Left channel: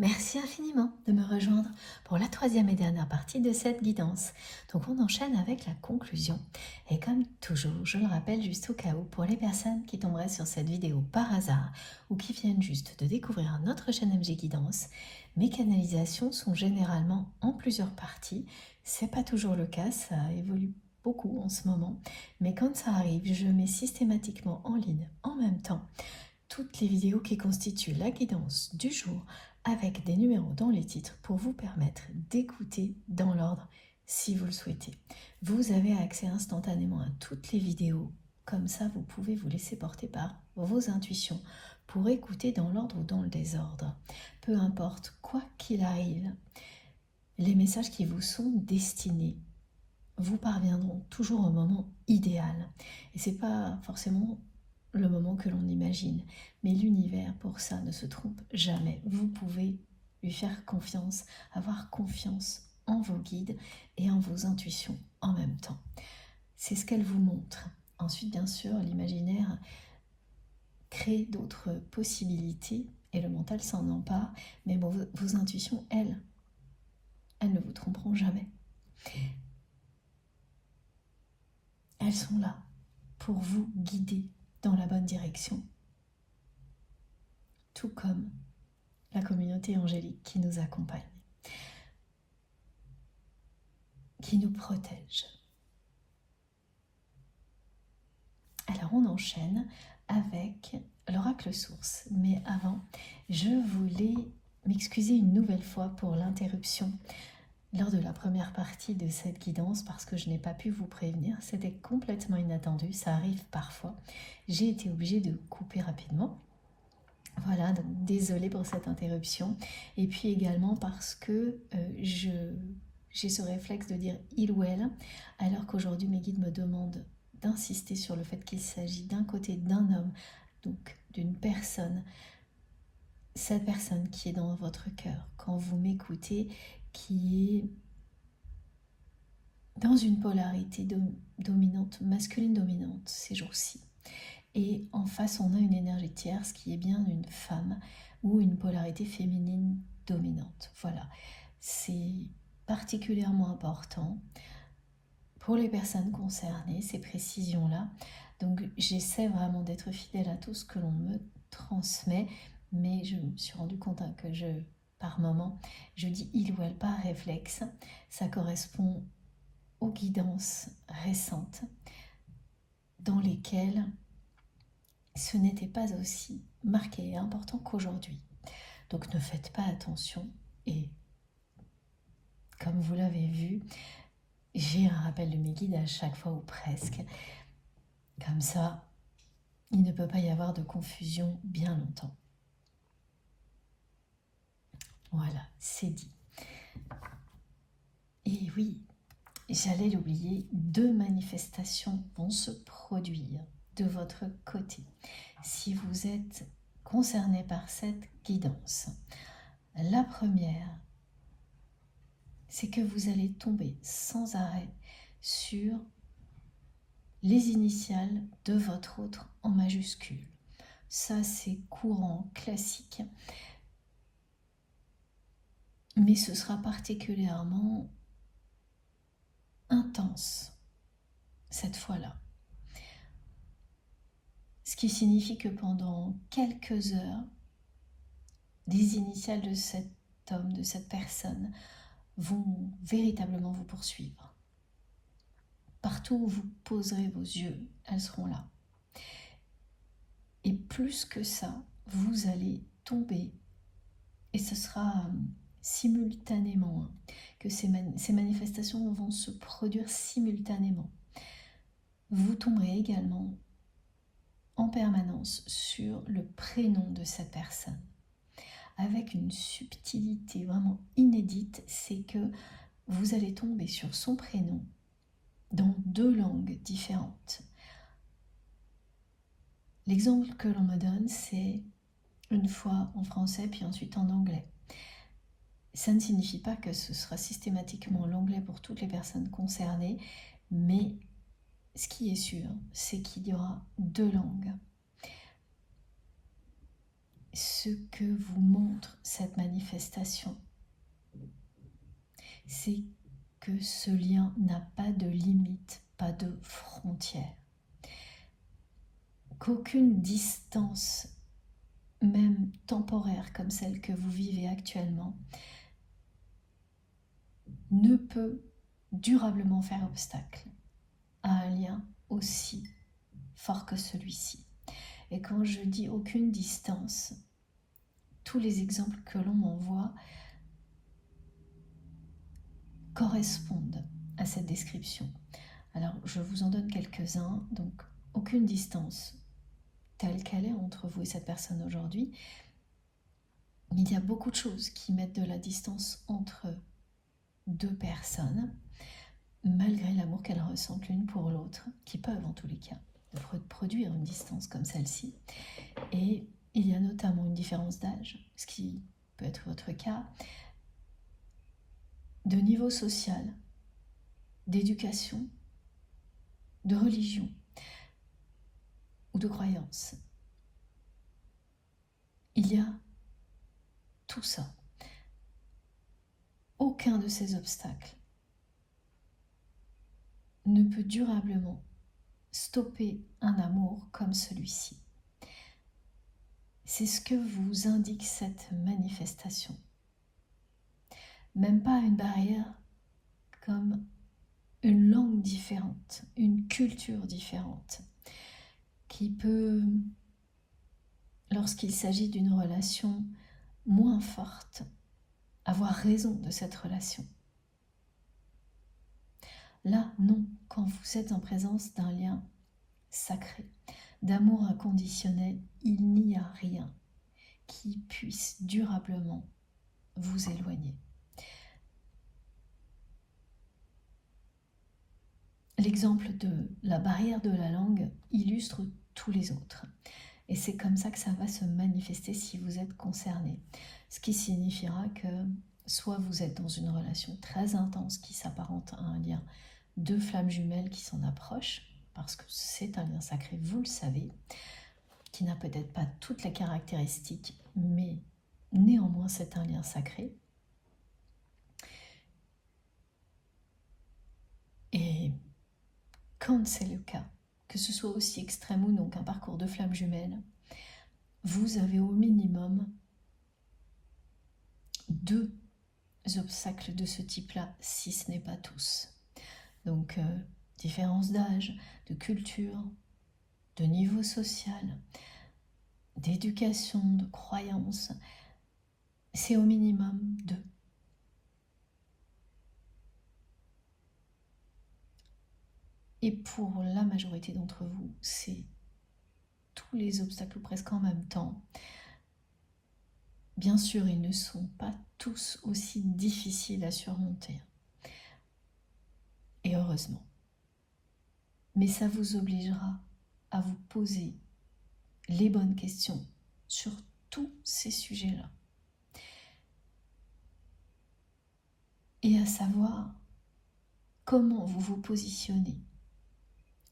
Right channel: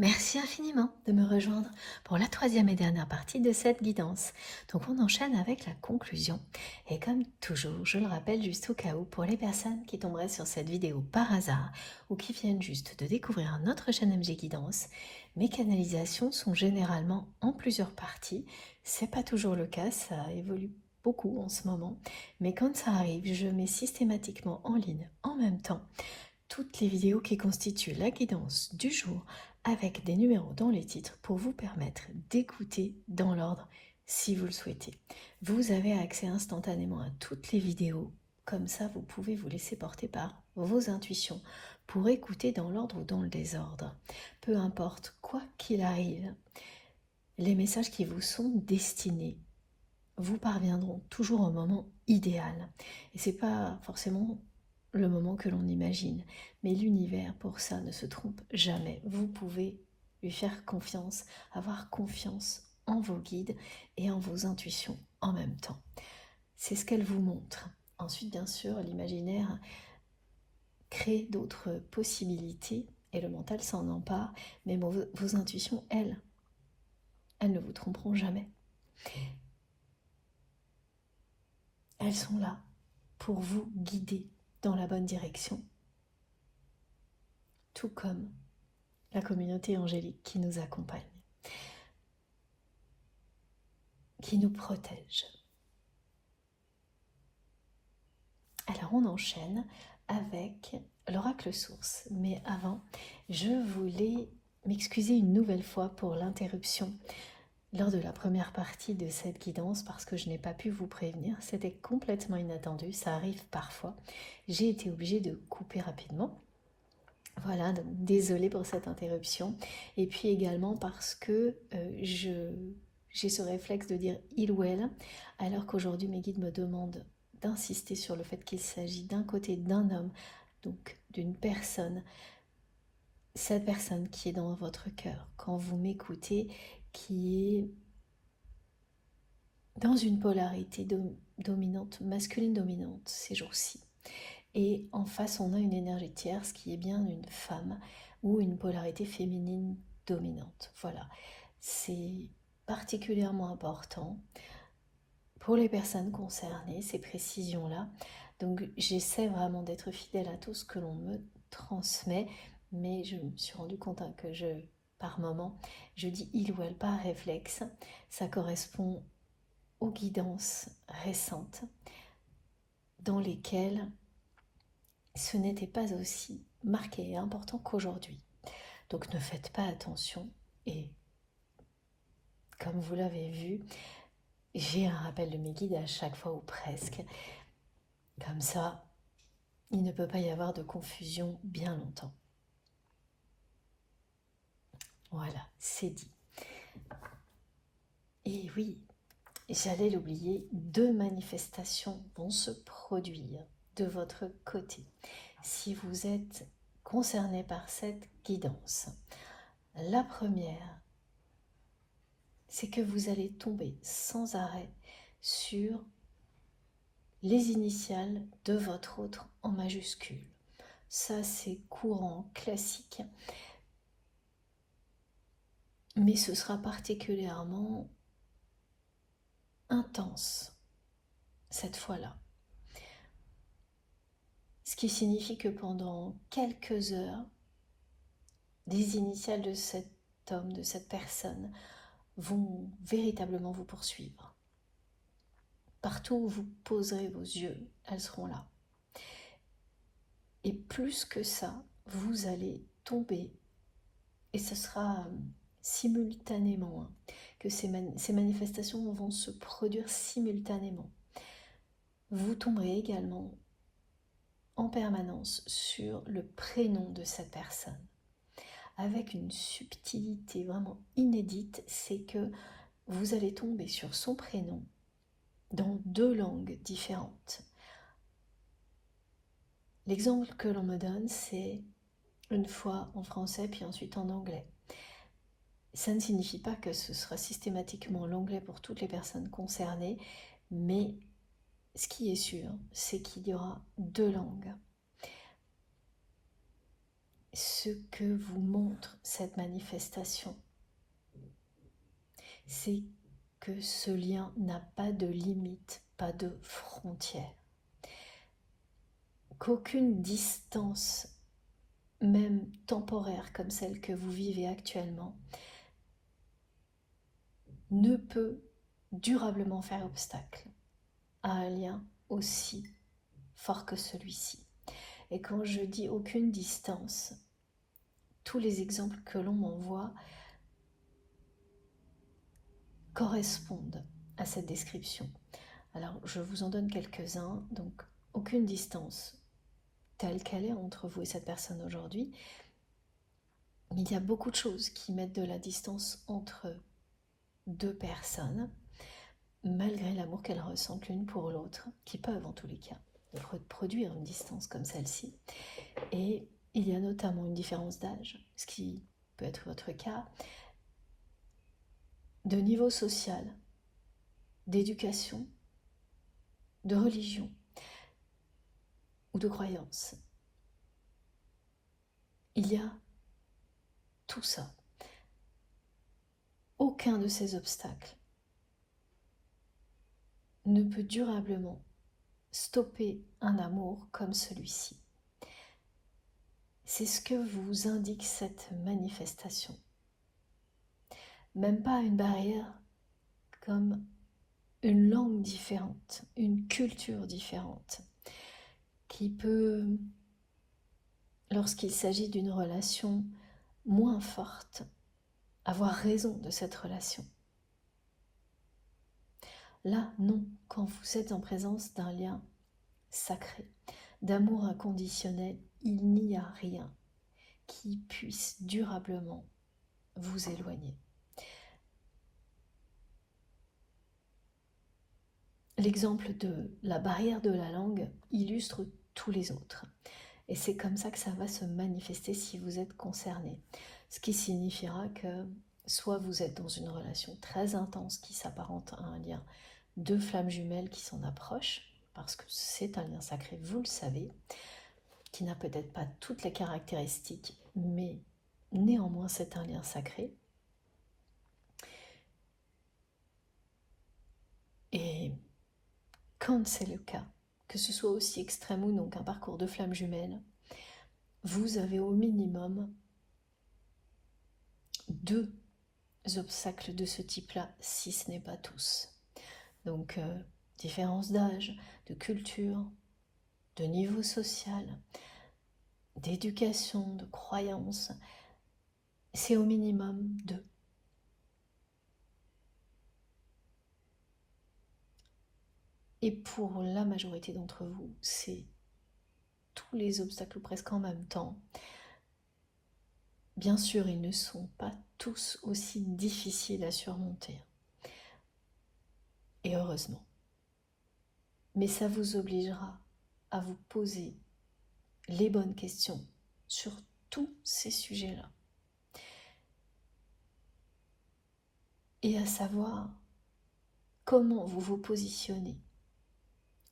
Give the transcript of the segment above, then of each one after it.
Merci infiniment de me rejoindre pour la troisième et dernière partie de cette guidance. Donc on enchaîne avec la conclusion. Et comme toujours, je le rappelle juste au cas où, pour les personnes qui tomberaient sur cette vidéo par hasard ou qui viennent juste de découvrir notre chaîne MG Guidance, mes canalisations sont généralement en plusieurs parties. C'est pas toujours le cas, ça évolue beaucoup en ce moment. Mais quand ça arrive, je mets systématiquement en ligne en même temps toutes les vidéos qui constituent la guidance du jour avec des numéros dans les titres pour vous permettre d'écouter dans l'ordre si vous le souhaitez. Vous avez accès instantanément à toutes les vidéos. Comme ça, vous pouvez vous laisser porter par vos intuitions pour écouter dans l'ordre ou dans le désordre. Peu importe, quoi qu'il arrive, les messages qui vous sont destinés vous parviendront toujours au moment idéal. Et c'est pas forcément le moment que l'on imagine. Mais l'univers, pour ça, ne se trompe jamais. Vous pouvez lui faire confiance, avoir confiance en vos guides et en vos intuitions en même temps. C'est ce qu'elle vous montre. Ensuite, bien sûr, l'imaginaire crée d'autres possibilités et le mental s'en empare, mais vos intuitions, elles ne vous tromperont jamais. Elles sont là pour vous guider dans la bonne direction, tout comme la communauté angélique qui nous accompagne, qui nous protège. Alors on enchaîne avec l'oracle source, mais avant, je voulais m'excuser une nouvelle fois pour l'interruption lors de la première partie de cette guidance parce que je n'ai pas pu vous prévenir, c'était complètement inattendu, ça arrive parfois. J'ai été obligée de couper rapidement. Voilà, donc désolée pour cette interruption. Et puis également parce que j'ai ce réflexe de dire il ou elle, alors qu'aujourd'hui mes guides me demandent d'insister sur le fait qu'il s'agit d'un côté d'un homme, donc d'une personne, cette personne qui est dans votre cœur, quand vous m'écoutez, qui est dans une polarité dominante, masculine dominante ces jours-ci. Et en face, on a une énergie tierce qui est bien une femme ou une polarité féminine dominante. Voilà, c'est particulièrement important pour les personnes concernées, ces précisions-là. Donc j'essaie vraiment d'être fidèle à tout ce que l'on me transmet, mais je me suis rendu compte que par moment, je dis il ou elle par réflexe. Ça correspond aux guidances récentes dans lesquelles ce n'était pas aussi marqué et important qu'aujourd'hui. Donc ne faites pas attention et comme vous l'avez vu, j'ai un rappel de mes guides à chaque fois ou presque. Comme ça, il ne peut pas y avoir de confusion bien longtemps. Voilà, c'est dit. Et oui, j'allais l'oublier, 2 manifestations vont se produire de votre côté si vous êtes concerné par cette guidance. La première, c'est que vous allez tomber sans arrêt sur les initiales de votre autre en majuscule. Ça, c'est courant, classique. Mais ce sera particulièrement intense cette fois-là. Ce qui signifie que pendant quelques heures, des initiales de cet homme, de cette personne, vont véritablement vous poursuivre. Partout où vous poserez vos yeux, elles seront là. Et plus que ça, vous allez tomber, et ce sera simultanément, que ces manifestations vont se produire simultanément. Vous tomberez également en permanence sur le prénom de cette personne. Avec une subtilité vraiment inédite, c'est que vous allez tomber sur son prénom dans 2 langues différentes. L'exemple que l'on me donne, c'est une fois en français, puis ensuite en anglais. Ça ne signifie pas que ce sera systématiquement l'anglais pour toutes les personnes concernées, mais ce qui est sûr, c'est qu'il y aura 2 langues. ce que vous montre cette manifestation, c'est que ce lien n'a pas de limite, pas de frontière. Qu'aucune distance, même temporaire comme celle que vous vivez actuellement, ne peut durablement faire obstacle à un lien aussi fort que celui-ci. Et quand je dis aucune distance, tous les exemples que l'on m'envoie correspondent à cette description. Alors, je vous en donne quelques-uns. Donc, aucune distance telle qu'elle est entre vous et cette personne aujourd'hui. Il y a beaucoup de choses qui mettent de la distance entre deux personnes, malgré l'amour qu'elles ressentent l'une pour l'autre, qui peuvent en tous les cas produire une distance comme celle-ci. Et il y a notamment une différence d'âge, ce qui peut être votre cas, de niveau social, d'éducation, de religion ou de croyance. Il y a tout ça. Aucun de ces obstacles ne peut durablement stopper un amour comme celui-ci. C'est ce que vous indique cette manifestation. Même pas une barrière comme une langue différente, une culture différente, qui peut, lorsqu'il s'agit d'une relation moins forte, avoir raison de cette relation. Là, non, quand vous êtes en présence d'un lien sacré, d'amour inconditionnel, il n'y a rien qui puisse durablement vous éloigner. L'exemple de la barrière de la langue illustre tous les autres. Et c'est comme ça que ça va se manifester si vous êtes concerné. Ce qui signifiera que soit vous êtes dans une relation très intense qui s'apparente à un lien de flammes jumelles qui s'en approchent, parce que c'est un lien sacré, vous le savez, qui n'a peut-être pas toutes les caractéristiques, mais néanmoins c'est un lien sacré. Et quand c'est le cas, que ce soit aussi extrême ou non qu'un parcours de flammes jumelles, vous avez au minimum 2 obstacles de ce type-là, si ce n'est pas tous. Donc, différence d'âge, de culture, de niveau social, d'éducation, de croyance, c'est au minimum 2. Et pour la majorité d'entre vous, c'est tous les obstacles presque en même temps. Bien sûr, ils ne sont pas tous aussi difficiles à surmonter. Et heureusement. Mais ça vous obligera à vous poser les bonnes questions sur tous ces sujets-là. Et à savoir comment vous vous positionnez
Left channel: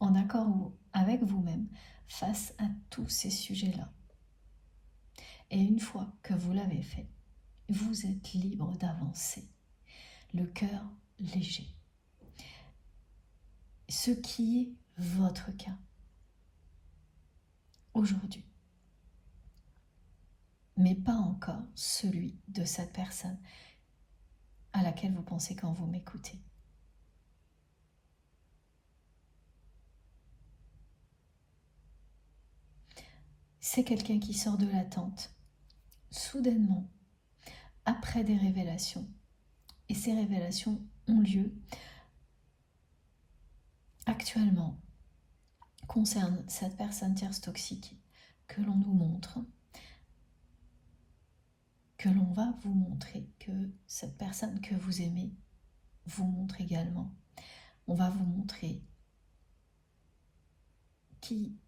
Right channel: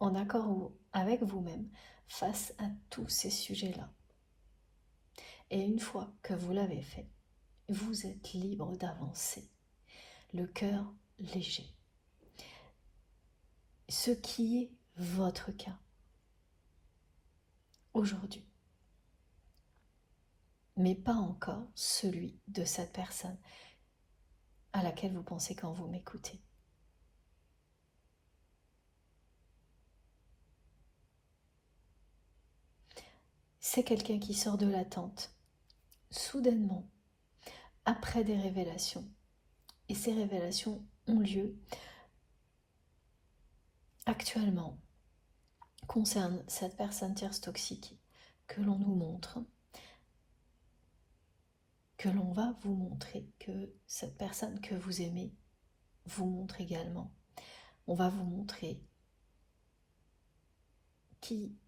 en accord avec vous-même face à tous ces sujets-là. Et une fois que vous l'avez fait, vous êtes libre d'avancer, le cœur léger. Ce qui est votre cas aujourd'hui, mais pas encore celui de cette personne à laquelle vous pensez quand vous m'écoutez. C'est quelqu'un qui sort de l'attente, soudainement, après des révélations. Et ces révélations ont lieu actuellement, concernent cette personne tierce toxique que l'on nous montre, que l'on va vous montrer, que cette personne que vous aimez vous montre également. On va vous montrer qui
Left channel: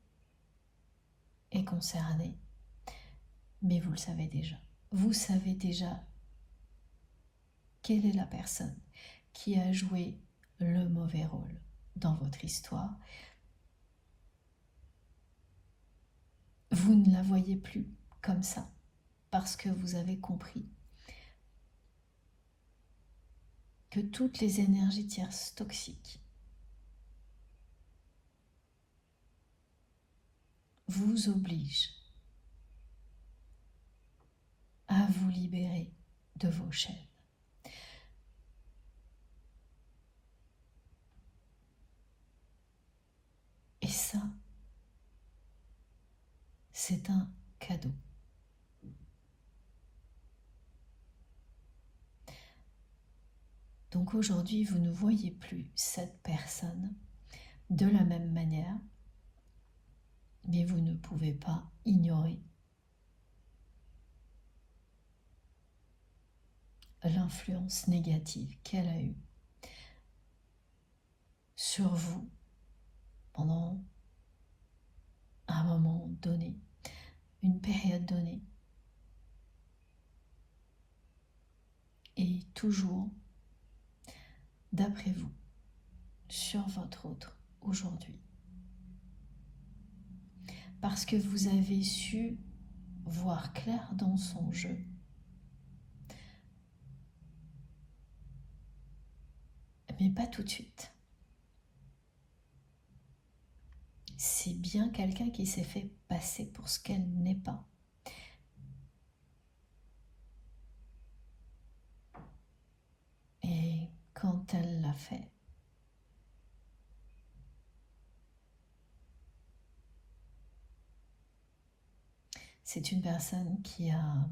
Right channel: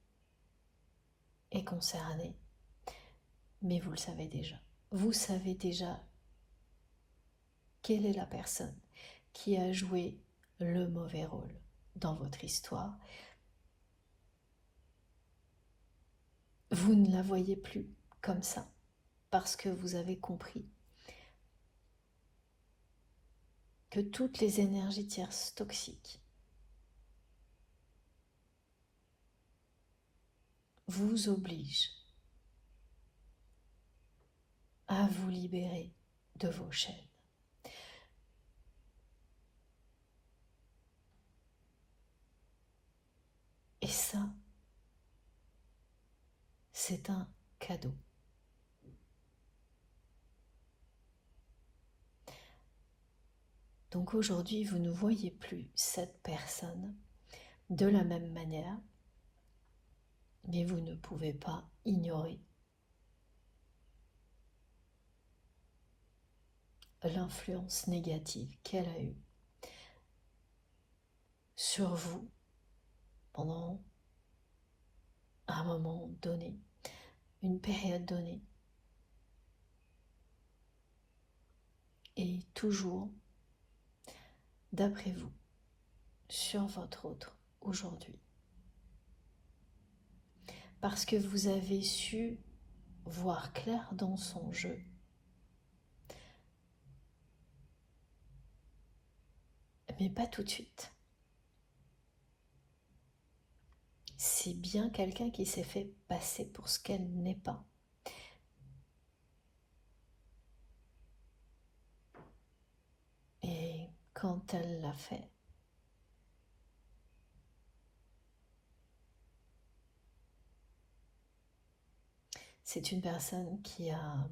est concerné, mais vous le savez déjà. Vous savez déjà quelle est la personne qui a joué le mauvais rôle dans votre histoire. Vous ne la voyez plus comme ça. parce que vous avez compris que toutes les énergies tierces toxiques vous obligent à vous libérer de vos chaînes. Et ça, c'est un cadeau. Donc aujourd'hui, vous ne voyez plus cette personne de la même manière, mais vous ne pouvez pas ignorer l'influence négative qu'elle a eue sur vous pendant un moment donné, une période donnée, et toujours, d'après vous, sur votre autre aujourd'hui. Parce que vous avez su voir clair dans son jeu. Mais pas tout de suite. C'est bien quelqu'un qui s'est fait passer pour ce qu'elle n'est pas. Et quand elle l'a fait, c'est une personne qui a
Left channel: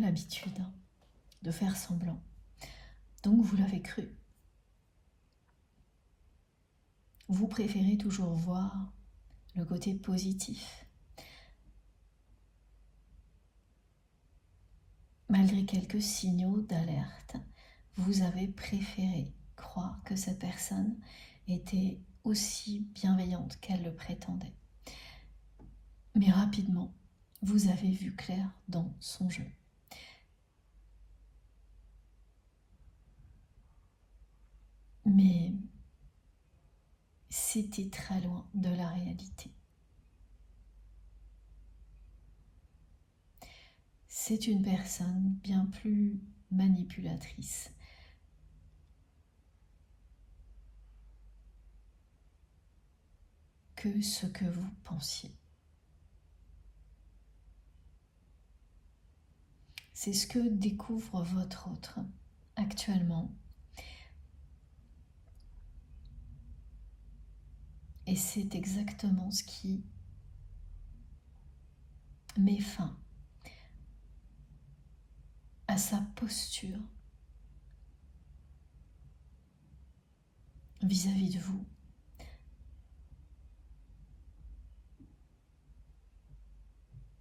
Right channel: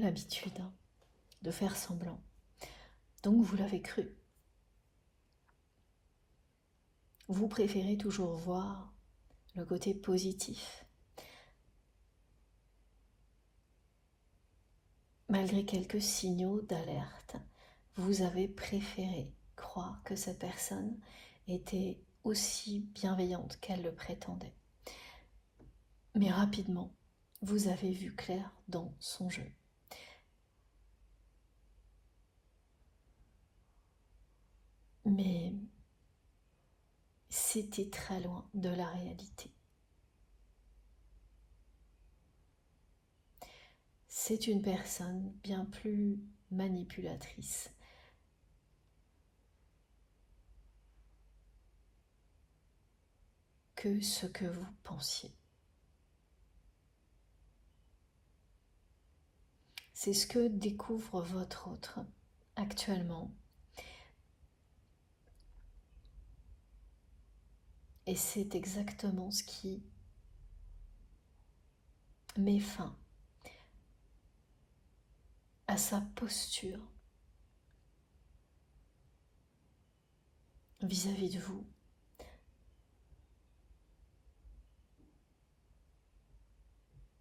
l'habitude de faire semblant. Donc vous l'avez cru. Vous préférez toujours voir le côté positif. Malgré quelques signaux d'alerte, vous avez préféré croire que cette personne était aussi bienveillante qu'elle le prétendait. Mais rapidement, vous avez vu clair dans son jeu. Mais c'était très loin de la réalité. C'est une personne bien plus manipulatrice que ce que vous pensiez. C'est ce que découvre votre autre actuellement. Et c'est exactement ce qui met fin à sa posture vis-à-vis de vous.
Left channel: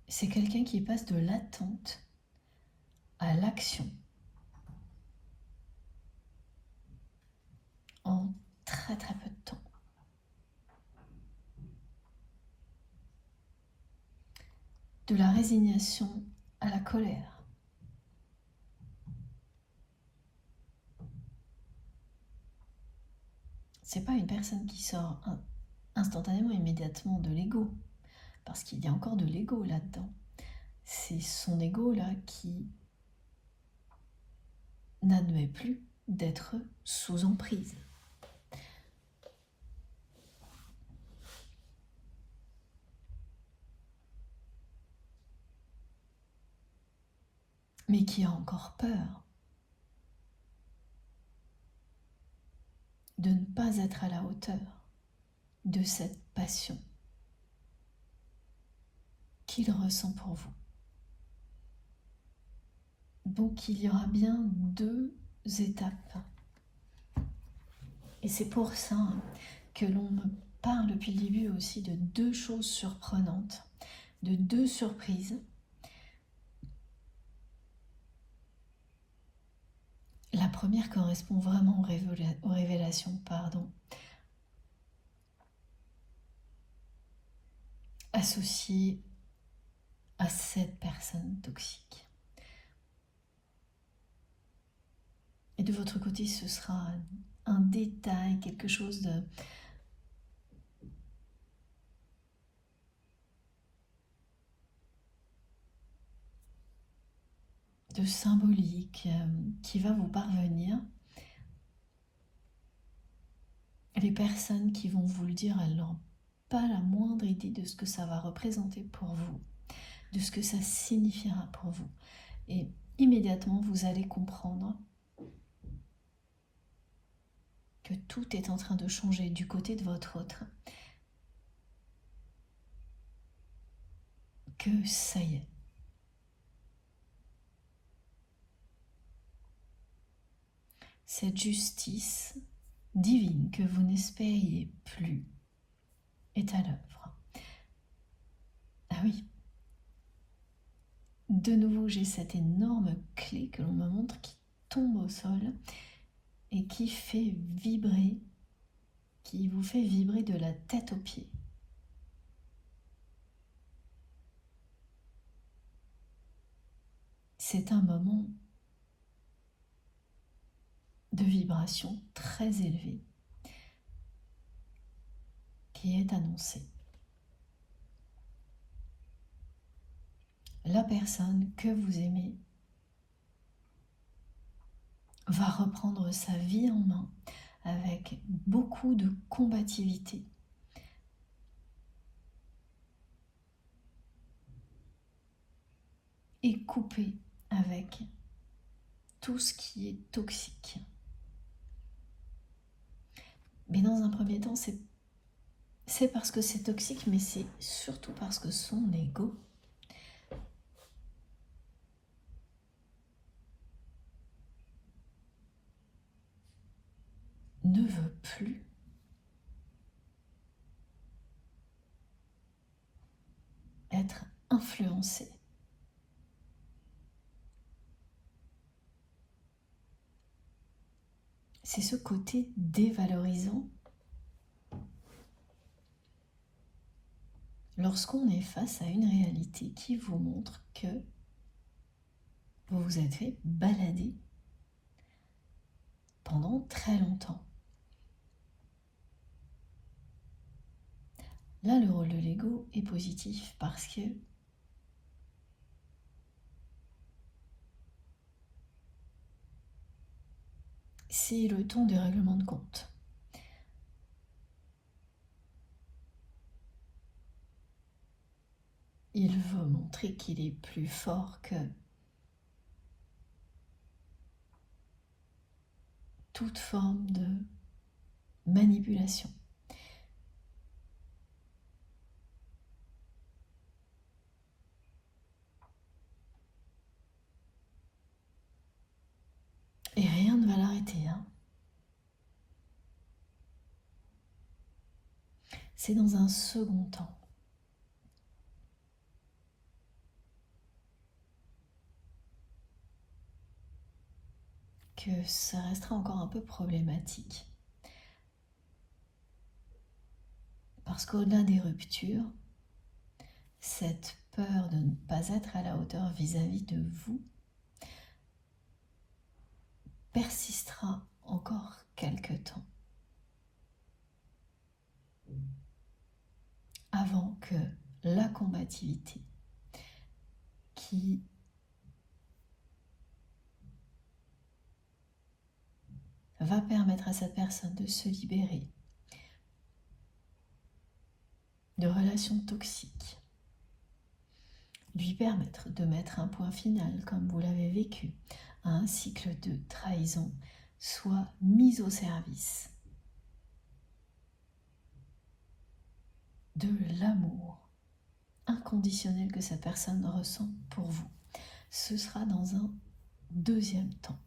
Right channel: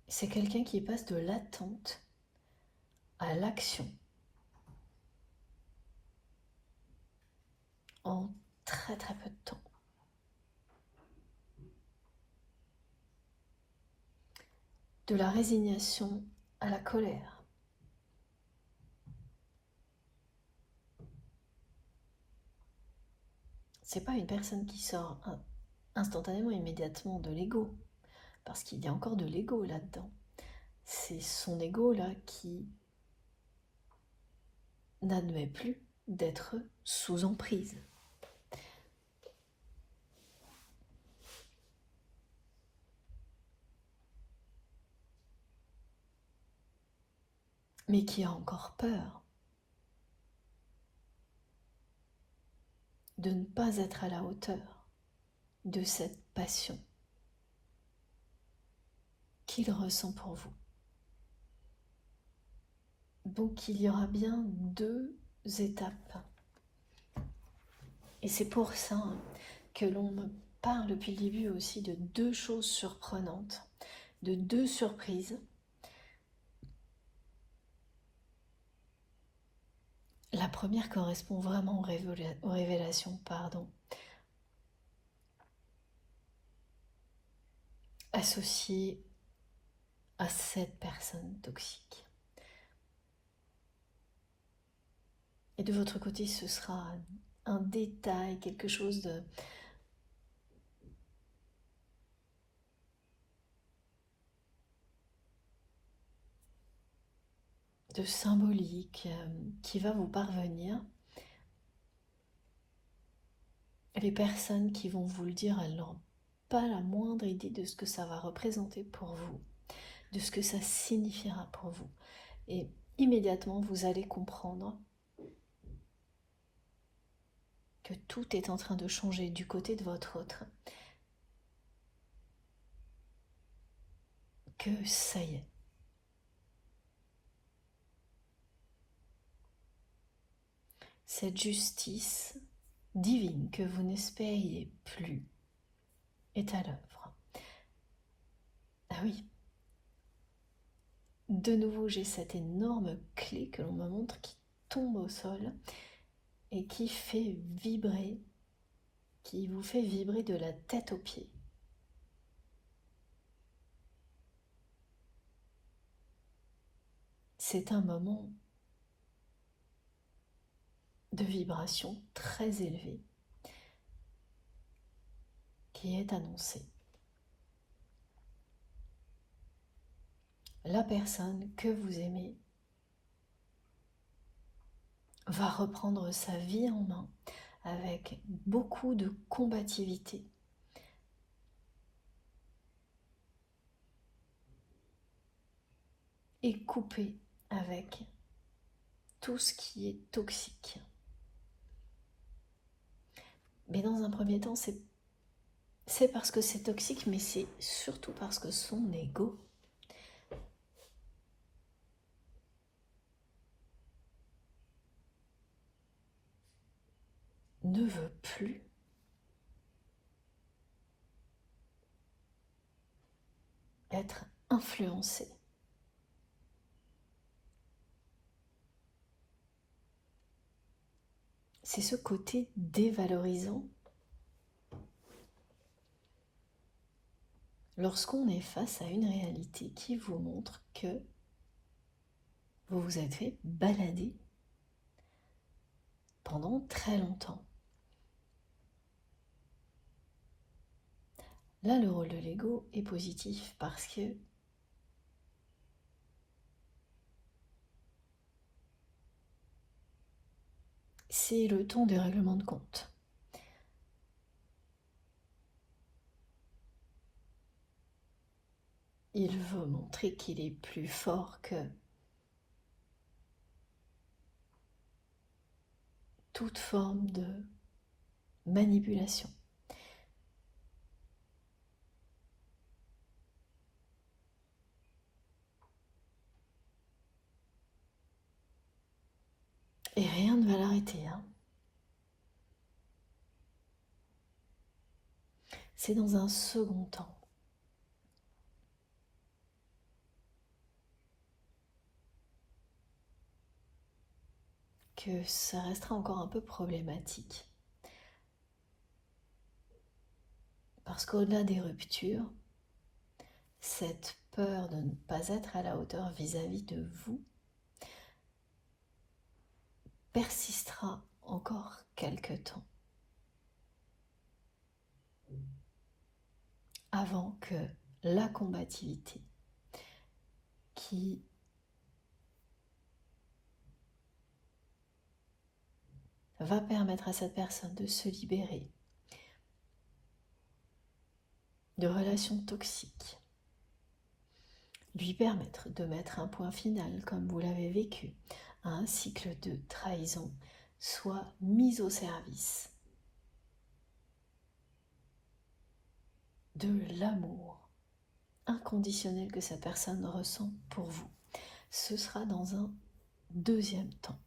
C'est quelqu'un qui passe de l'attente à l'action en très très peu de temps. De la résignation à la colère. C'est pas une personne qui sort instantanément, immédiatement de l'ego, parce qu'il y a encore de l'ego là-dedans. C'est son ego là qui n'admet plus d'être sous emprise. Mais qui a encore peur de ne pas être à la hauteur de cette passion qu'il ressent pour vous. Donc il y aura bien 2 étapes. Et c'est pour ça que l'on me parle depuis le début aussi de 2 choses surprenantes, de 2 surprises. La première correspond vraiment aux révélations, associées à cette personne toxique. Et de votre côté, ce sera un détail, quelque chose de symbolique qui va vous parvenir. Les personnes qui vont vous le dire, elles n'ont pas la moindre idée de ce que ça va représenter pour vous, de ce que ça signifiera pour vous. Et immédiatement, vous allez comprendre que tout est en train de changer du côté de votre autre. Que ça y est. Cette justice divine que vous n'espériez plus est à l'œuvre. Ah oui. De nouveau, j'ai cette énorme clé que l'on me montre qui tombe au sol et qui fait vibrer, qui vous fait vibrer de la tête aux pieds. C'est un moment de vibration très élevée qui est annoncé. La personne que vous aimez va reprendre sa vie en main avec beaucoup de combativité. Et couper avec tout ce qui est toxique. Mais dans un premier temps, c'est parce que c'est toxique, mais c'est surtout parce que son ego ne veut plus être influencé. C'est ce côté dévalorisant. Lorsqu'on est face à une réalité qui vous montre que vous vous êtes fait balader pendant très longtemps. Là, le rôle de l'ego est positif parce que c'est le temps du règlement de compte. Il veut montrer qu'il est plus fort que toute forme de manipulation. Et rien ne va l'arrêter. C'est dans un second temps que ça restera encore un peu problématique. Parce qu'au-delà des ruptures, cette peur de ne pas être à la hauteur vis-à-vis de vous persistera encore quelque temps avant que la combativité qui va permettre à cette personne de se libérer de relations toxiques, lui permettre de mettre un point final, comme vous l'avez vécu, à un cycle de trahison, soit mis au service de l'amour inconditionnel que cette personne ressent pour vous. Ce sera dans un deuxième temps.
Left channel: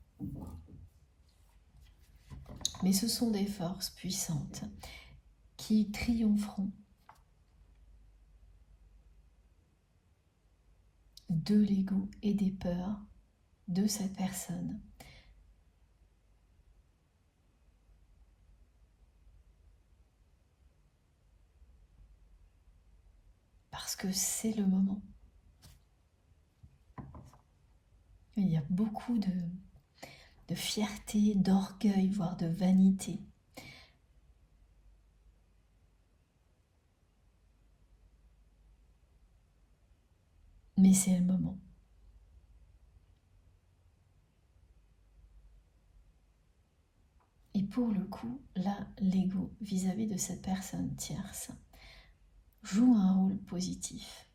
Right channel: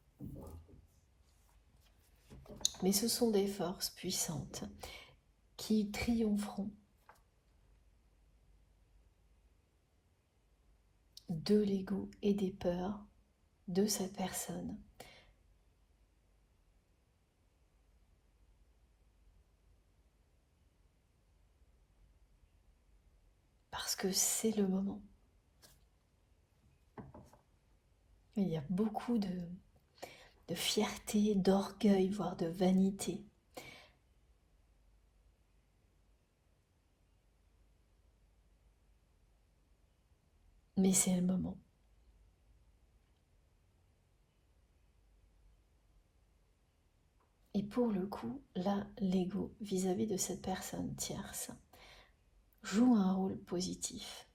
Mais ce sont des forces puissantes qui triompheront de l'ego et des peurs de cette personne. Parce que c'est le moment. Il y a beaucoup de fierté, d'orgueil, voire de vanité. Mais c'est le moment. pour le coup, là, l'ego vis-à-vis de cette personne tierce joue un rôle positif.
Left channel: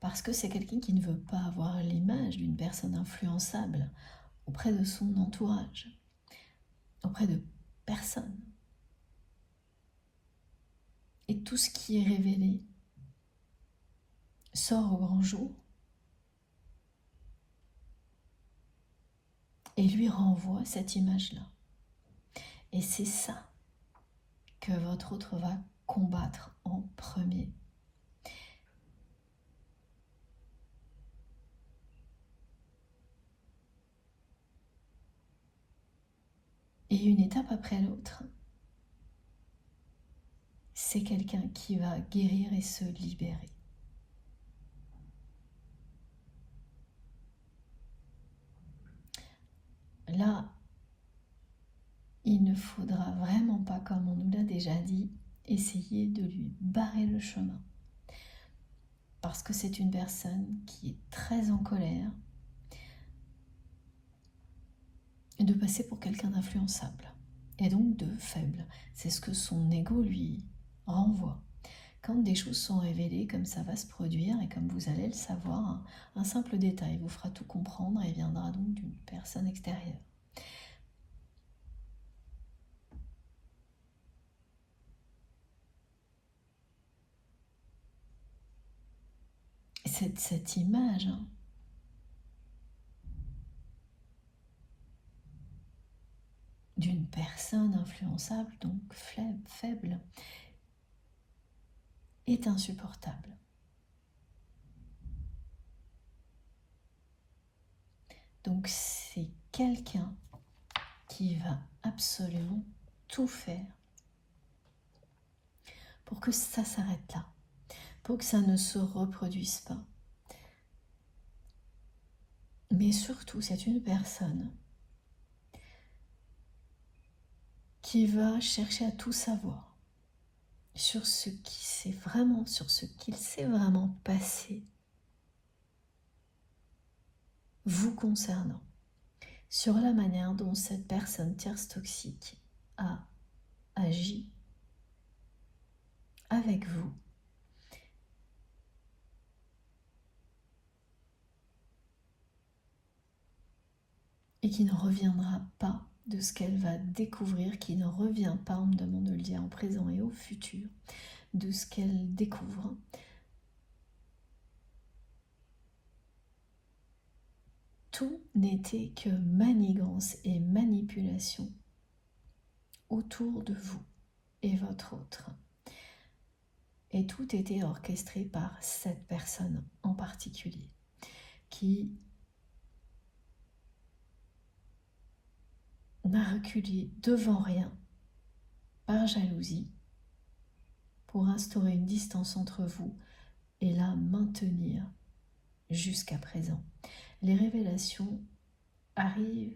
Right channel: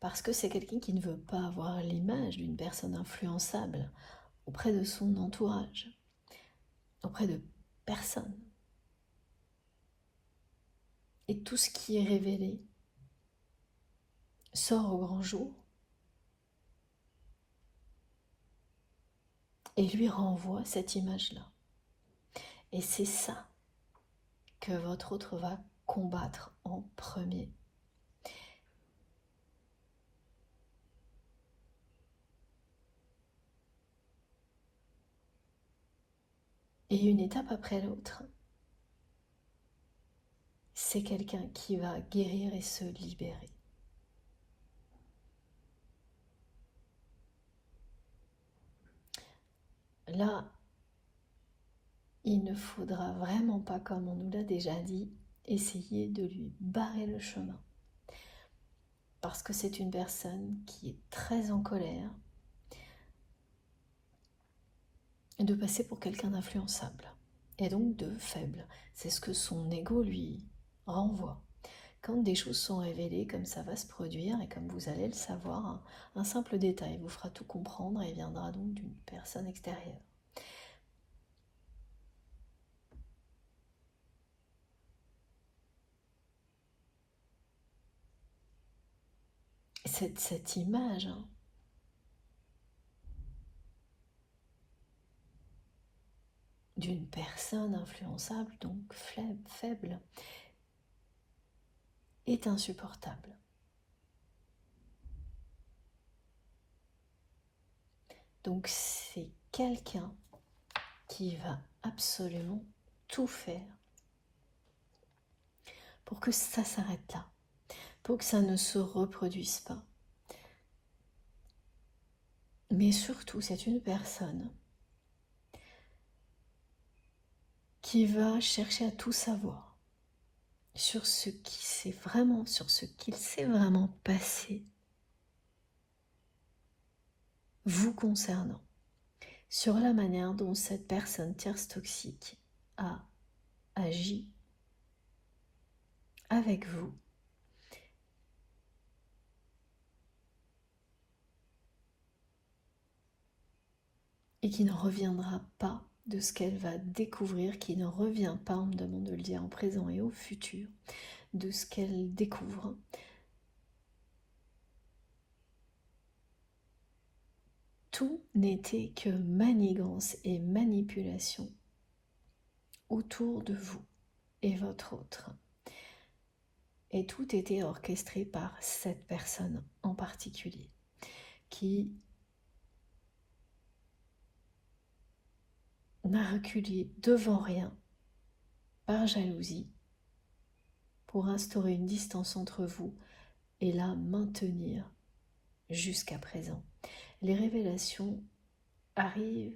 Parce que c'est quelqu'un qui ne veut pas avoir l'image d'une personne influençable auprès de son entourage, auprès de personne. Et tout ce qui est révélé sort au grand jour et lui renvoie cette image-là. Et c'est ça que votre autre va combattre en premier. Et une étape après l'autre, c'est quelqu'un qui va guérir et se libérer. Là, il ne faudra vraiment pas, comme on nous l'a déjà dit, essayer de lui barrer le chemin. Parce que c'est une personne qui est très en colère et de passer pour quelqu'un d'influençable et donc de faible. C'est ce que son ego lui renvoie. Quand des choses sont révélées, comme ça va se produire et comme vous allez le savoir, un simple détail vous fera tout comprendre et viendra donc d'une personne extérieure. Cette image d'une personne influençable, donc faible, est insupportable. Donc c'est quelqu'un qui va absolument tout faire pour que ça s'arrête là, pour que ça ne se reproduise pas. Mais surtout, c'est une personne qui va chercher à tout savoir sur ce qu'il s'est vraiment passé vous concernant, sur la manière dont cette personne tierce toxique a agi avec vous. Et qui ne reviendra pas de ce qu'elle va découvrir, qui ne revient pas, on me demande de le dire, en présent et au futur, de ce qu'elle découvre. Tout n'était que manigance et manipulation autour de vous et votre autre. Et tout était orchestré par cette personne en particulier, qui n'a reculé devant rien, par jalousie, pour instaurer une distance entre vous et la maintenir jusqu'à présent. Les révélations arrivent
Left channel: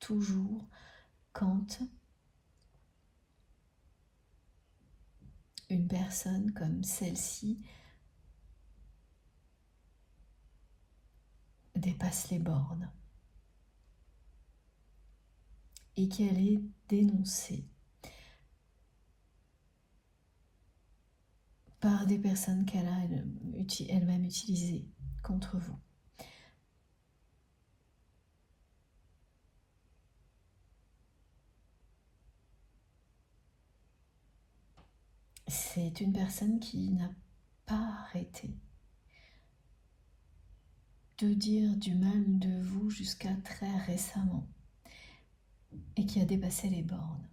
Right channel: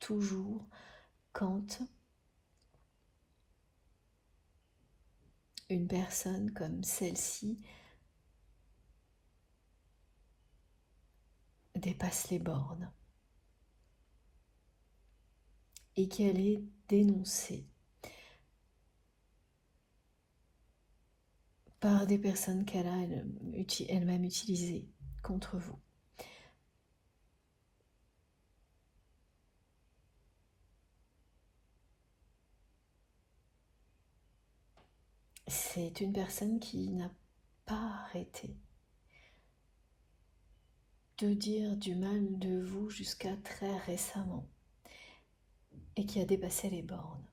toujours quand une personne comme celle-ci dépasse les bornes et qu'elle est dénoncée par des personnes qu'elle a elle-même utilisées contre vous. C'est une personne qui n'a pas arrêté de dire du mal de vous jusqu'à très récemment et qui a dépassé les bornes.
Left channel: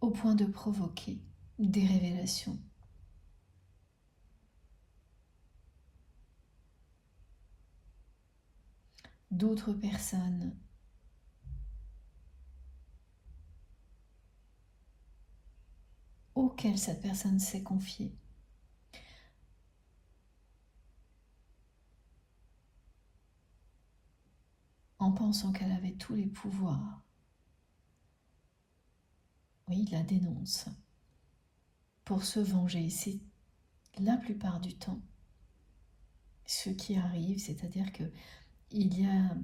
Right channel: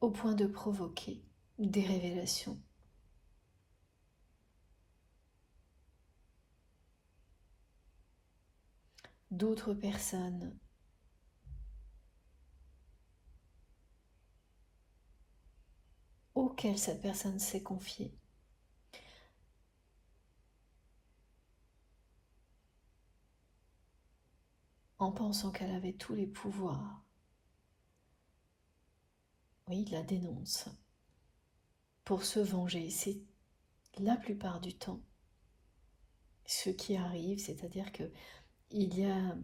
Au point de provoquer des révélations. D'autres personnes auxquelles cette personne s'est confiée. En pensant qu'elle avait tous les pouvoirs. Oui, il la dénonce. Pour se venger, c'est la plupart du temps ce qui arrive, c'est-à-dire que il y a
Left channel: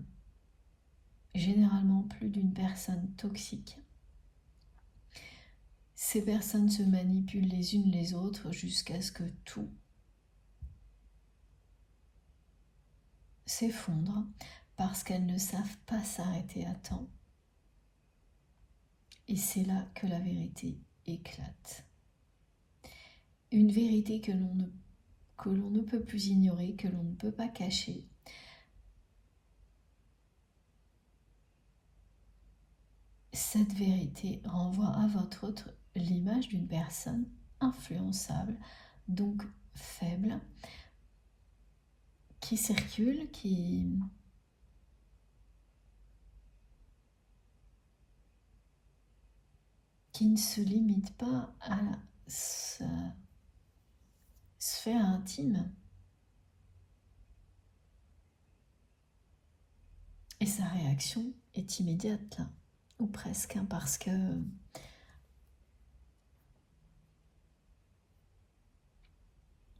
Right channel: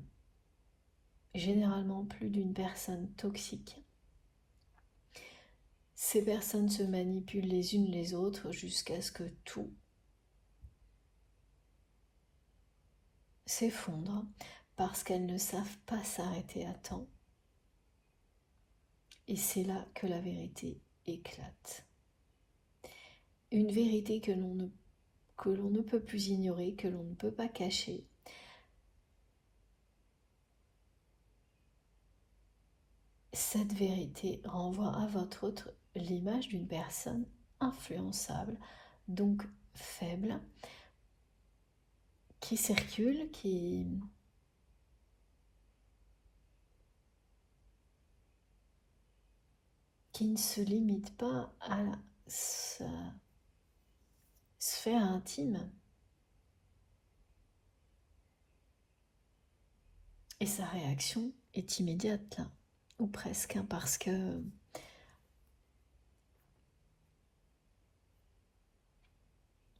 généralement plus d'une personne toxique. Ces personnes se manipulent les unes les autres jusqu'à ce que tout s'effondre parce qu'elles ne savent pas s'arrêter à temps. Et c'est là que la vérité éclate. Une vérité que l'on ne peut plus ignorer, que l'on ne peut pas cacher. Cette vérité renvoie à votre autre l'image d'une personne influençable, donc faible, qui circule, qui ne se limite pas à sa sphère intime. Et sa réaction est immédiate, là, ou presque, parce que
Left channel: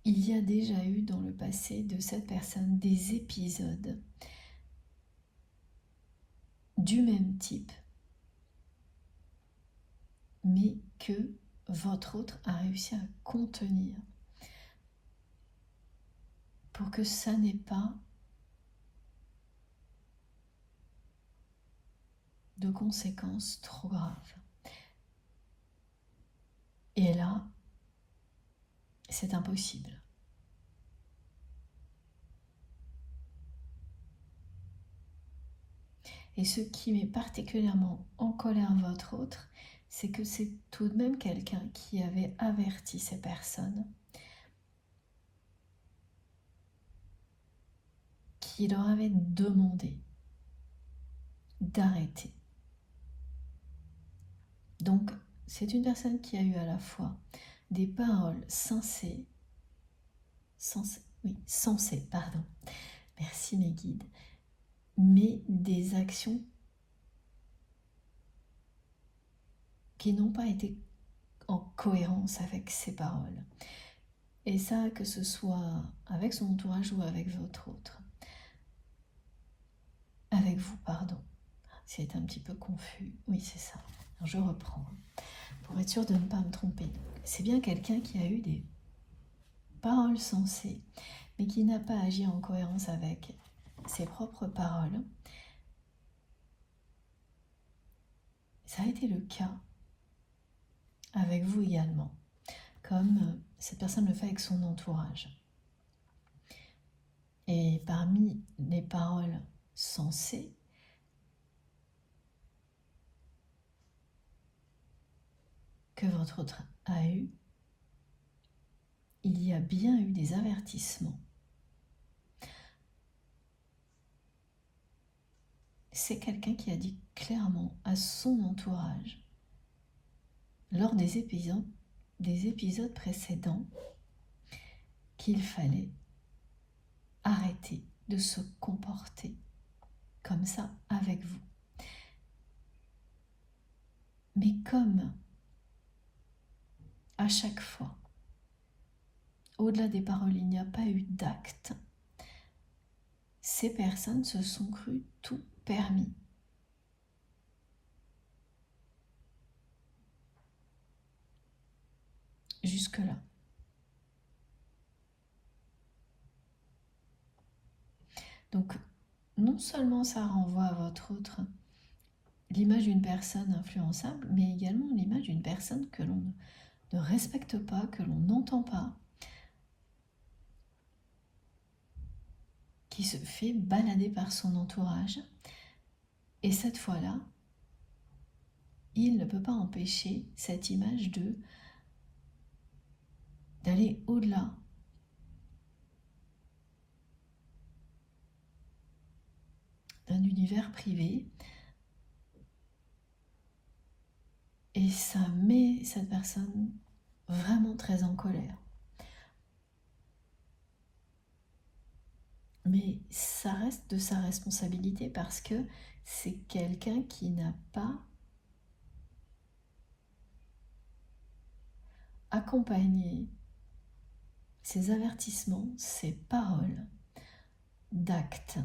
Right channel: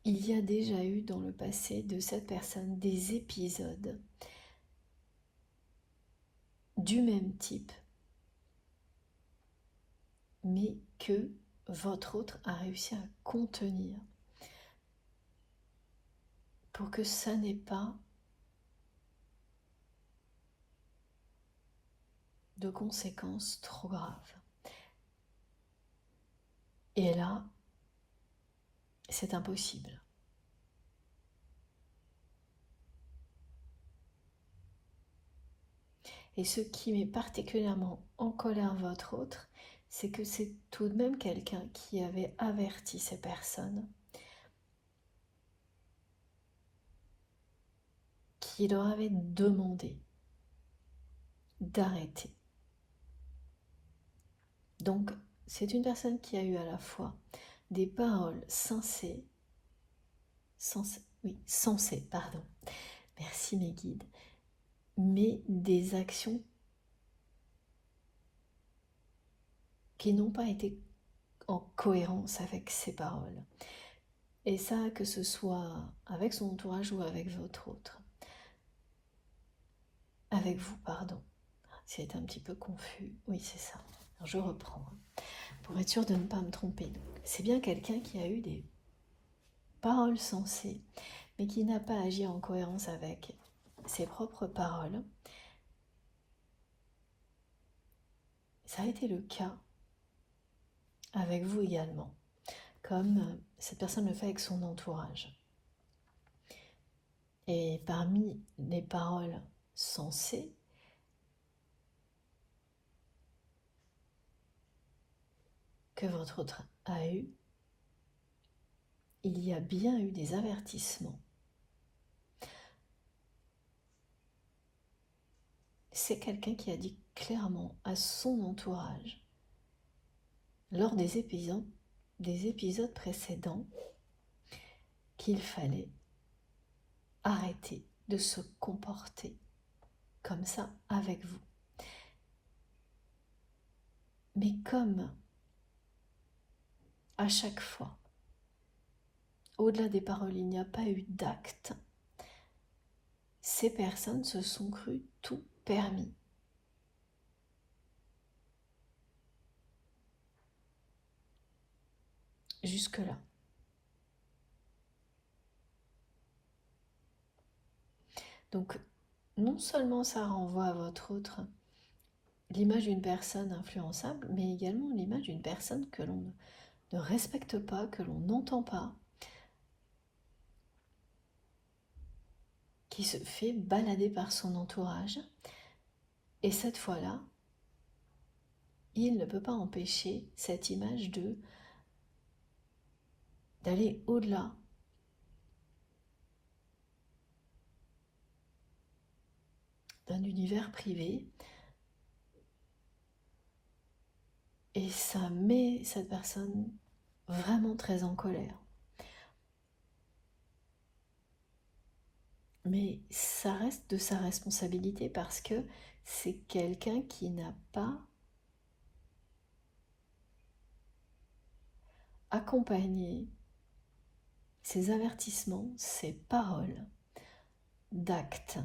il y a déjà eu dans le passé de cette personne des épisodes du même type, mais que votre autre a réussi à contenir pour que ça n'ait pas de conséquences trop graves. Et là, c'est impossible. Et ce qui met particulièrement en colère votre autre, c'est que c'est tout de même quelqu'un qui avait averti ces personnes, qui leur avait demandé d'arrêter. Donc, c'est une personne qui a eu à la fois des paroles sensées, merci mes guides, mais des actions qui n'ont pas été en cohérence avec ces paroles. Et ça, que ce soit avec son entourage ou avec votre autre. Avec vous, pardon. C'est un petit peu confus. Oui, c'est ça. Alors, je reprends. Pour être sûr de ne pas me tromper. C'est bien quelqu'un qui a eu des paroles sensées, mais qui n'a pas agi en cohérence avec ses propres paroles. Ça a été le cas avec vous également, comme cette personne le fait avec son entourage. Et parmi les paroles sensées, que votre autre a eu, il y a bien eu des avertissements. C'est quelqu'un qui a dit clairement à son entourage, lors des épisodes précédents, qu'il fallait arrêter de se comporter comme ça avec vous. Mais comme à chaque fois, au-delà des paroles, il n'y a pas eu d'acte, ces personnes se sont crues tout permis. Jusque-là. Donc, non seulement ça renvoie à votre autre l'image d'une personne influençable, mais également l'image d'une personne que l'on ne respecte pas, que l'on n'entend pas, qui se fait balader par son entourage. Et cette fois-là, il ne peut pas empêcher cette image d'aller au-delà d'un univers privé. Et ça met cette personne vraiment très en colère. Mais ça reste de sa responsabilité parce que c'est quelqu'un qui n'a pas accompagné ses avertissements, ses paroles d'actes.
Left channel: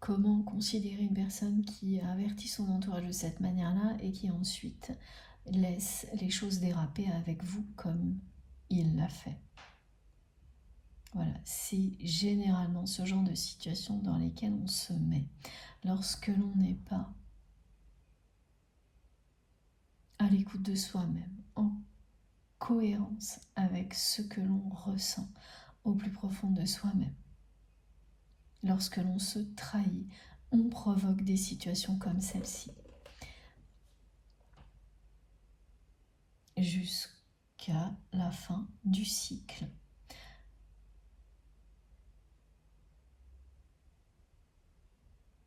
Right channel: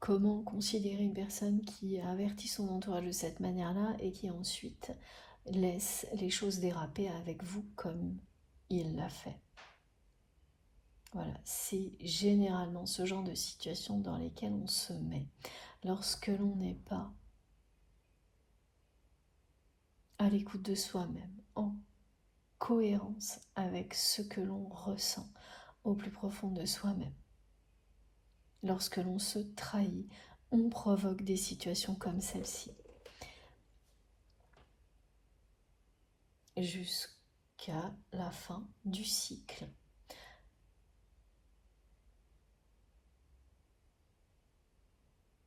Comment considérer une personne qui avertit son entourage de cette manière-là et qui ensuite laisse les choses déraper avec vous comme il l'a fait? Voilà, c'est généralement ce genre de situation dans lesquelles on se met lorsque l'on n'est pas à l'écoute de soi-même, en cohérence avec ce que l'on ressent au plus profond de soi-même. Lorsque l'on se trahit, on provoque des situations comme celle-ci. Jusqu'à la fin du cycle.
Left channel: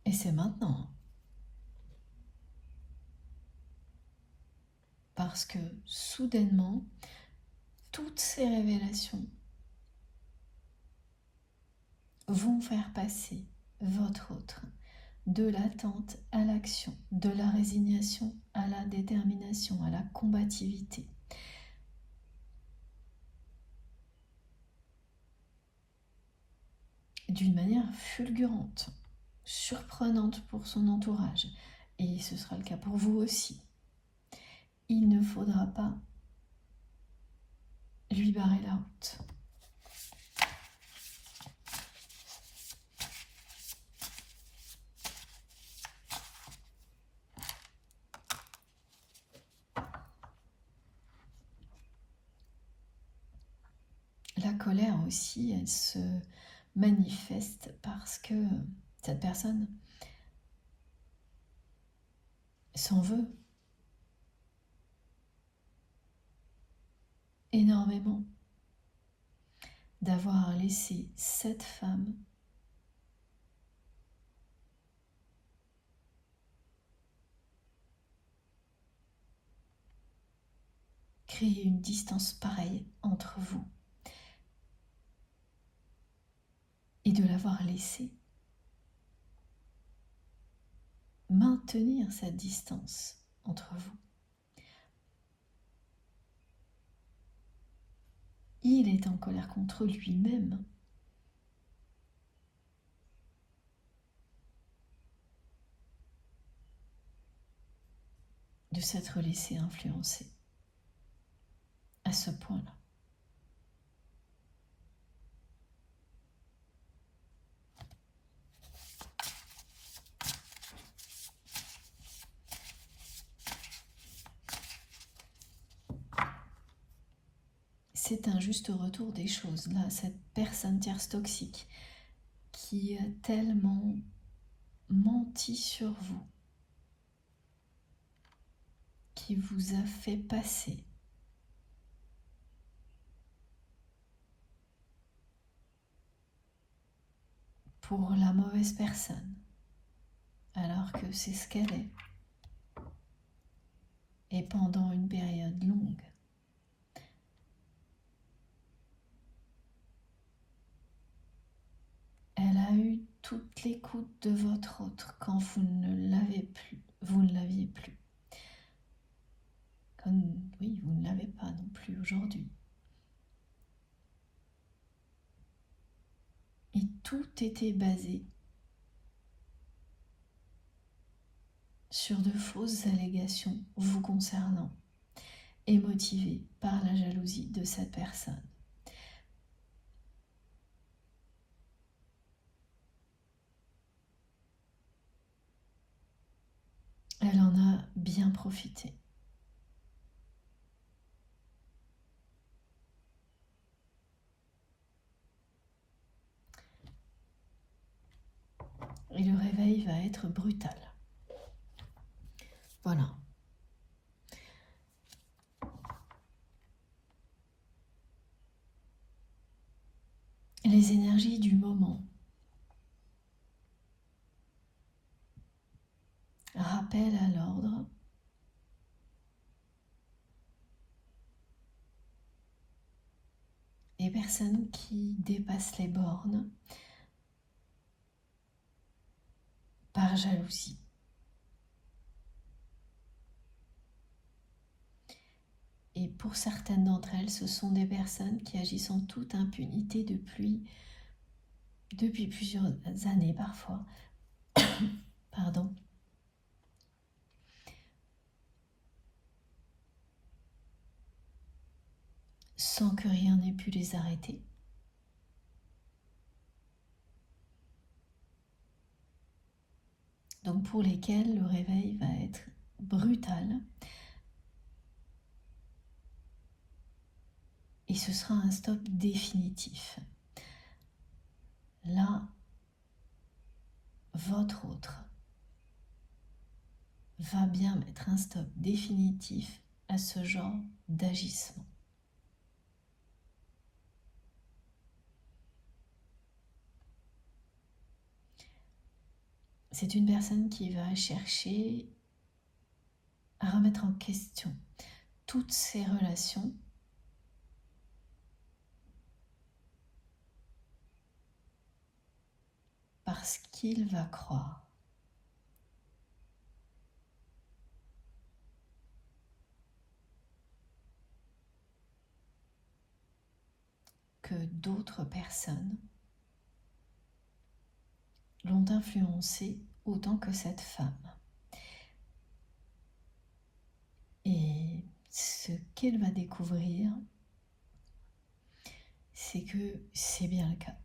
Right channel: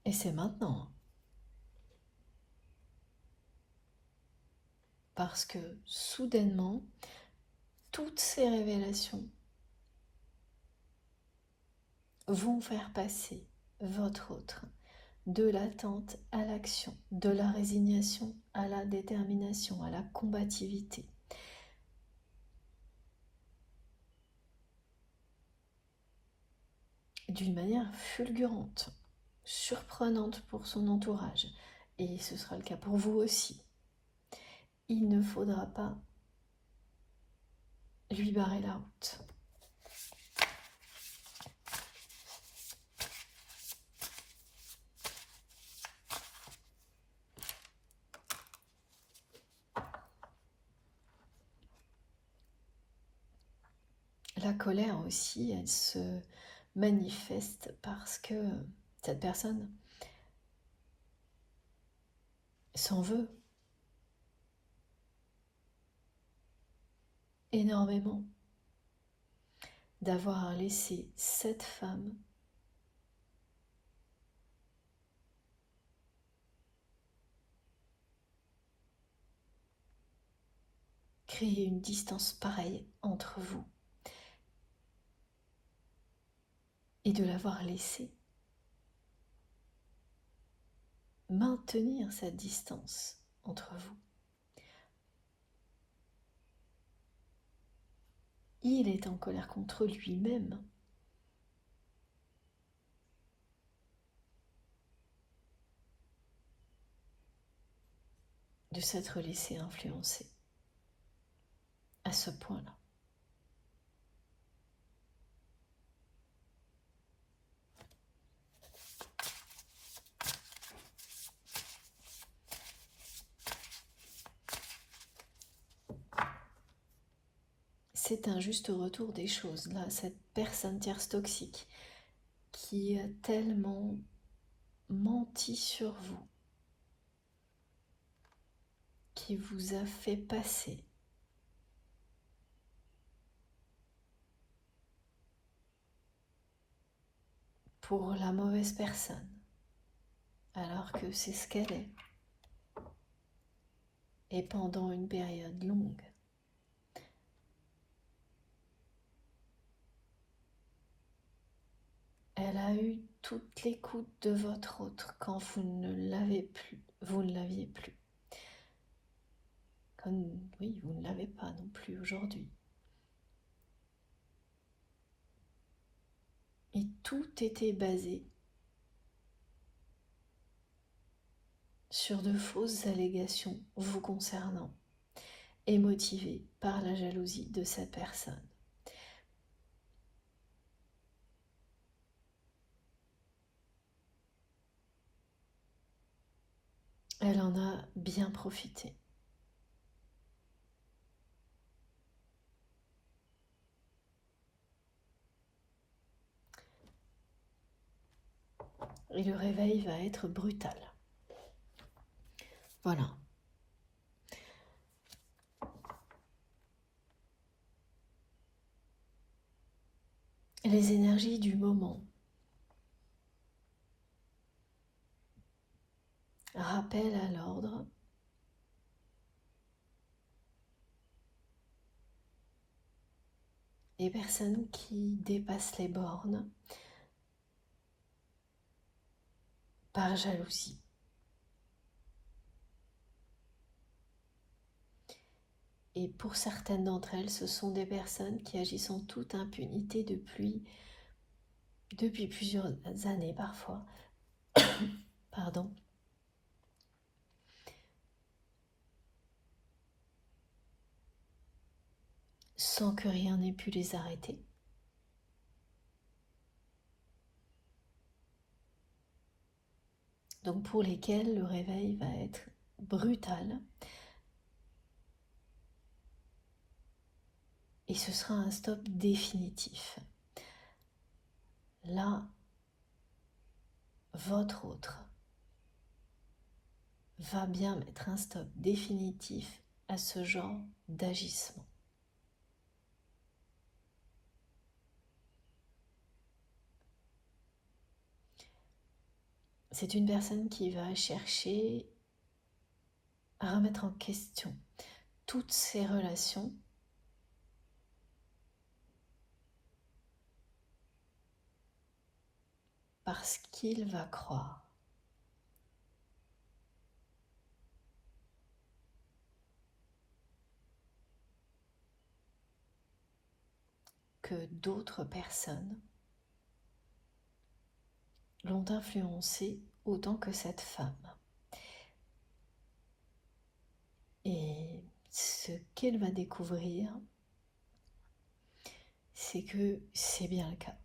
Et c'est maintenant. Parce que soudainement, toutes ces révélations vont faire passer votre autre de l'attente à l'action, de la résignation à la détermination, à la combativité. D'une manière fulgurante, surprenante pour son entourage, et ce sera le cas pour vous aussi. Il ne faudra pas lui barrer la route. La colère aussi, elle se manifeste parce que cette personne s'en veut énormément d'avoir laissé cette femme créer une distance pareille entre vous et de l'avoir laissé maintenir cette distance entre vous. Il est en colère contre lui-même de s'être laissé influencer à ce point-là. C'est un juste retour des choses. Là, cette personne tierce toxique qui a tellement menti sur vous, qui vous a fait passer pour la mauvaise personne, alors que c'est ce qu'elle est, et pendant une période longue. Elle a eu toute l'écoute de votre autre quand vous ne l'aviez plus. Comme, oui, vous ne l'avez pas non plus aujourd'hui. Et tout était basé sur de fausses allégations vous concernant et motivé par la jalousie de cette personne. Elle en a bien profité. Et le réveil va être brutal. Voilà. Les énergies du moment rappellent à l'ordre les personnes qui dépassent les bornes par jalousie. Et pour certaines d'entre elles, ce sont des personnes qui agissent en toute impunité depuis plusieurs années parfois. Pardon. Sans que rien n'ait pu les arrêter. Donc pour lesquels le réveil va être brutal. Et ce sera un stop définitif. Là, votre autre va bien mettre un stop définitif à ce genre d'agissement. C'est une personne qui va chercher à remettre en question toutes ses relations parce qu'il va croire que d'autres personnes l'ont influencé autant que cette femme. Et ce qu'elle va découvrir, c'est que c'est bien le cas.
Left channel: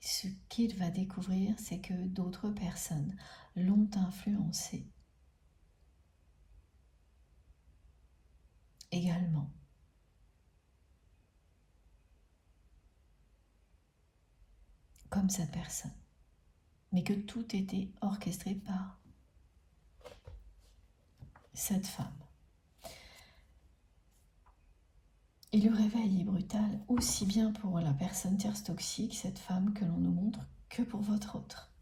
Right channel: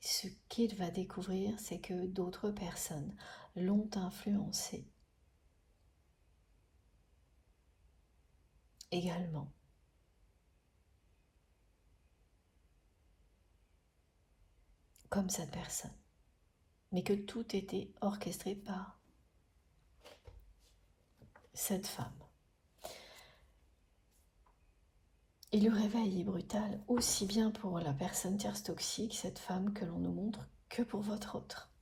Ce qu'il va découvrir, c'est que d'autres personnes l'ont influencé également. Comme cette personne. Mais que tout était orchestré par cette femme. Et le réveil est brutal aussi bien pour la personne tierce toxique, cette femme que l'on nous montre, que pour votre autre.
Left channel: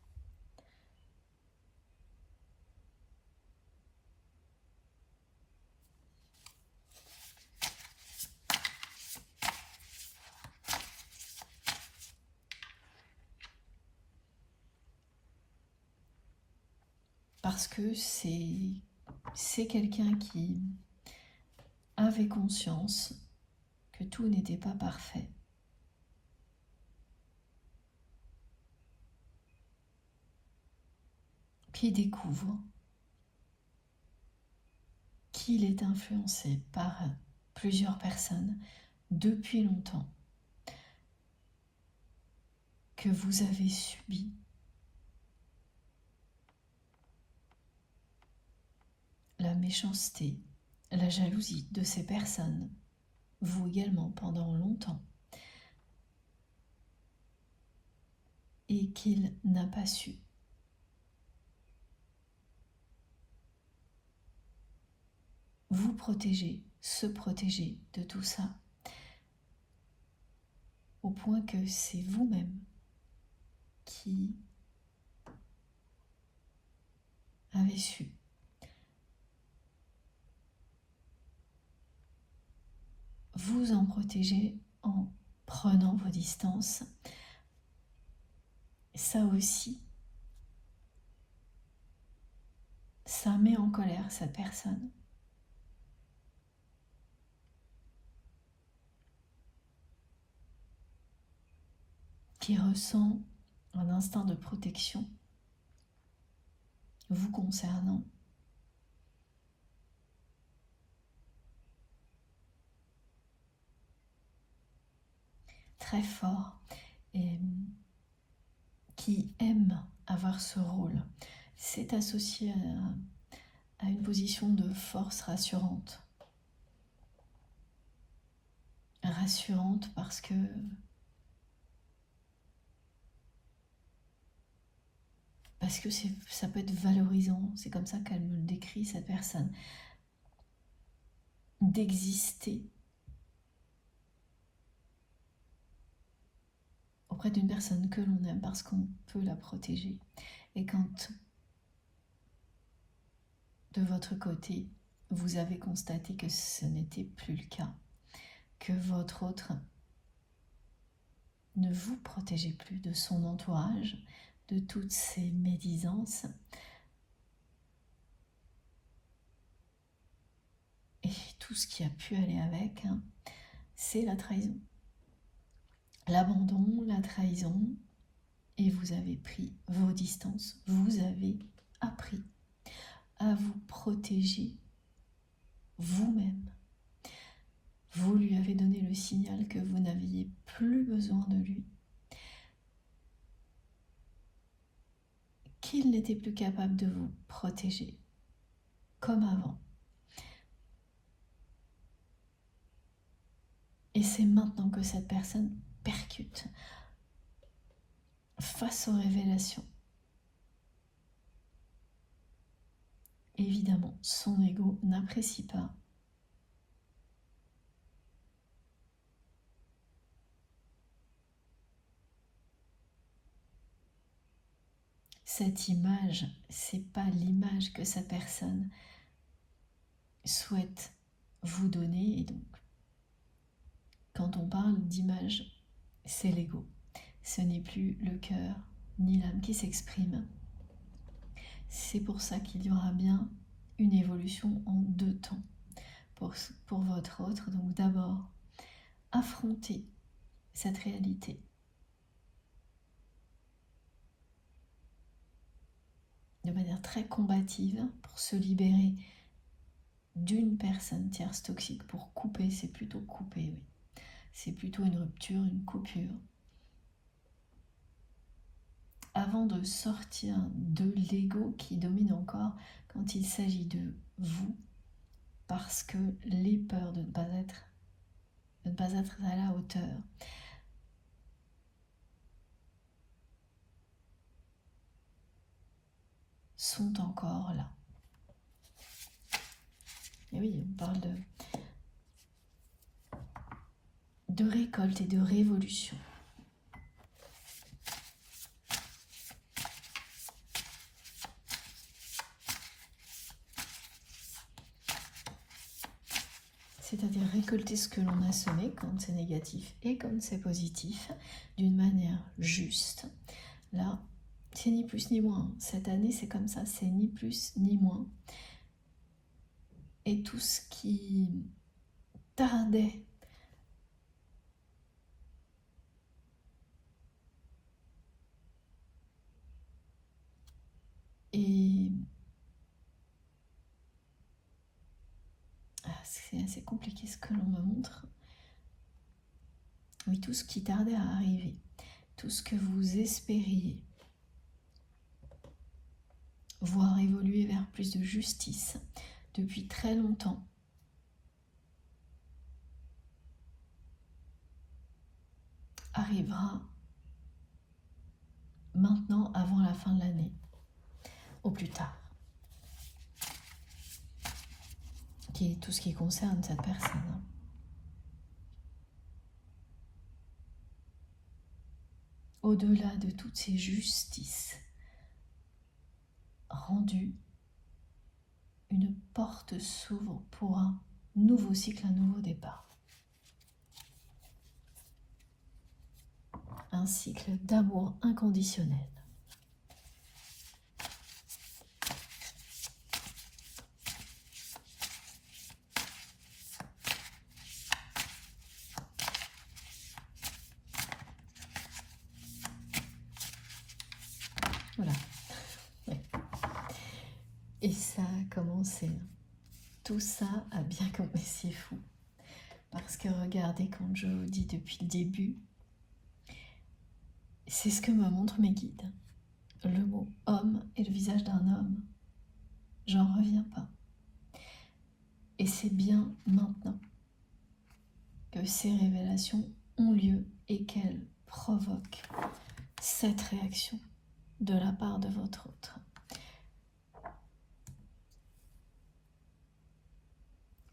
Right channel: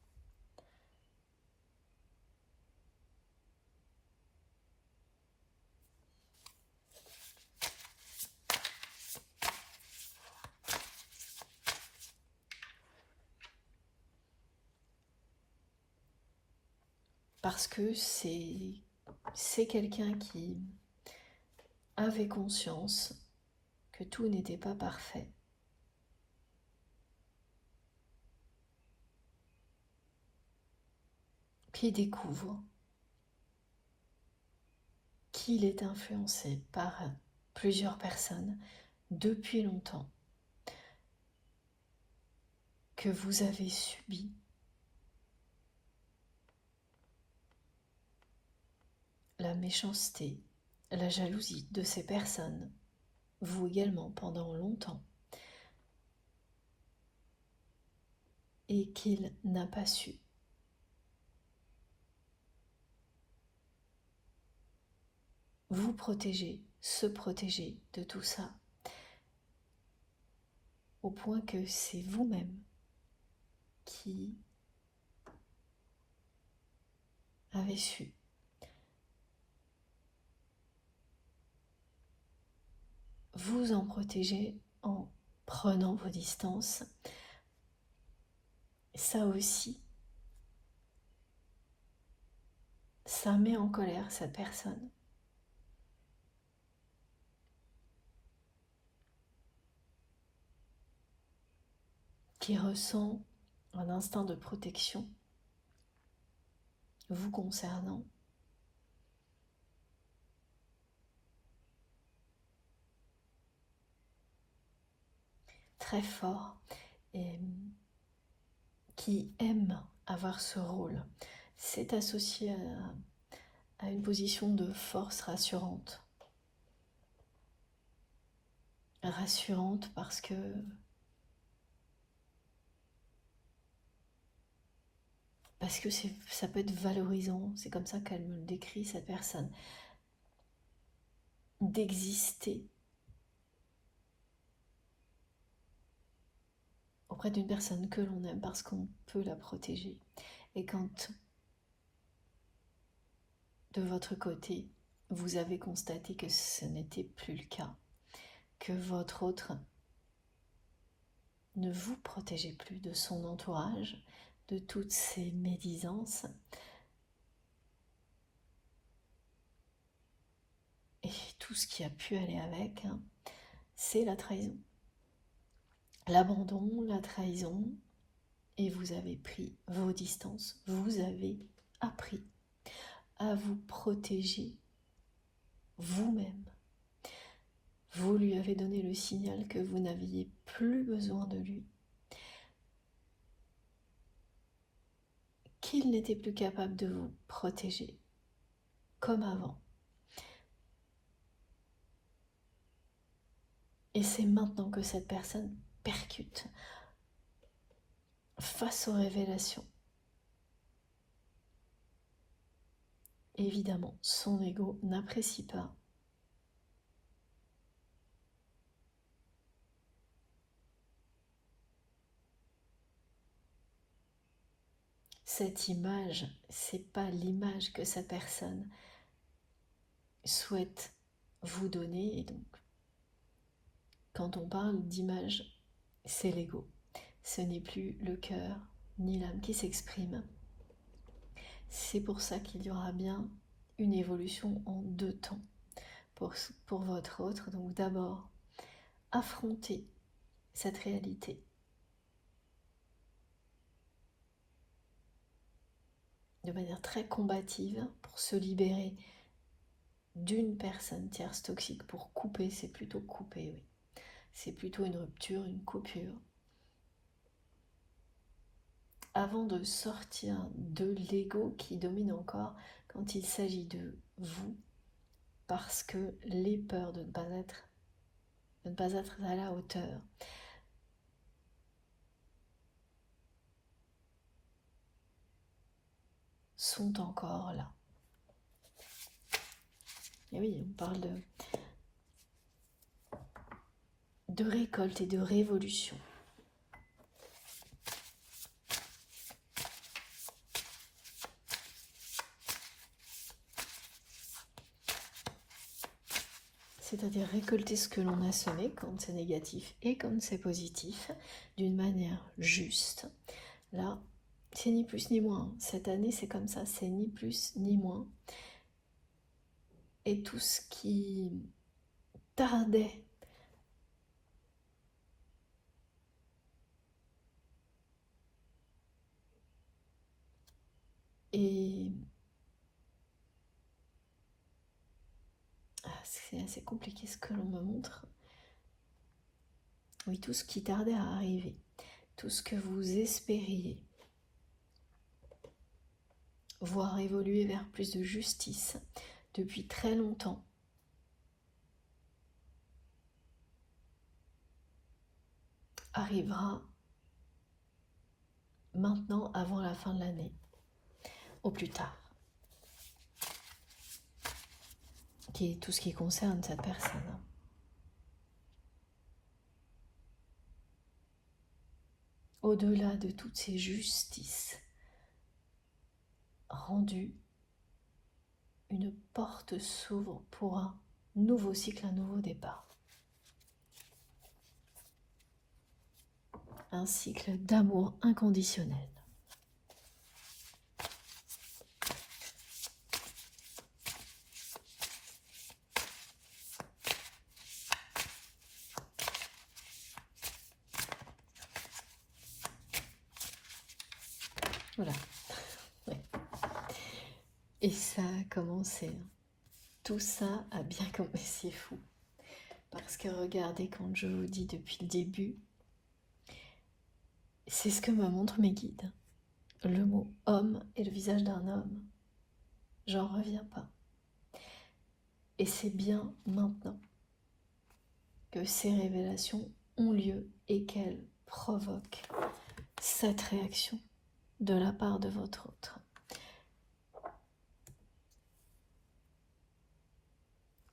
Parce que c'est quelqu'un qui avait conscience que tout n'était pas parfait. Qui découvre qu'il est influencé par plusieurs personnes depuis longtemps, que vous avez subi la méchanceté, la jalousie de ces personnes, vous également pendant longtemps, et qu'il n'a pas su vous protéger, se protéger de tout ça, au point que c'est vous-même qui avez su vous en protéger en prenant vos distances. Ça aussi, ça met en colère cette personne. Qui ressent un instinct de protection vous concernant. Très fort et qui aime avoir ce rôle. C'est associé à une position de force rassurante. Rassurante parce que ça peut être valorisant, c'est comme ça qu'elle me le décrit, cette personne, d'exister auprès d'une personne que l'on aime parce qu'on peut la protéger. Et quand de votre côté, vous avez constaté que ce n'était plus le cas, que votre autre ne vous protégeait plus de son entourage, de toutes ces médisances, tout ce qui a pu aller avec, hein, c'est la trahison. L'abandon, la trahison, et vous avez pris vos distances, vous avez appris à vous protéger vous-même. Vous lui avez donné le signal que vous n'aviez plus besoin de lui, qu'il n'était plus capable de vous protéger comme avant. Et c'est maintenant que cette personne percute face aux révélations. Évidemment, son ego n'apprécie pas cette image. C'est pas l'image que sa personne souhaite vous donner. Et donc, quand on parle d'image, c'est l'ego. Ce n'est plus le cœur ni l'âme qui s'exprime. C'est pour ça qu'il y aura bien une évolution en 2 temps pour votre autre. Donc d'abord, affronter cette réalité. De manière très combative pour se libérer d'une personne tierce toxique. Pour couper, c'est plutôt couper, oui. C'est plutôt une rupture, une coupure. Avant de sortir de l'ego qui domine encore quand il s'agit de vous, parce que les peurs de ne pas être à la hauteur sont encore là. Et oui, on parle de récolte et de révolution. C'est-à-dire récolter ce que l'on a semé quand c'est négatif et quand c'est positif, d'une manière juste. Là, c'est ni plus ni moins. Cette année, c'est comme ça, c'est ni plus ni moins. Et tout ce qui tardait et c'est assez compliqué ce que l'on me montre. Oui, tout ce qui tardait à arriver, tout ce que vous espériez voir évoluer vers plus de justice depuis très longtemps, arrivera maintenant avant la fin de l'année, au plus tard. Qui est tout ce qui concerne cette personne. Au-delà de toutes ces justices rendues, une porte s'ouvre pour un nouveau cycle, un nouveau départ. Un cycle d'amour inconditionnel. Voilà. Ouais. Et ça a commencé. Tout ça a bien commencé, c'est fou. Parce que regardez, comme je vous dis depuis le début, c'est ce que me montrent mes guides. Le mot homme et le visage d'un homme. J'en reviens pas. Et c'est bien maintenant que ces révélations ont lieu et qu'elles provoquent cette réaction de la part de votre autre.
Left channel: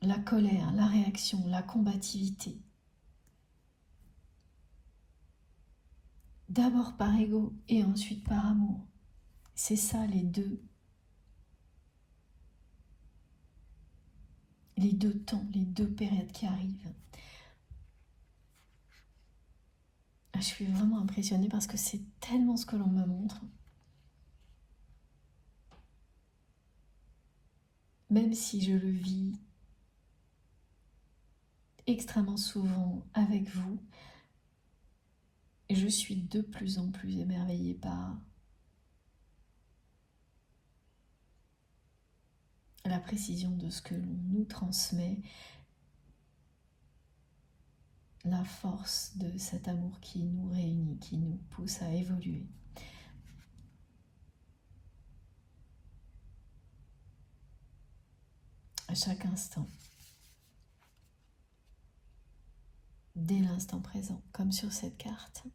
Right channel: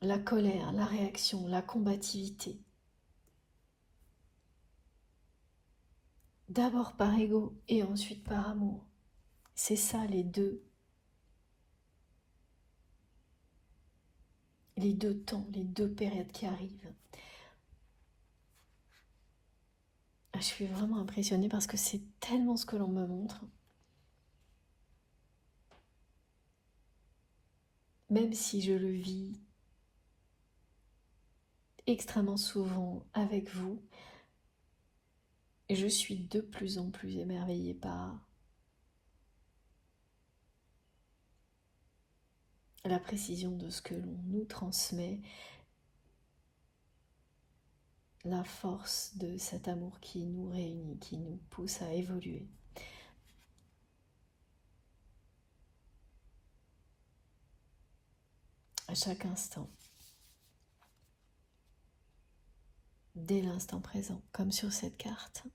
La colère, la réaction, la combativité. D'abord par ego et ensuite par amour. C'est ça les deux temps, les 2 périodes qui arrivent. Je suis vraiment impressionnée parce que c'est tellement ce que l'on me montre. Même si je le vis extrêmement souvent avec vous. Et je suis de plus en plus émerveillée par la précision de ce que l'on nous transmet, la force de cet amour qui nous réunit, qui nous pousse à évoluer. À chaque instant, dès l'instant présent, comme sur cette carte,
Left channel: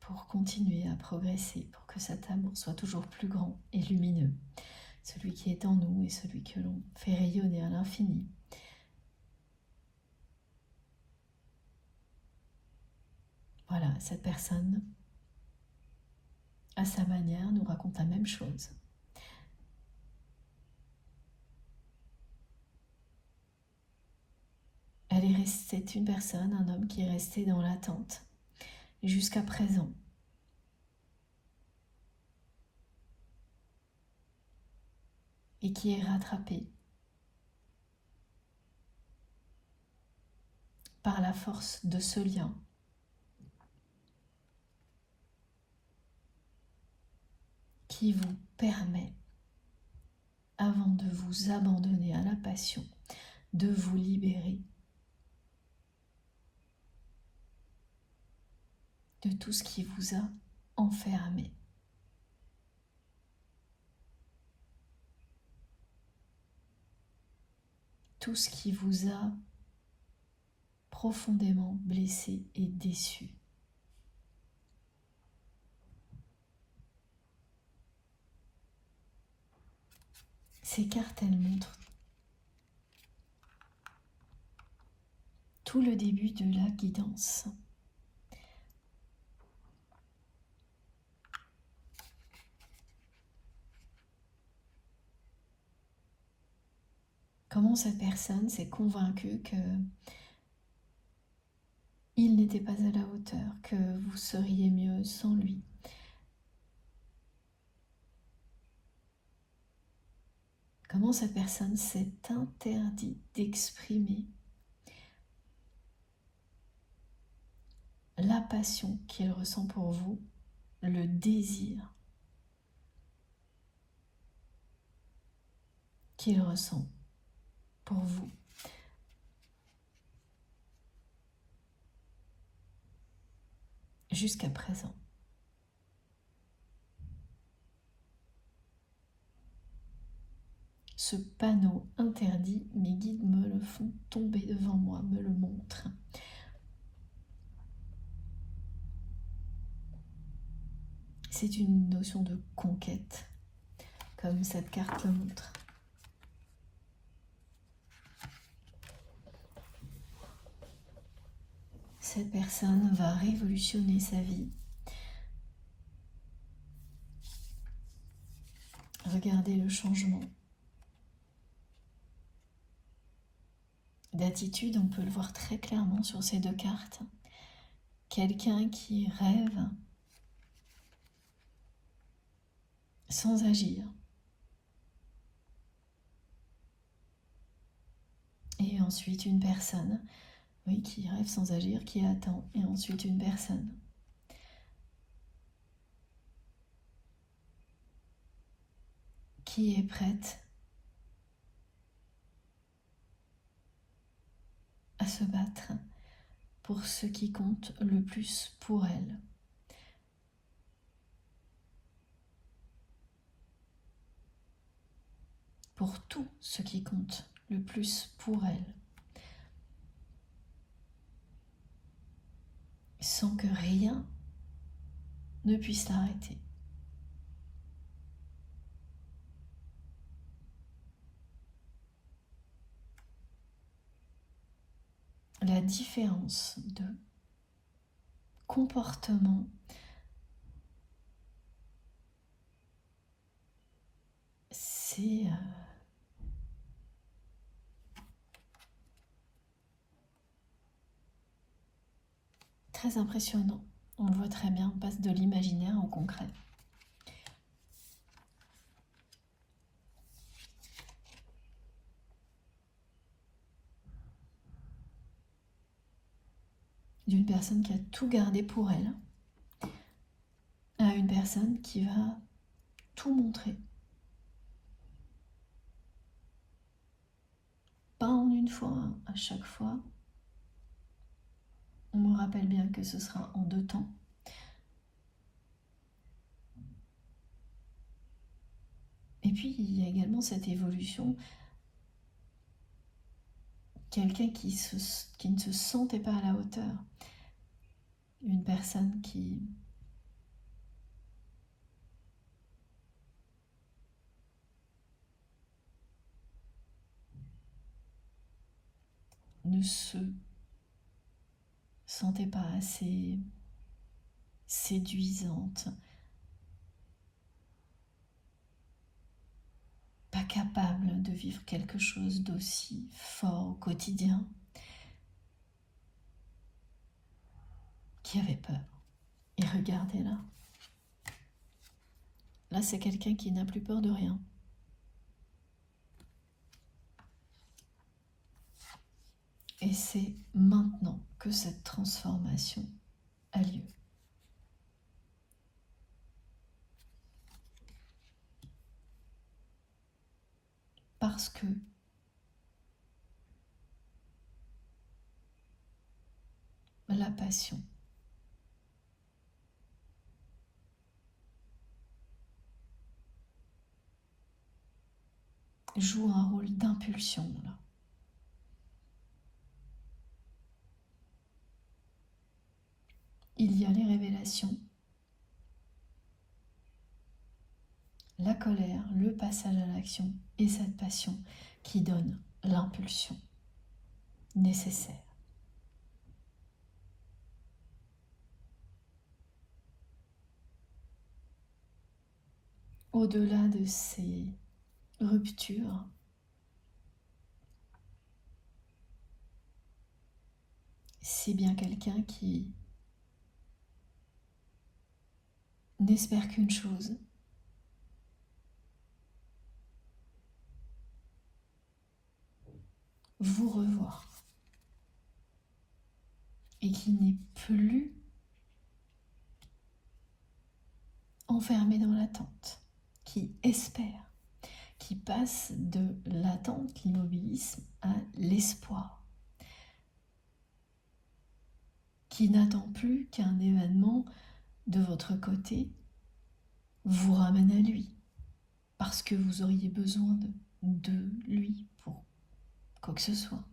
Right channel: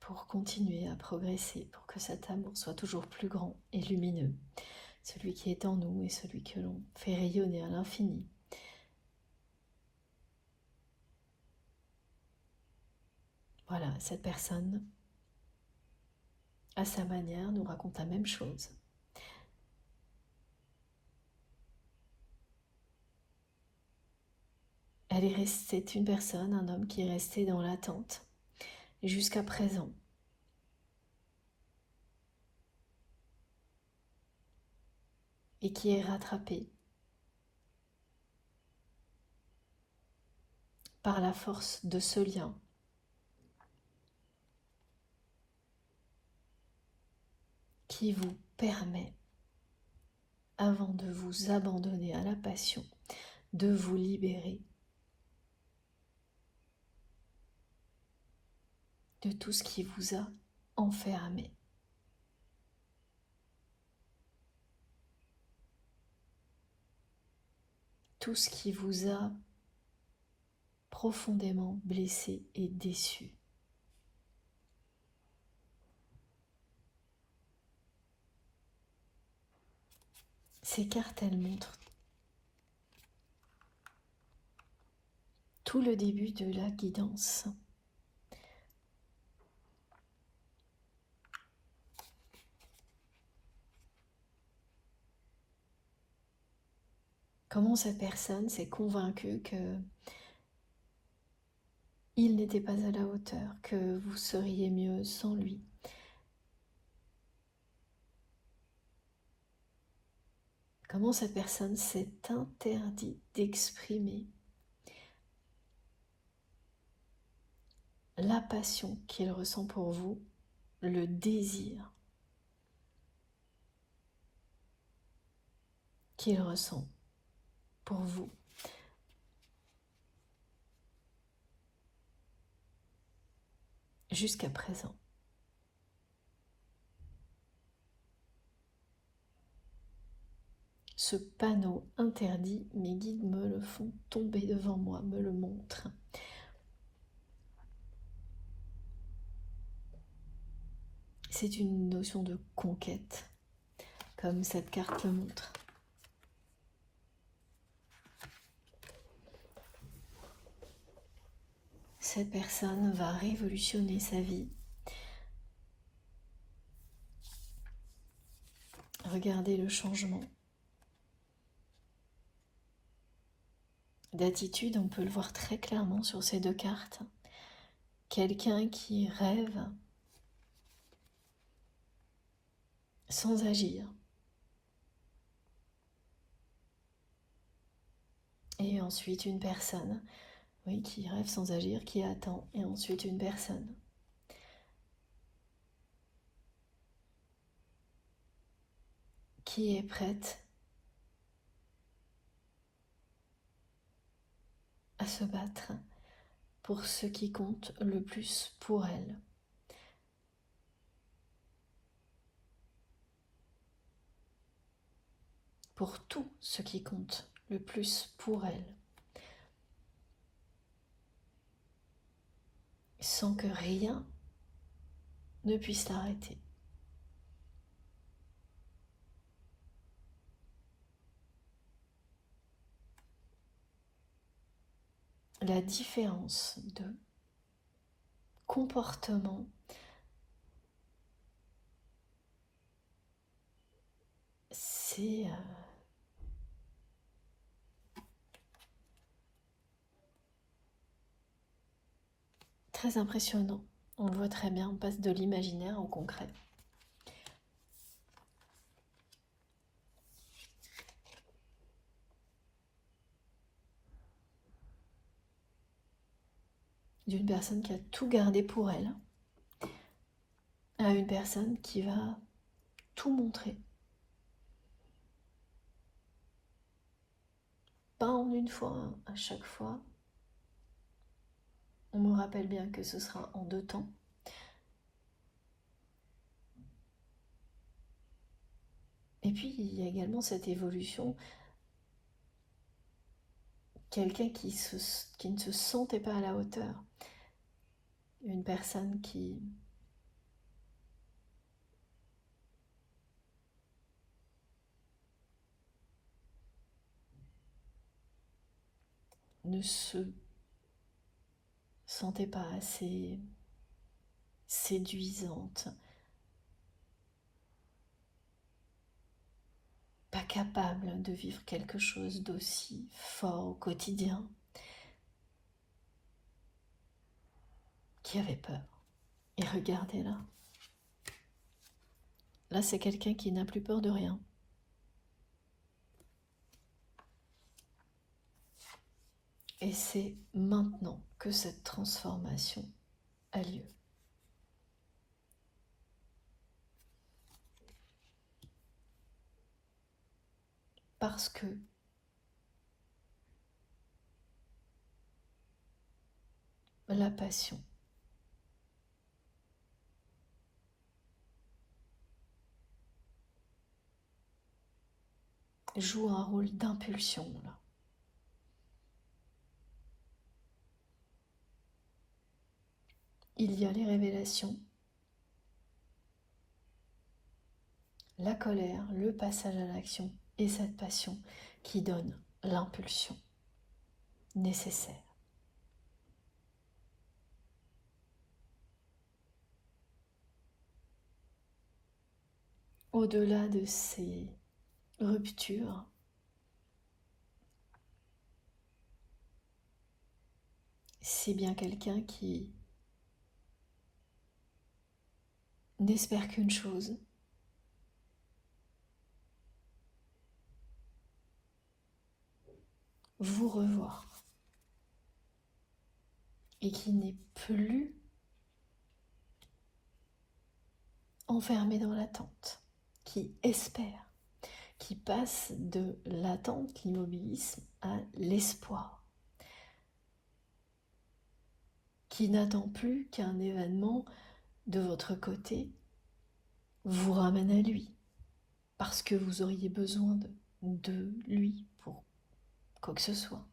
pour continuer à progresser, pour que cet amour soit toujours plus grand et lumineux, celui qui est en nous et celui que l'on fait rayonner à l'infini. Voilà, cette personne, à sa manière, nous raconte la même chose. C'est une personne, un homme qui est resté dans l'attente jusqu'à présent. Et qui est rattrapé par la force de ce lien. Qui vous permet, avant de vous abandonner à la passion, de vous libérer de tout ce qui vous a enfermé. Tout ce qui vous a profondément blessé et déçu. Ces cartes, elles montrent tout le début de la guidance. Comment cette personne s'est convaincue que il n'était pas à la hauteur, que vous seriez mieux sans lui. Comment cette personne s'est interdit d'exprimer la passion qu'il ressent pour vous, le désir qu'il ressent pour vous. Jusqu'à présent. Ce panneau interdit, mes guides me le font tomber devant moi, me le montrent. C'est une notion de conquête, comme cette carte le montre. Cette personne va révolutionner sa vie. Regardez le changement d'attitude, on peut le voir très clairement sur ces deux cartes. Quelqu'un qui rêve sans agir. Et ensuite une personne, oui, qui rêve sans agir, qui attend. Et ensuite une personne qui est prête à se battre pour ce qui compte le plus pour elle. Pour tout ce qui compte le plus pour elle. Sans que rien ne puisse l'arrêter. La différence de comportement c'est très impressionnant. On le voit très bien, on passe de l'imaginaire au concret. d'une personne qui a tout gardé pour elle à une personne qui va tout montrer. Pas en une fois, hein, à chaque fois. On me rappelle bien que ce sera en 2 temps. Et puis, il y a également cette évolution. Quelqu'un qui ne se sentait pas à la hauteur. Une personne qui ne se sentait pas assez séduisante, pas capable de vivre quelque chose d'aussi fort au quotidien, qui avait peur. Et regardez là. Là, c'est quelqu'un qui n'a plus peur de rien. Et c'est maintenant que cette transformation a lieu. Parce que la passion joue un rôle d'impulsion là. Il y a les révélations, la colère, le passage à l'action et cette passion qui donne l'impulsion nécessaire. Au-delà de ces ruptures, c'est bien quelqu'un qui n'espère qu'une chose, vous revoir, et qui n'est plus enfermé dans l'attente, qui espère, qui passe de l'attente, l'immobilisme, à l'espoir, qui n'attend plus qu'un événement de votre côté vous ramène à lui, parce que vous auriez besoin de lui pour quoi que ce soit.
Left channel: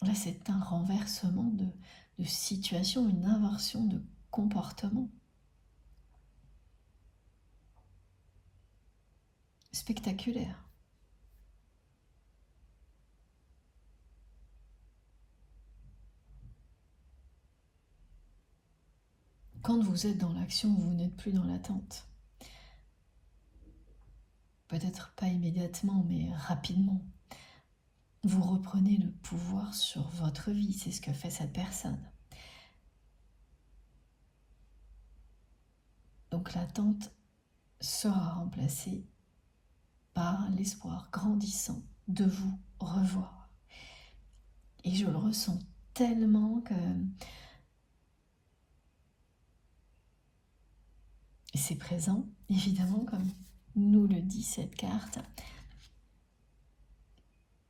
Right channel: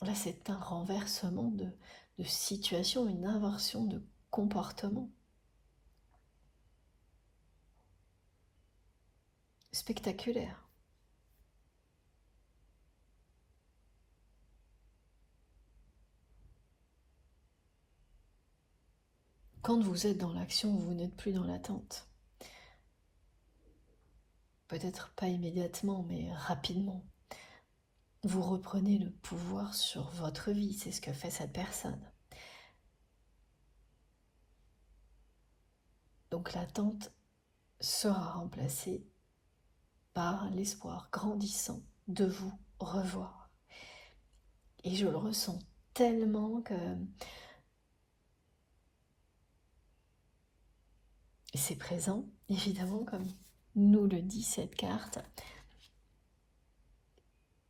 Là, c'est un renversement de situation, une inversion de comportement. Spectaculaire. Quand vous êtes dans l'action, vous n'êtes plus dans l'attente. Peut-être pas immédiatement, mais rapidement. Vous reprenez le pouvoir sur votre vie, c'est ce que fait cette personne. Donc l'attente sera remplacée par l'espoir grandissant de vous revoir. Et je le ressens tellement que c'est présent, évidemment, comme nous le dit cette carte,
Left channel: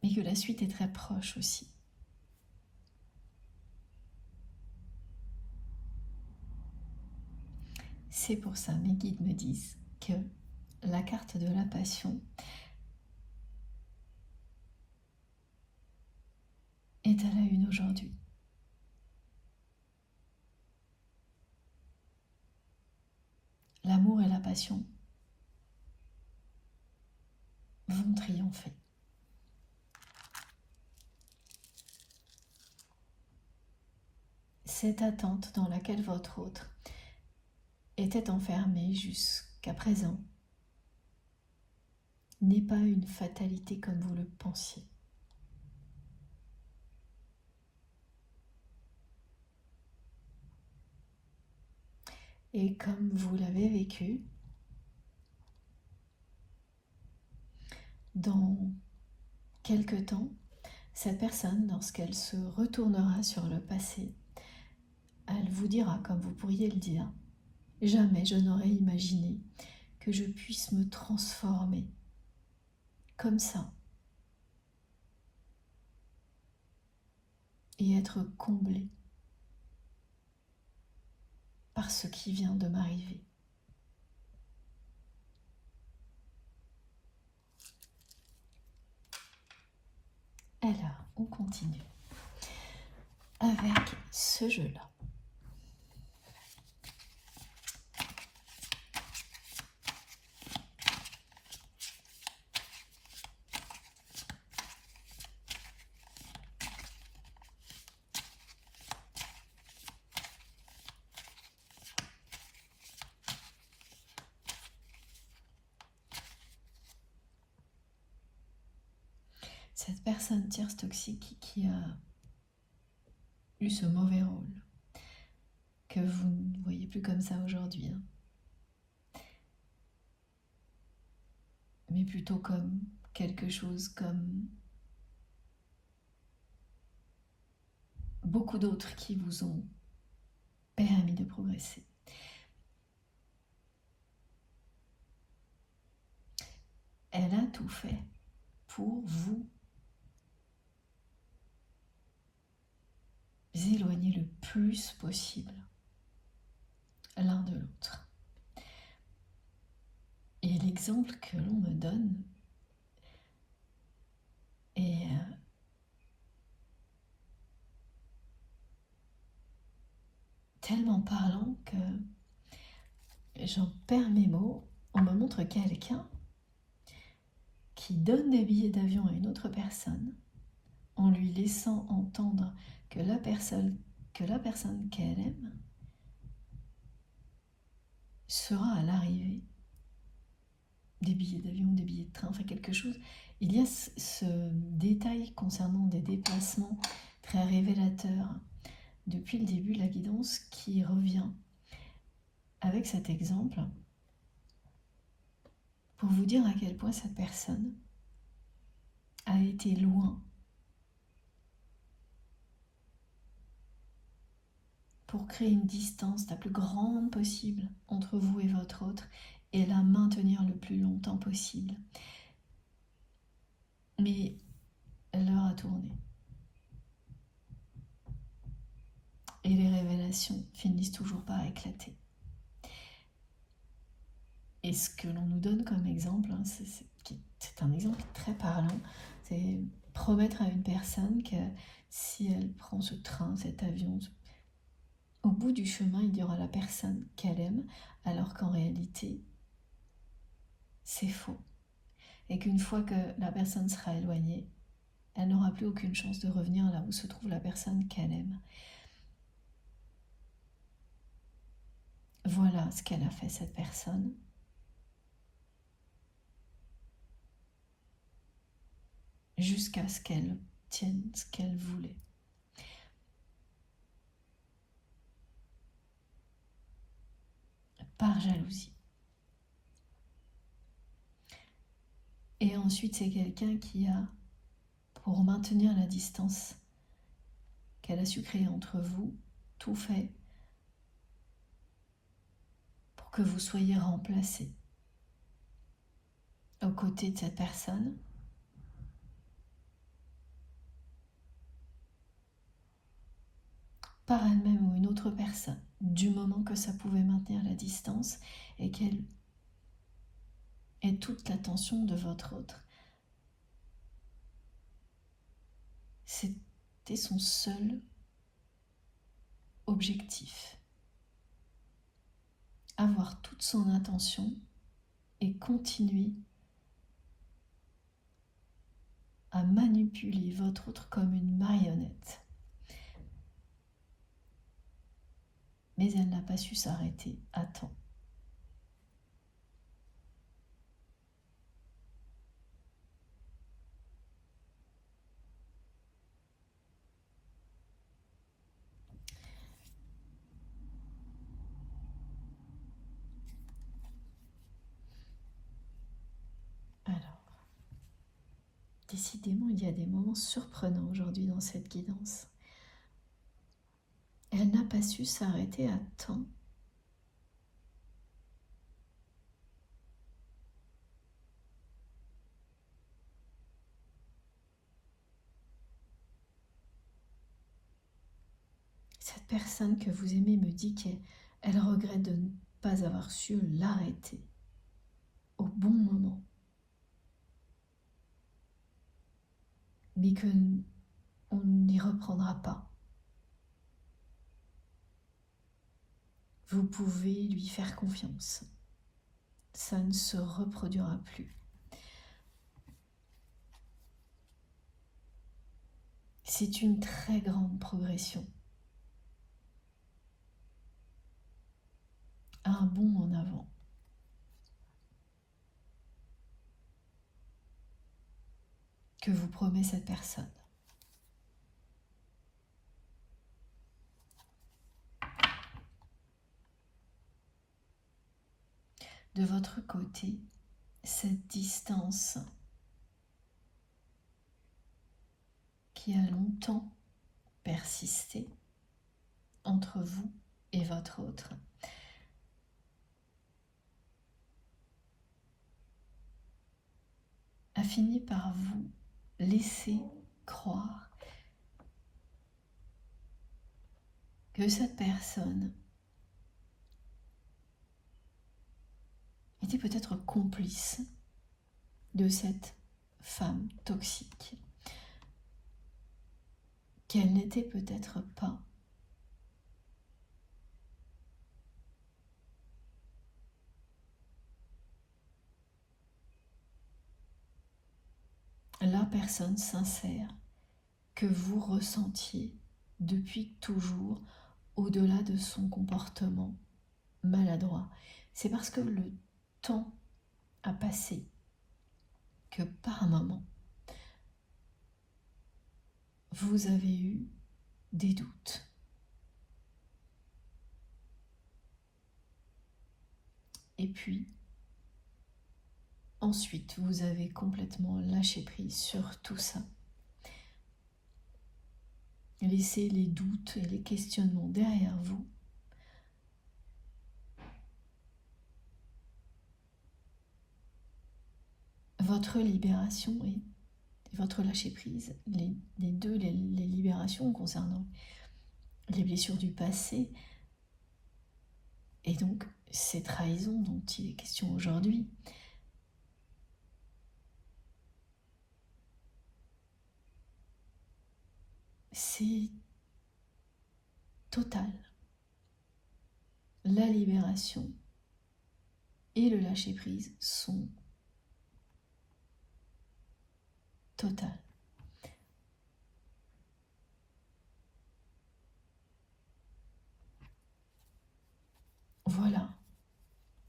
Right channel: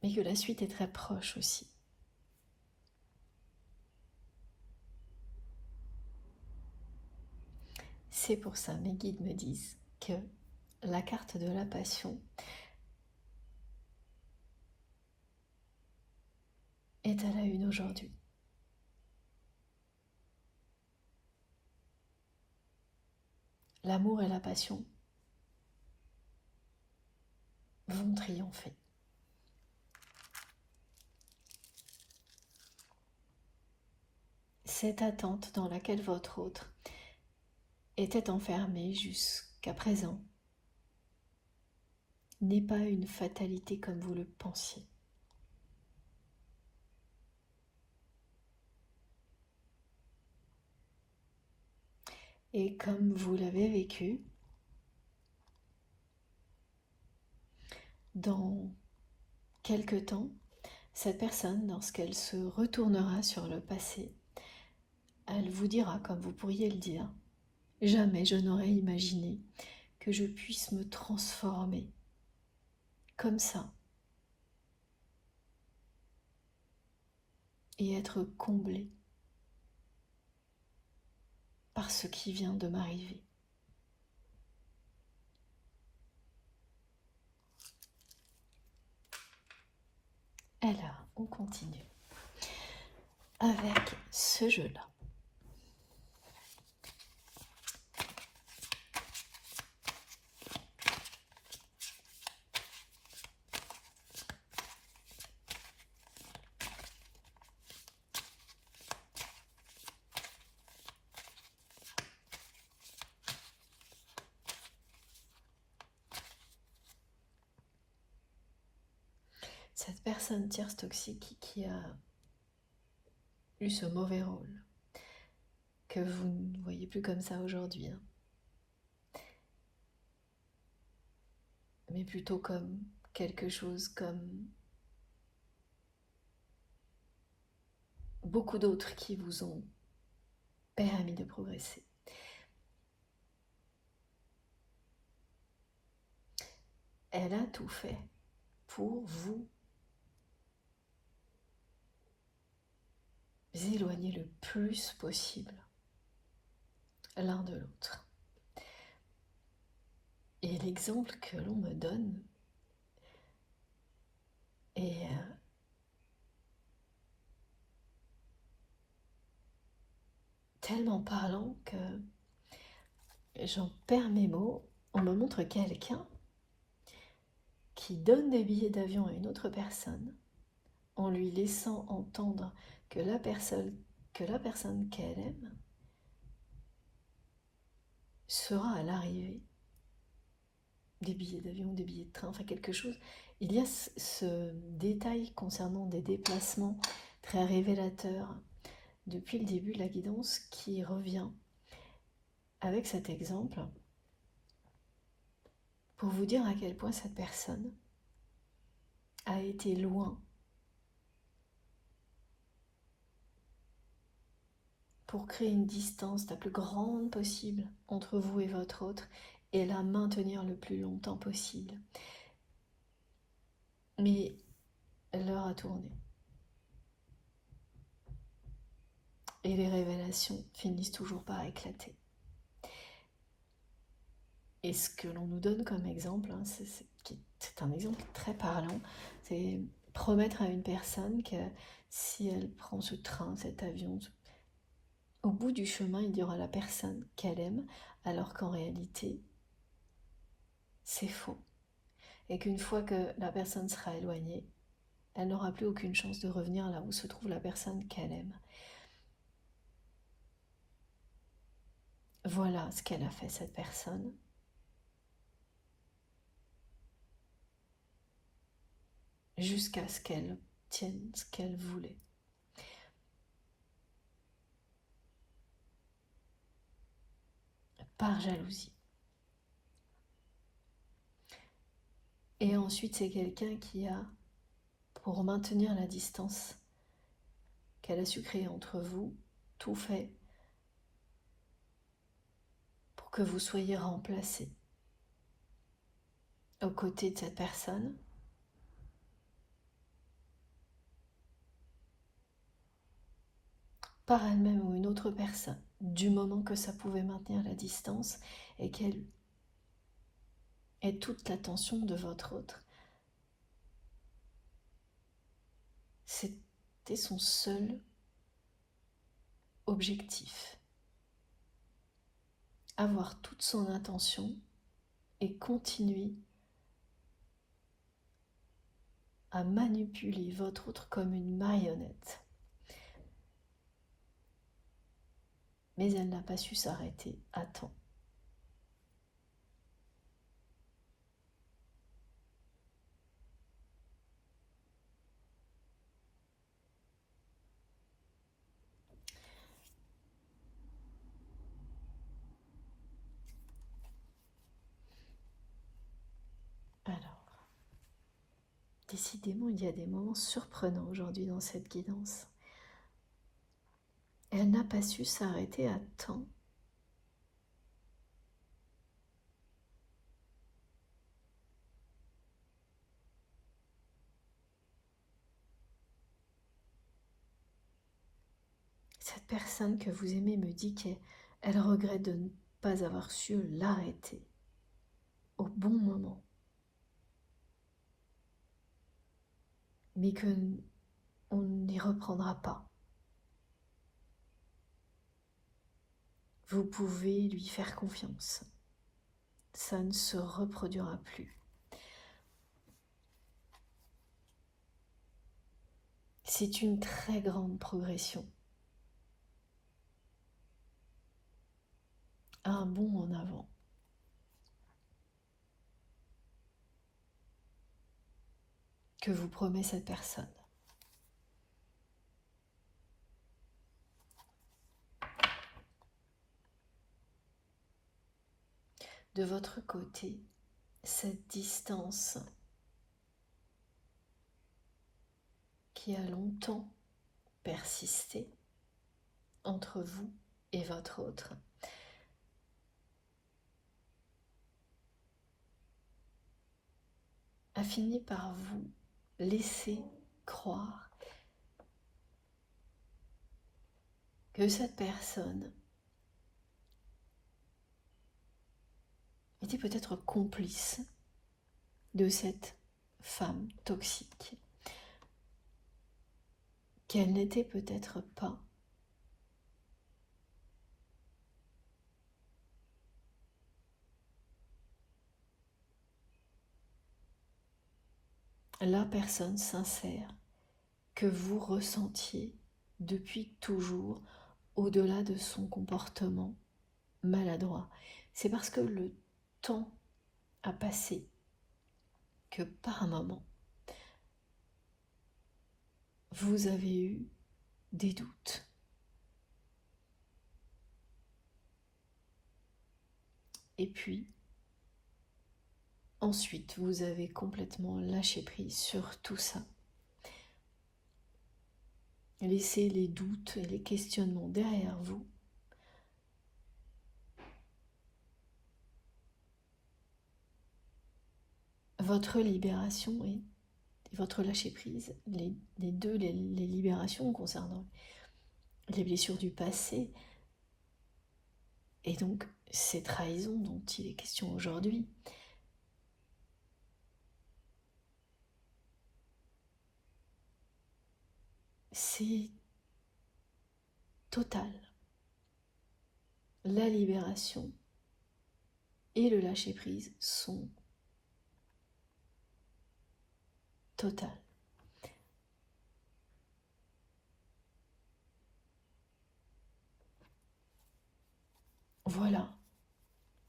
mais que la suite est très proche aussi. C'est pour ça, mes guides me disent que la carte de la passion est à la une aujourd'hui. L'amour et la passion vont triompher. Cette attente dans laquelle votre autre était enfermé jusqu'à présent n'est pas une fatalité comme vous le pensiez. Et comme vous l'avez vécu, dans quelque temps, Cette personne, lorsqu'elle se retournera sur le passé, elle vous dira, comme vous pourriez le dire, « Jamais je n'aurais imaginé que je puisse me transformer comme ça et être comblée par ce qui vient de m'arriver. » Alors, on continue avec ce jeu-là. Cette personne tierce toxique qui a eu ce mauvais rôle, que vous ne voyez plus comme ça aujourd'hui, mais plutôt comme quelque chose comme beaucoup d'autres qui vous ont permis de progresser. Elle a tout fait pour vous éloigner le plus possible l'un de l'autre. Et l'exemple que l'on me donne est tellement parlant que j'en perds mes mots. On me montre quelqu'un qui donne des billets d'avion à une autre personne en lui laissant entendre que la personne qu'elle aime sera à l'arrivée des billets d'avion, des billets de train, enfin quelque chose. Il y a ce détail concernant des déplacements très révélateur depuis le début de la guidance qui revient avec cet exemple pour vous dire à quel point cette personne a été loin pour créer une distance la plus grande possible entre vous et votre autre et la maintenir le plus longtemps possible. Mais l'heure a tourné. Et les révélations finissent toujours par éclater. Et ce que l'on nous donne comme exemple, c'est un exemple très parlant, c'est promettre à une personne que si elle prend ce train, cet avion, au bout du chemin, il y aura la personne qu'elle aime, alors qu'en réalité, c'est faux. Et qu'une fois que la personne sera éloignée, elle n'aura plus aucune chance de revenir là où se trouve la personne qu'elle aime. Voilà ce qu'elle a fait, cette personne. Jusqu'à ce qu'elle tienne ce qu'elle voulait. Par jalousie. Et ensuite, c'est quelqu'un qui a, pour maintenir la distance qu'elle a su créer entre vous, tout fait pour que vous soyez remplacés aux côtés de cette personne. Par elle-même ou une autre personne, du moment que ça pouvait maintenir la distance et qu'elle ait toute l'attention de votre autre. C'était son seul objectif. Avoir toute son attention et continuer à manipuler votre autre comme une marionnette. Mais elle n'a pas su s'arrêter à temps. Alors, décidément, il y a des moments surprenants aujourd'hui dans cette guidance. Elle n'a pas su s'arrêter à temps. Cette personne que vous aimez me dit qu'elle regrette de ne pas avoir su l'arrêter au bon moment. Mais qu'on n'y reprendra pas. Vous pouvez lui faire confiance. Ça ne se reproduira plus. C'est une très grande progression. Un bond en avant. Que vous promet cette personne. De votre côté, cette distance qui a longtemps persisté entre vous et votre autre a fini par vous laisser croire que cette personne était peut-être complice de cette femme toxique, qu'elle n'était peut-être pas. La personne sincère que vous ressentiez depuis toujours au-delà de son comportement maladroit. C'est parce que le temps a passé que par un moment, vous avez eu des doutes. Et puis, ensuite, vous avez complètement lâché prise sur tout ça. Laissez les doutes et les questionnements derrière vous. Votre libération et votre lâcher-prise, les libérations concernant les blessures du passé et donc ces trahisons dont il est question aujourd'hui, c'est total. La libération et le lâcher-prise sont totales. Voilà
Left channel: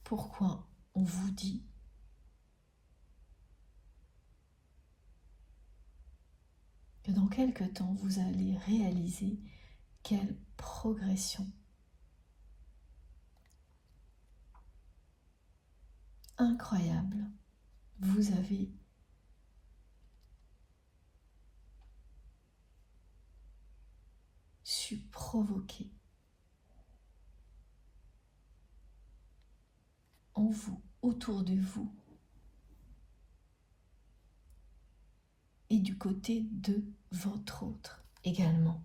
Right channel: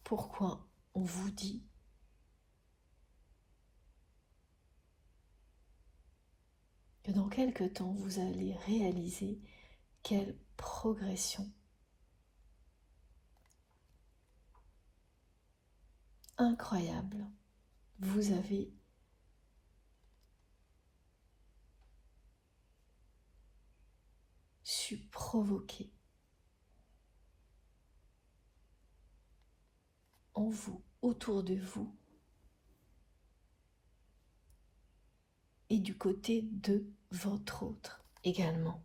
pourquoi on vous dit que dans quelque temps, vous allez réaliser quelle progression incroyable vous avez su provoquer en vous, autour de vous, et du côté de votre autre également.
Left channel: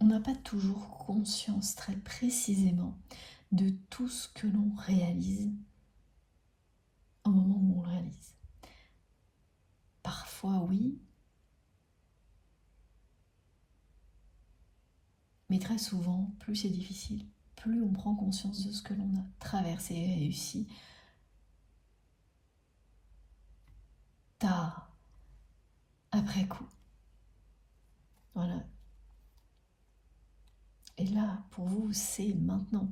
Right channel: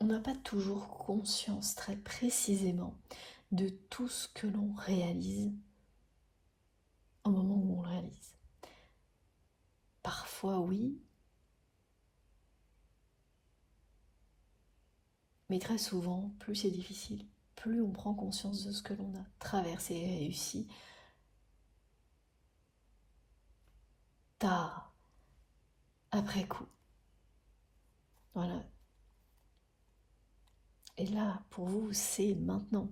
On n'a pas toujours conscience très précisément de tout ce que l'on réalise au moment où on le réalise. Parfois oui, mais très souvent, plus c'est difficile, plus on prend conscience de ce que l'on a traversé et réussi tard, après coup. Voilà. Et là, pour vous, c'est maintenant.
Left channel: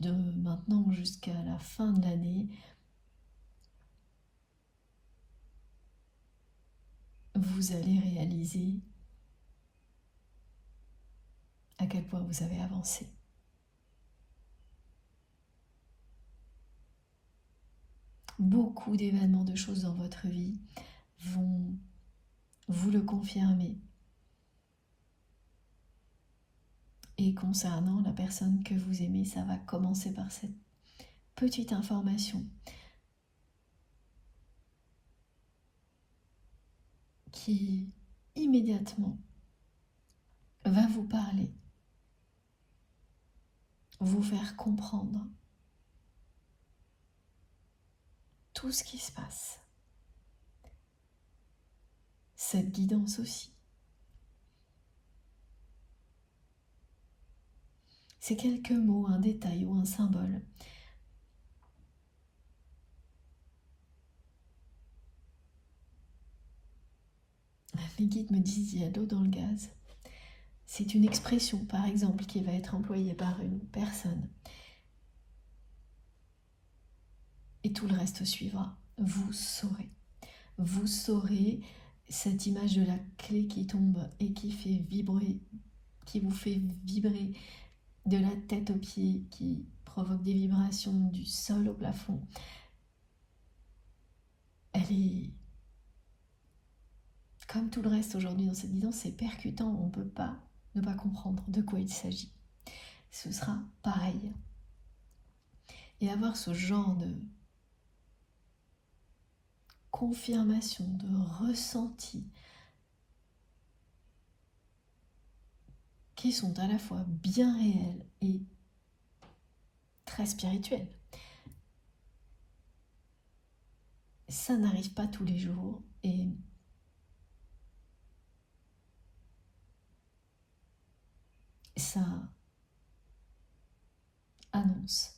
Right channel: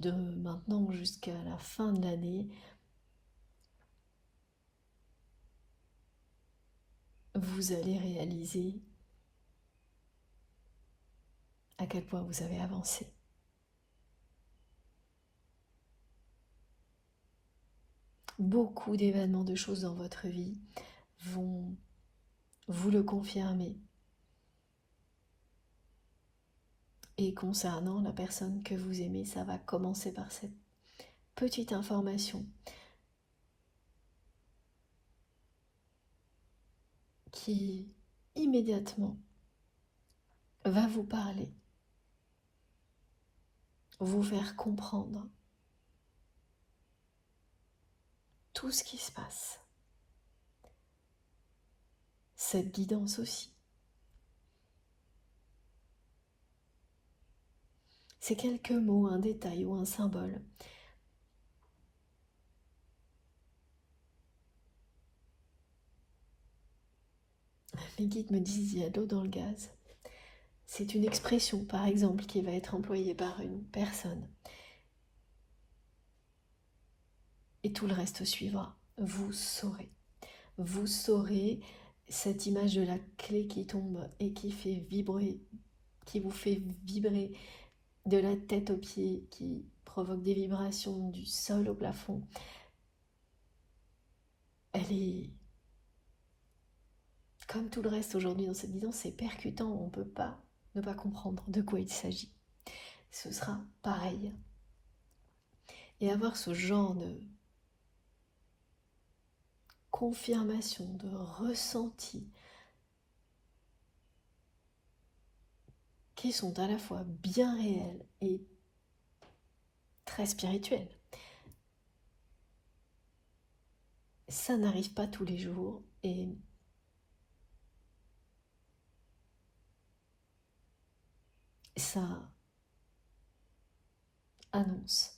De maintenant jusqu'à la fin de l'année, vous allez réaliser à quel point vous avez avancé. Beaucoup d'événements, de choses dans votre vie vont vous le confirmer. Et concernant la personne que vous aimez, ça va commencer par cette petite information qui immédiatement va vous parler, vous faire comprendre tout ce qui se passe. Cette guidance aussi. C'est quelques mots, un détail ou un symbole. Mes guides me disent il y a de l'eau dans le gaz. C'est une expression, par exemple, qui va être employée par une personne. Et tout le reste suivra. Vous saurez. Vous saurez cette image de la clé qui tombe et qui fait vibrer, qui vous fait vibrer de la tête aux pieds, qui provoque des vibrations du sol au plafond. Elle est comme tout le reste aujourd'hui dans cette guidance, c'est percutant, on ne peut pas ne pas comprendre de quoi il s'agit. Ce sera pareil. Et avoir ce genre de confirmation, de ressenti, qui sont à la fois bien réels et très spirituels. Ça n'arrive pas tous les jours et ça annonce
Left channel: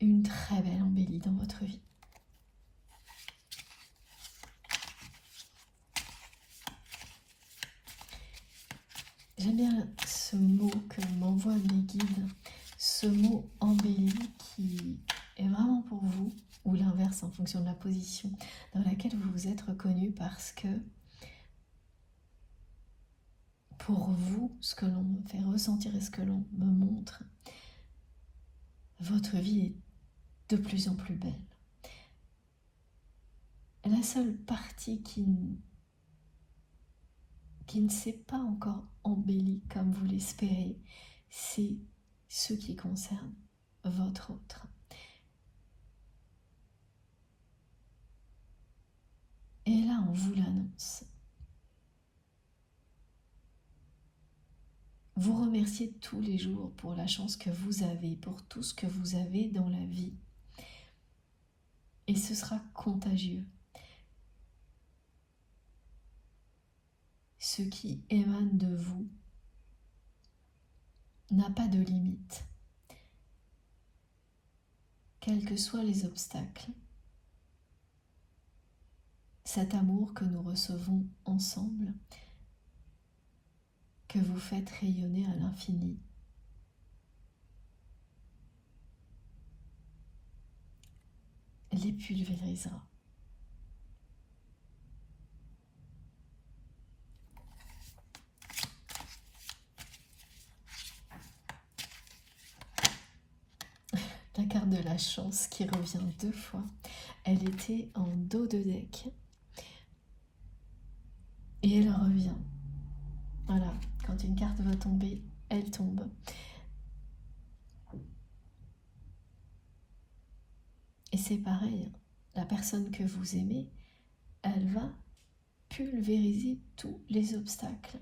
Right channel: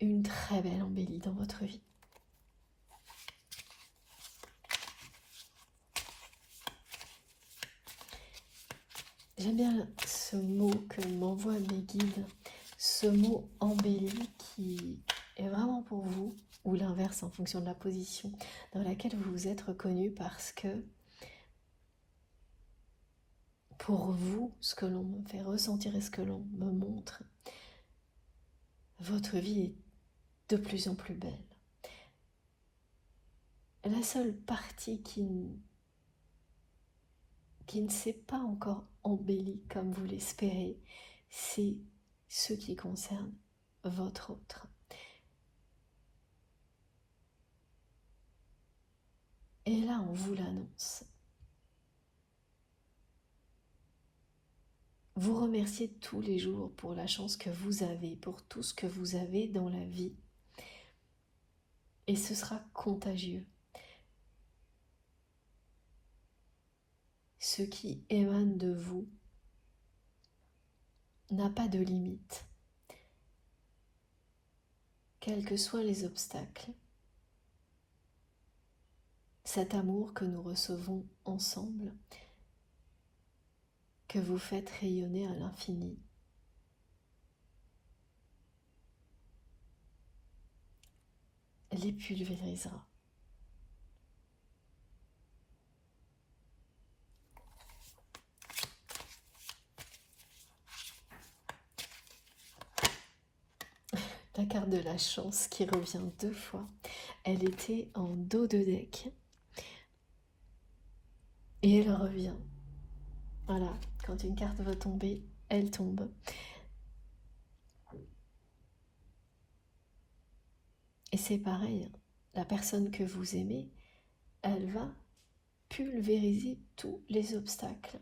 une très belle embellie dans votre vie. J'aime bien ce mot que m'envoient mes guides, ce mot embelli qui est vraiment pour vous, ou l'inverse en fonction de la position dans laquelle vous vous êtes reconnu, parce que pour vous, ce que l'on me fait ressentir et ce que l'on me montre, votre vie est de plus en plus belle. La seule partie qui ne s'est pas encore embellie comme vous l'espérez, c'est ce qui concerne votre autre. Et là, on vous l'annonce. Vous remerciez tous les jours pour la chance que vous avez, pour tout ce que vous avez dans la vie. Et ce sera contagieux. Ce qui émane de vous n'a pas de limite. Quels que soient les obstacles, cet amour que nous recevons ensemble, que vous faites rayonner à l'infini, les pulvérisera. La carte de la chance qui revient 2 fois. Elle était en dos de deck. Et elle revient. Voilà, quand une carte va tomber, elle tombe. Et c'est pareil, la personne que vous aimez, elle va pulvériser tous les obstacles.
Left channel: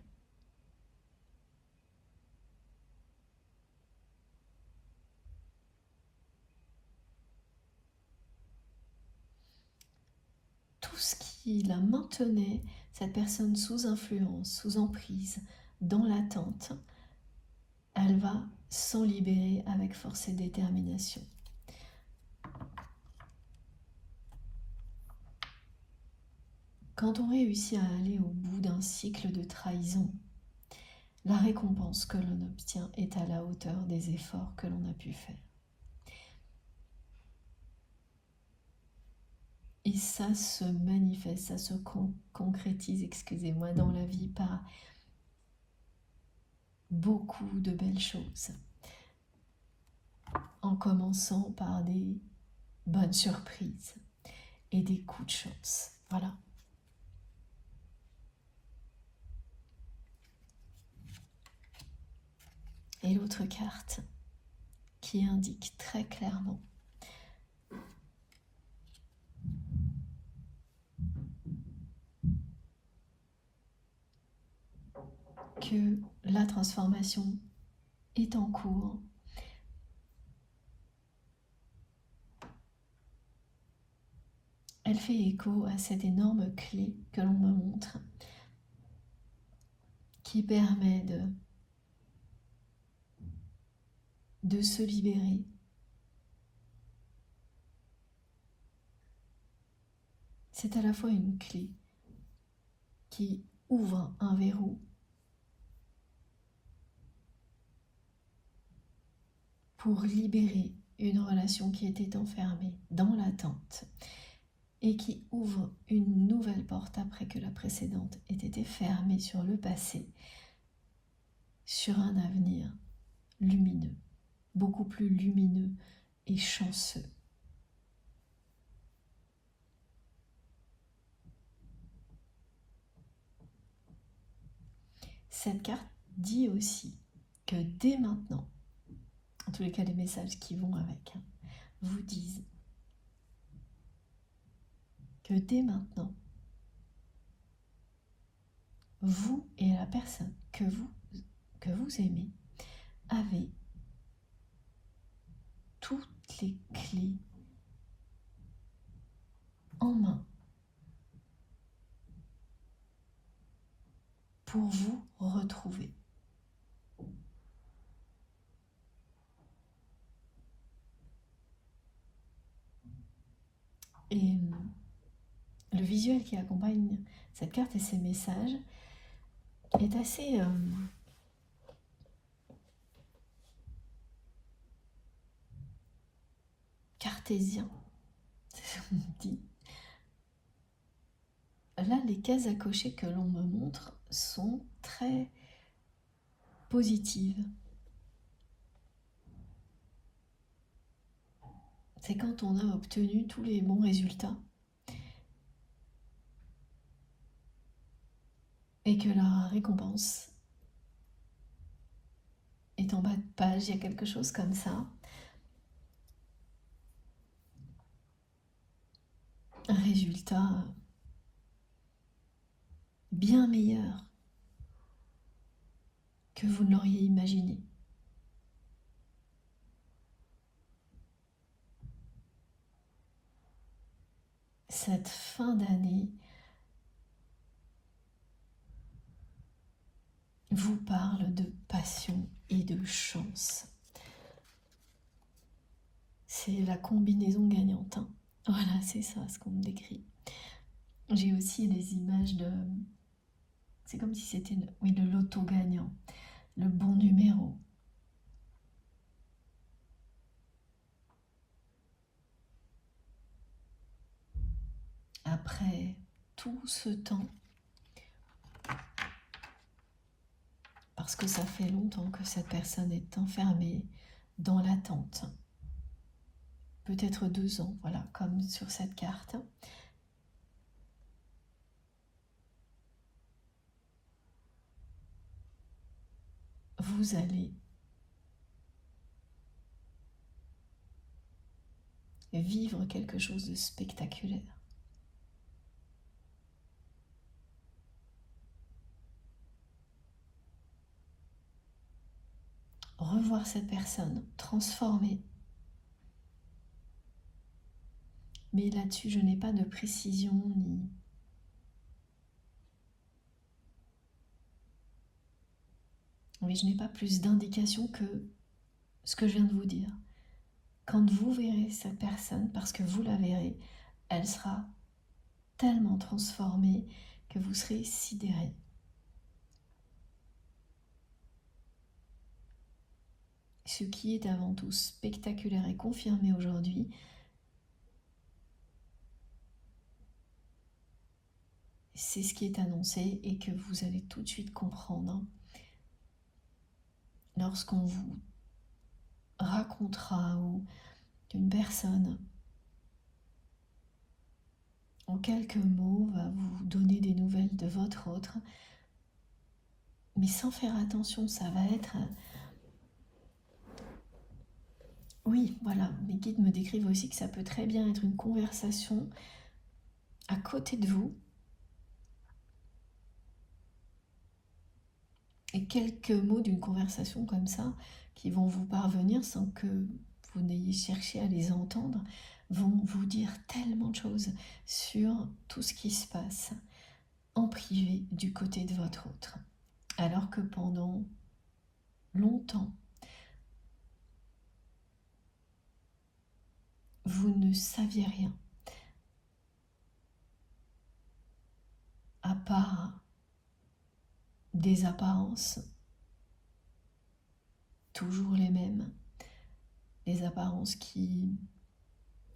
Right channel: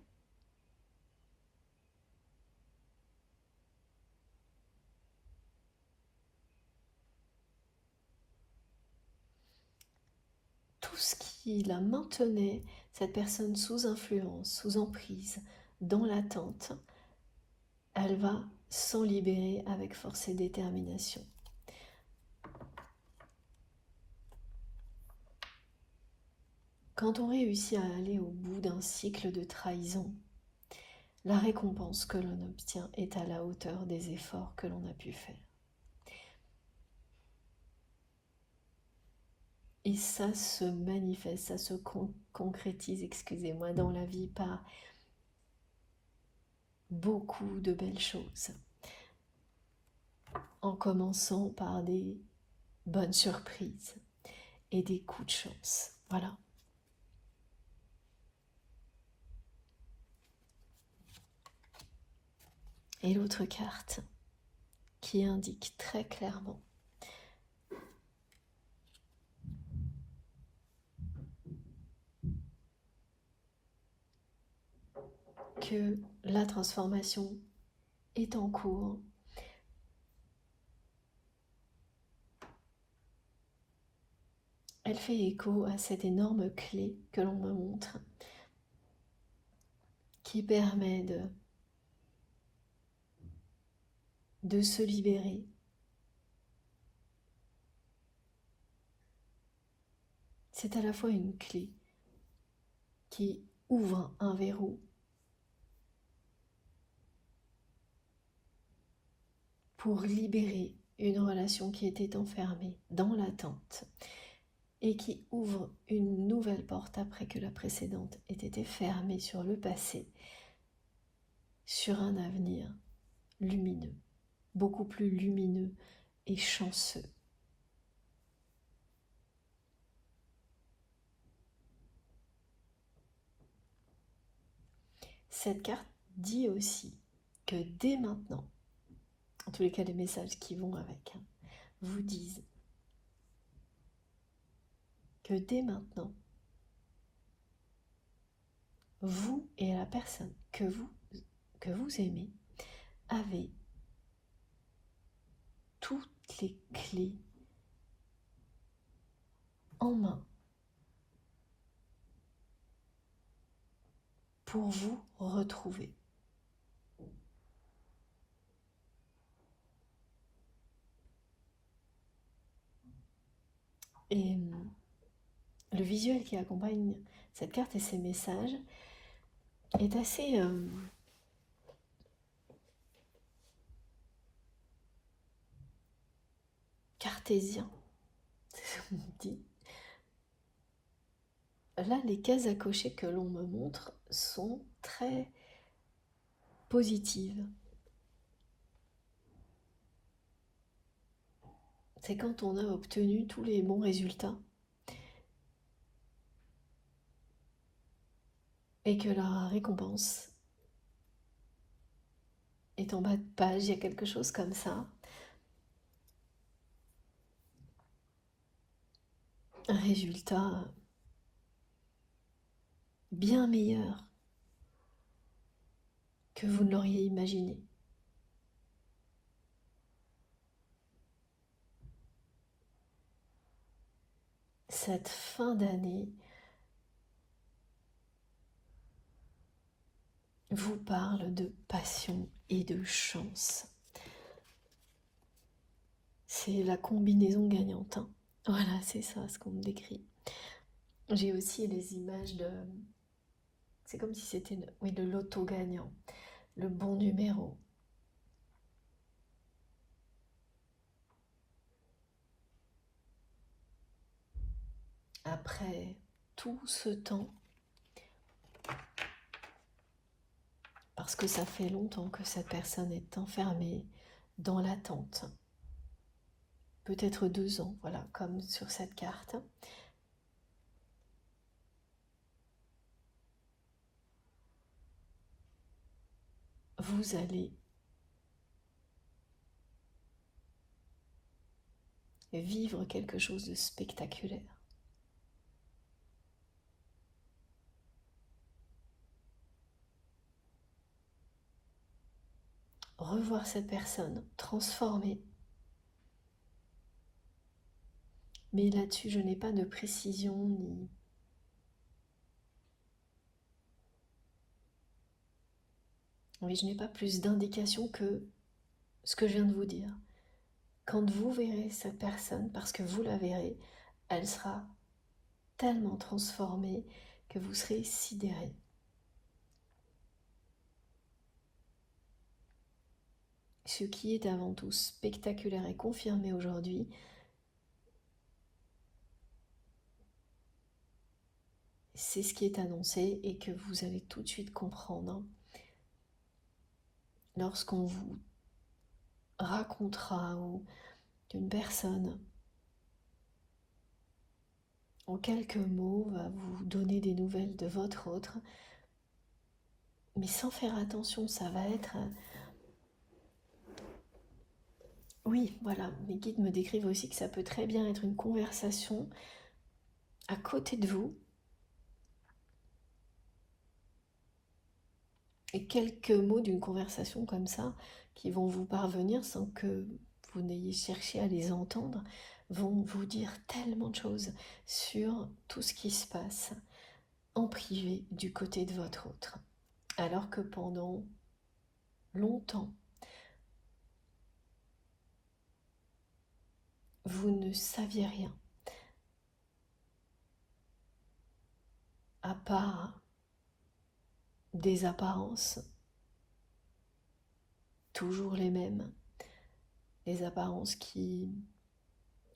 Tout ce qui la maintenait, cette personne sous influence, sous emprise, dans l'attente, elle va s'en libérer avec force et détermination. Quand on réussit à aller au bout d'un cycle de trahison, la récompense que l'on obtient est à la hauteur des efforts que l'on a pu faire. Et ça se manifeste, ça se concrétise, excusez-moi, dans la vie par beaucoup de belles choses. En commençant par des bonnes surprises et des coups de chance. Voilà. Et l'autre carte qui indique très clairement que la transformation est en cours. Elle fait écho à cette énorme clé que l'on me montre, qui permet de se libérer. C'est à la fois une clé qui ouvre un verrou pour libérer une relation qui était enfermée dans l'attente et qui ouvre une nouvelle porte après que la précédente ait été fermée sur le passé, sur un avenir lumineux, beaucoup plus lumineux et chanceux. Cette carte dit aussi que dès maintenant, en tous les cas les messages qui vont avec, vous disent que dès maintenant, vous et la personne que vous aimez avez toutes les clés en main pour vous retrouver. Et le visuel qui accompagne cette carte et ces messages est assez cartésien, c'est ce qu'on dit. Là, les cases à cocher que l'on me montre sont très positives. C'est quand on a obtenu tous les bons résultats et que la récompense est en bas de page, il y a quelque chose comme ça. Un résultat bien meilleur que vous ne l'auriez imaginé. Cette fin d'année vous parle de passion et de chance. C'est la combinaison gagnante. Voilà, c'est ça ce qu'on me décrit. J'ai aussi les images de... C'est comme si c'était le loto gagnant, le bon numéro. Après tout ce temps, parce que ça fait longtemps que cette personne est enfermée dans l'attente, peut-être 2 ans, voilà, comme sur cette carte. Vous allez vivre quelque chose de spectaculaire. Revoir cette personne transformée. Mais là-dessus, je n'ai pas de précision ni... Oui, je n'ai pas plus d'indication que ce que je viens de vous dire. Quand vous verrez cette personne, parce que vous la verrez, elle sera tellement transformée que vous serez sidéré. Ce qui est avant tout spectaculaire et confirmé aujourd'hui, c'est ce qui est annoncé et que vous allez tout de suite comprendre lorsqu'on vous racontera ou qu'une personne en quelques mots va vous donner des nouvelles de votre autre, mais sans faire attention, ça va être... Oui, voilà, mes guides me décrivent aussi que ça peut très bien être une conversation à côté de vous, et quelques mots d'une conversation comme ça qui vont vous parvenir sans que vous n'ayez cherché à les entendre, vont vous dire tellement de choses sur tout ce qui se passe en privé du côté de votre autre. Alors que pendant longtemps, vous ne saviez rien, à part des apparences, toujours les mêmes, des apparences qui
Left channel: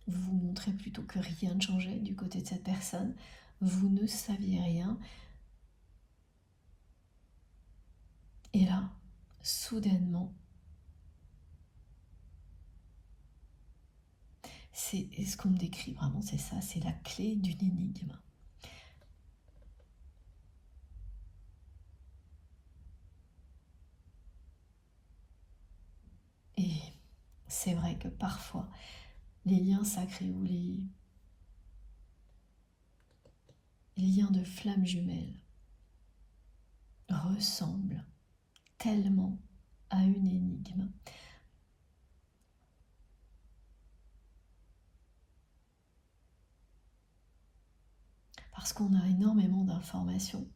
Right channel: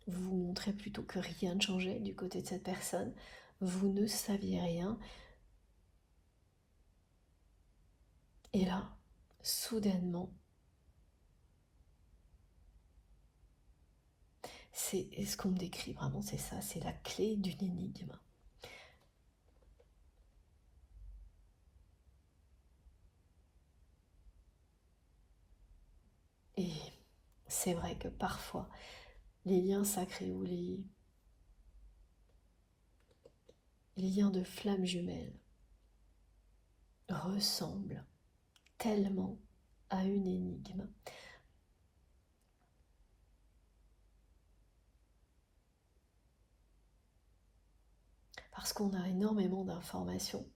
vous montraient plutôt que rien ne changeait du côté de cette personne. Vous ne saviez rien. Et là, soudainement, c'est ce qu'on me décrit vraiment, c'est ça, c'est la clé d'une énigme. Et c'est vrai que parfois, les liens sacrés ou les liens de flammes jumelles ressemblent tellement à une énigme. Parce qu'on a énormément d'informations.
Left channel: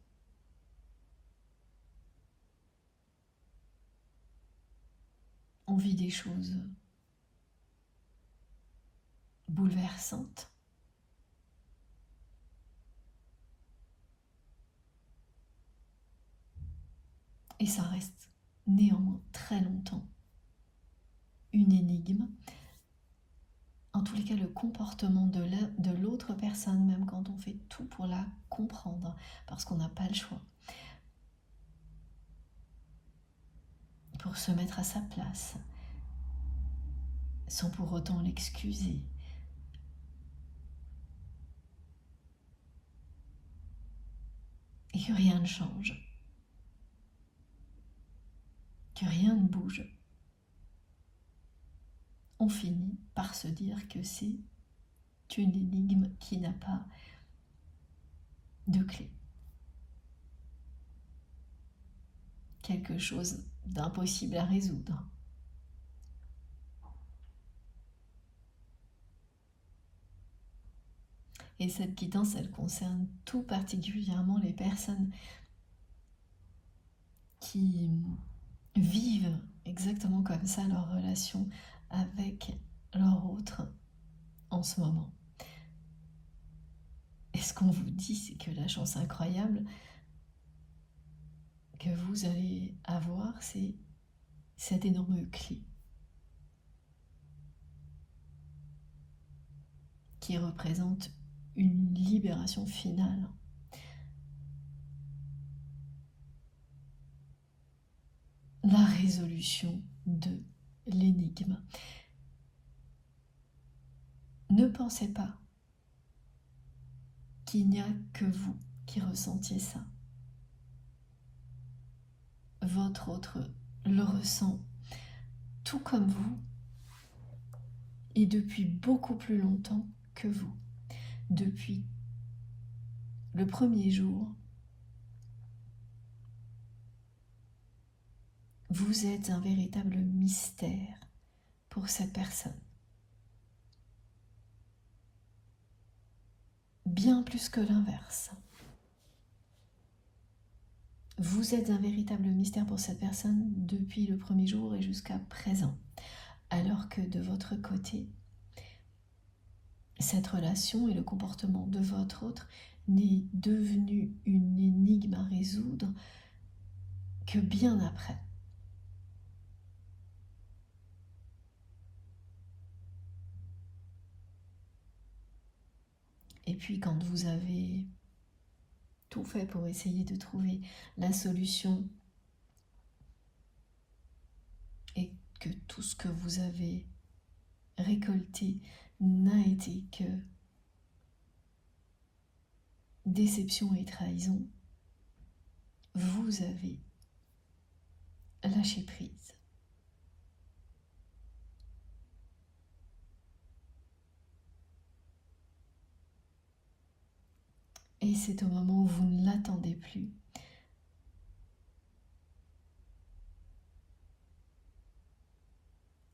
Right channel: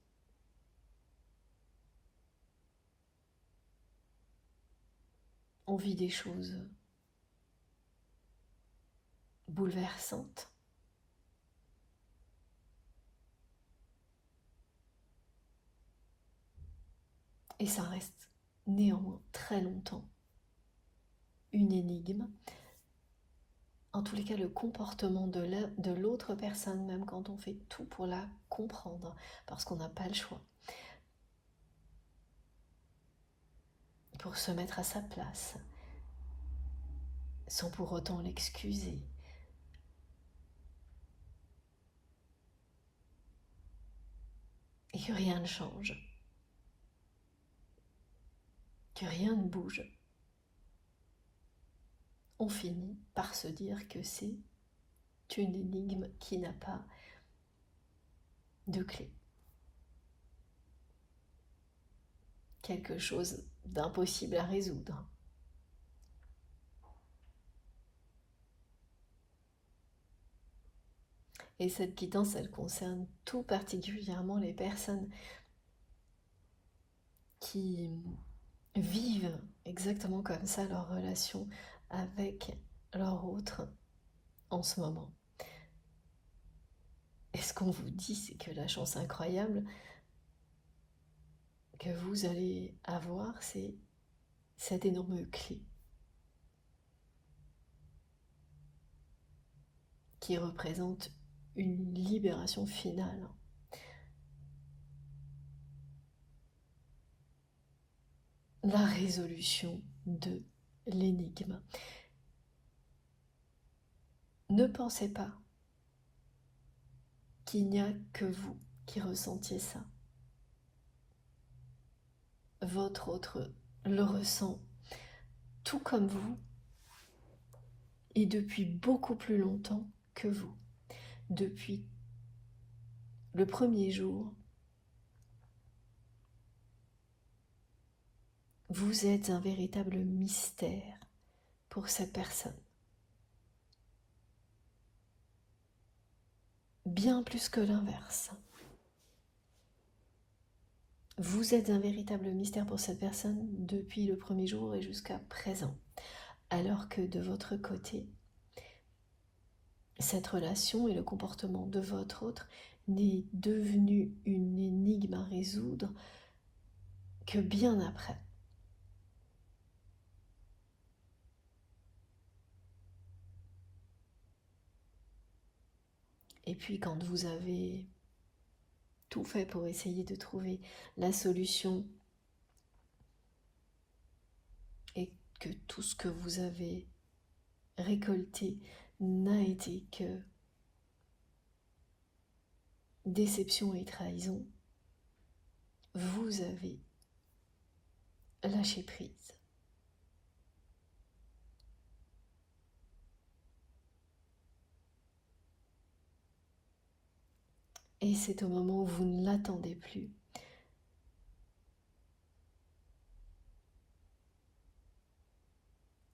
On vit des choses bouleversantes. Et ça reste néanmoins très longtemps une énigme. En tous les cas, le comportement de l'autre personne, même quand on fait tout pour la comprendre, parce qu'on n'a pas le choix, pour se mettre à sa place, sans pour autant l'excuser. Et que rien ne change, que rien ne bouge. On finit par se dire que c'est une énigme qui n'a pas de clé. Quelque chose d'impossible à résoudre. Et cette quittance, elle concerne tout particulièrement les personnes qui vivent exactement comme ça leur relation avec leur autre en ce moment. Et ce qu'on vous dit, c'est que la chance incroyable que vous allez avoir, c'est cette énorme clé qui représente une libération finale. La résolution de l'énigme. Ne pensez pas qu'il n'y a que vous qui ressentiez ça. Votre autre le ressent tout comme vous et depuis beaucoup plus longtemps que vous. Depuis le premier jour, vous êtes un véritable mystère pour cette personne. Bien plus que l'inverse. Vous êtes un véritable mystère pour cette personne depuis le premier jour et jusqu'à présent. Alors que de votre côté, cette relation et le comportement de votre autre n'est devenu une énigme à résoudre que bien après. Et puis quand vous avez tout fait pour essayer de trouver la solution et que tout ce que vous avez récolté n'a été que déception et trahison, vous avez lâché prise. Et c'est au moment où vous ne l'attendez plus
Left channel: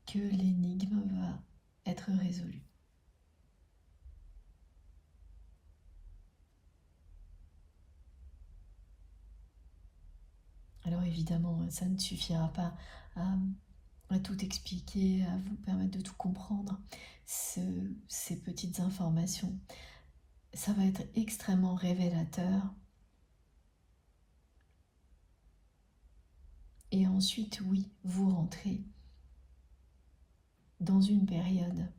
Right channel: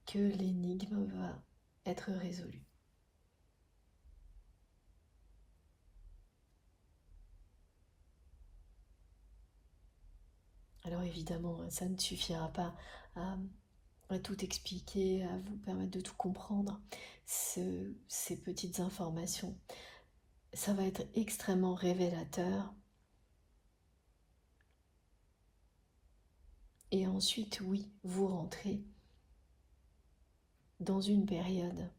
que l'énigme va être résolue. Alors évidemment, ça ne suffira pas à tout expliquer, à vous permettre de tout comprendre, ces petites informations. Ça va être extrêmement révélateur. Et ensuite, oui, vous rentrez dans une période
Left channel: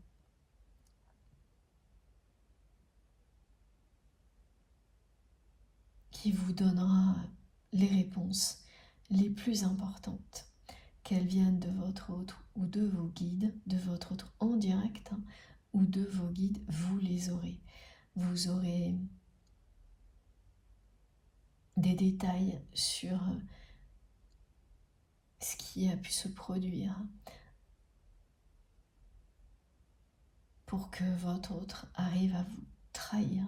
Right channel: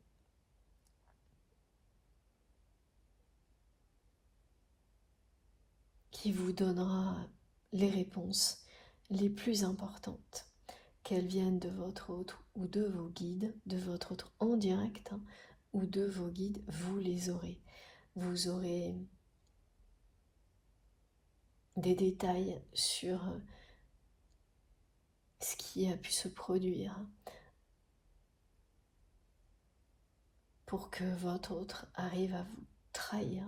qui vous donnera les réponses les plus importantes, qu'elles viennent de votre autre ou de vos guides, de votre autre en direct ou de vos guides, vous les aurez. Vous aurez des détails sur ce qui a pu se produire pour que votre autre arrive à vous trahir.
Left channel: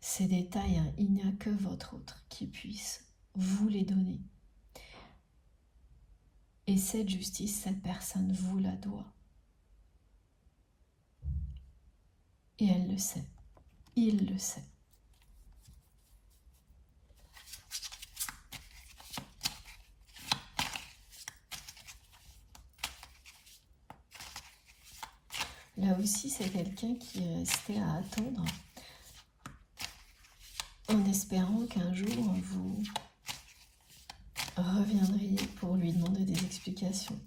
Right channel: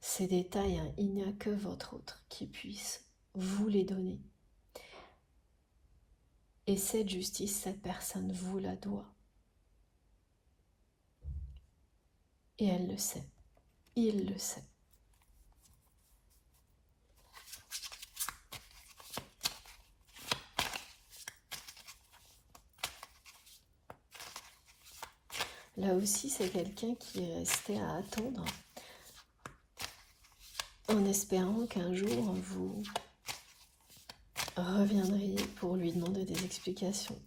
Ces détails, il n'y a que votre autre qui puisse vous les donner. Et cette justice, cette personne vous la doit. Et elle le sait. Il le sait. Là aussi, c'est quelqu'un qui est resté à attendre, en espérant qu'un jour, vous reviendriez pour lui demander des explications.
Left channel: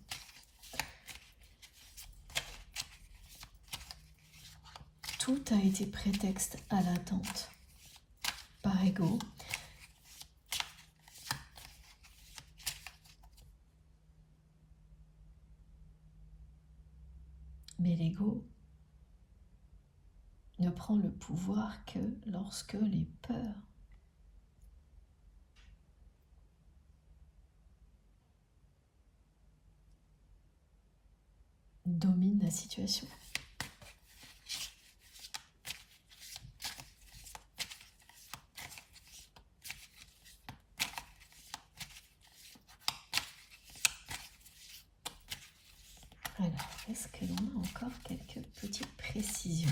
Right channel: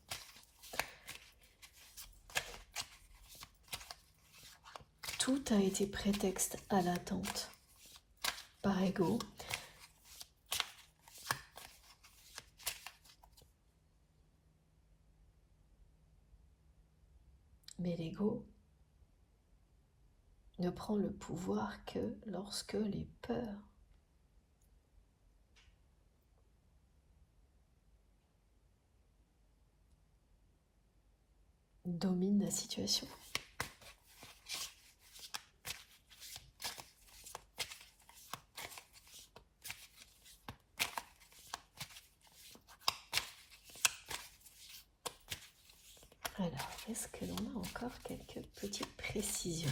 Tout a été prétexte à l'attente, par ego. Mais l'ego ne prend le pouvoir que lorsque les peurs dominent la situation. Alors, est-ce que l'on a encore quelques petites précisions?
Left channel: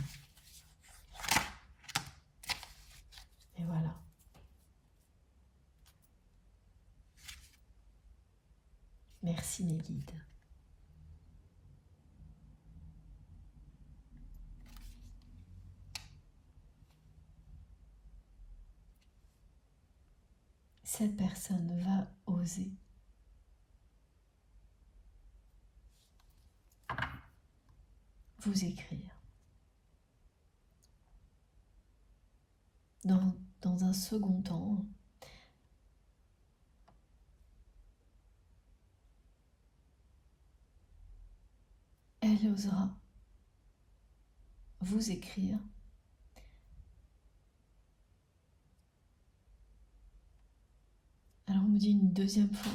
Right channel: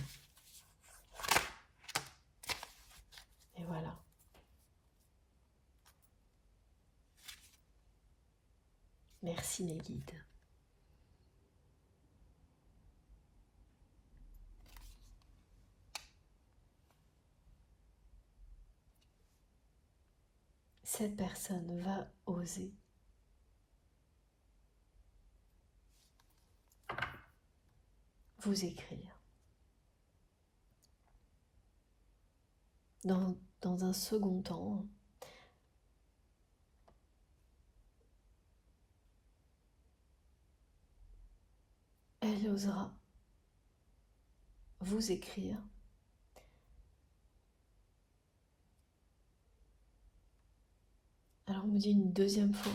Et voilà. Merci les guides. Cette personne va oser vous écrire. Dans un second temps, elle osera vous écrire alors on me dit une deuxième fois.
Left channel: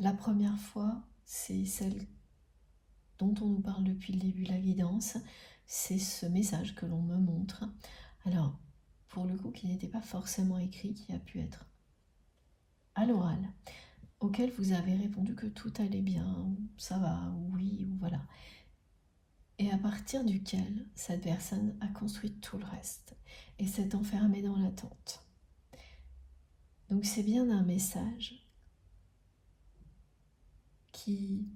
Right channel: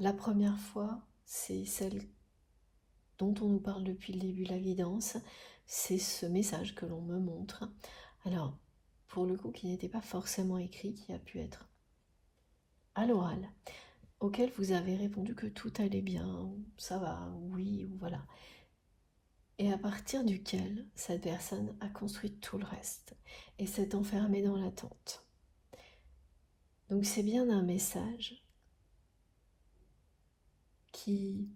La première fois, c'est celle dont on nous parle depuis le début, la guidance. C'est ce message que l'on me montre. Alors, pour le coup, qui n'était pas forcément écrit, qui a pu être à l'oral, auquel vous avez répondu que tout allait bien, ça va, oui, voilà. Et à partir duquel cette personne a construit tout le reste et s'est enfermée dans l'attente. Donc c'est bien un message qui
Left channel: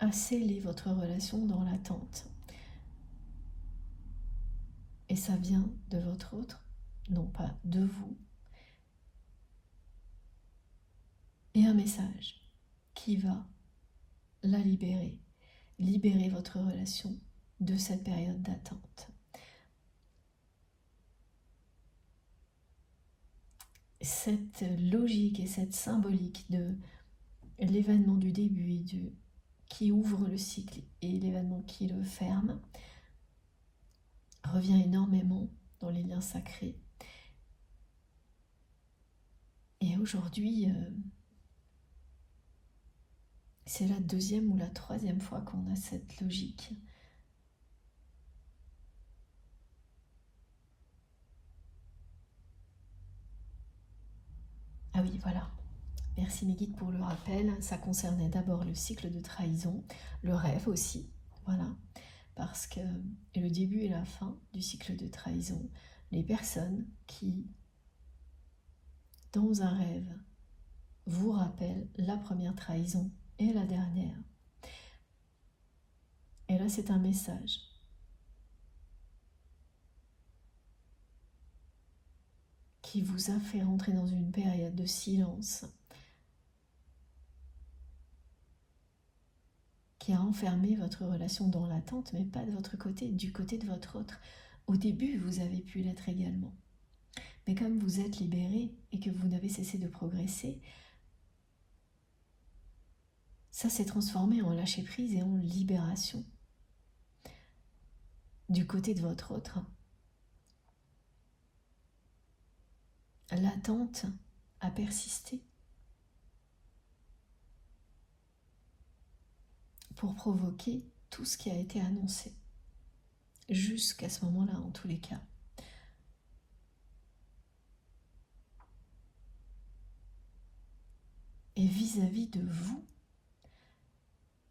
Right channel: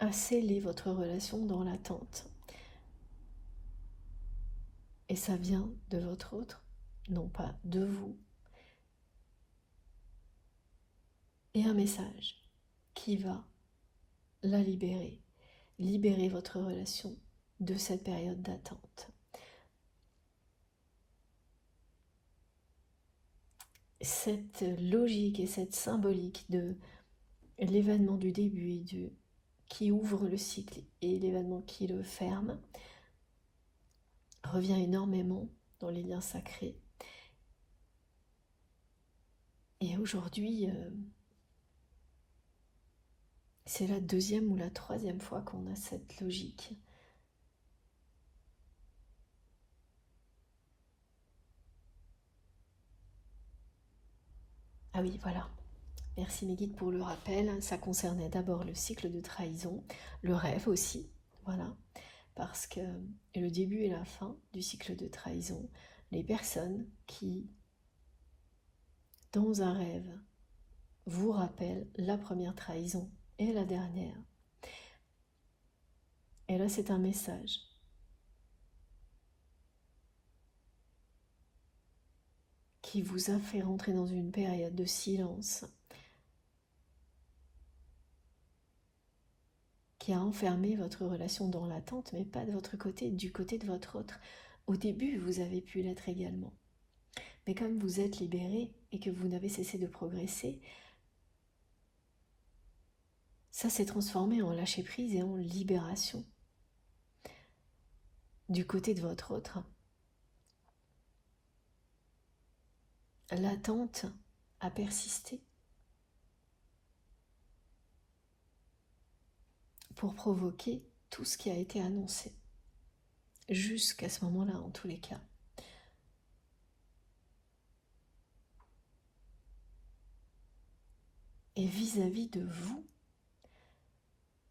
a scellé votre relation dans l'attente. Et ça vient de votre autre, non pas de vous. Et un message qui va la libérer. Libérer votre relation de cette période d'attente. Cette logique et cette symbolique de l'événement du début et qui ouvre le cycle et l'événement qui le ferme revient énormément dans les liens sacrés. Et aujourd'hui, c'est la deuxième ou la troisième fois qu'on a cette logique. Ah oui, voilà. Merci mes guides pour le rappel. Ça concernait d'abord le cycle de trahison, le rêve aussi. Voilà. Parce que le début et la fin du cycle de trahison, les personnes qui, dans un rêve, vous rappellent la première trahison et la dernière. Et là, c'est un message. Qui vous a fait rentrer dans une période de silence, qui a enfermé votre relation dans l'attente, mais pas de votre côté, du côté de votre autre. Au début, vous avez pu l'être également. Mais comme vous êtes libéré et que vous n'avez cessé de progresser, ça s'est transformé en lâcher-prise et en libération. Du côté de votre autre. L'attente a persisté pour provoquer tout ce qui a été annoncé. Jusqu'à ce moment-là, en tous les cas. Et vis-à-vis de vous,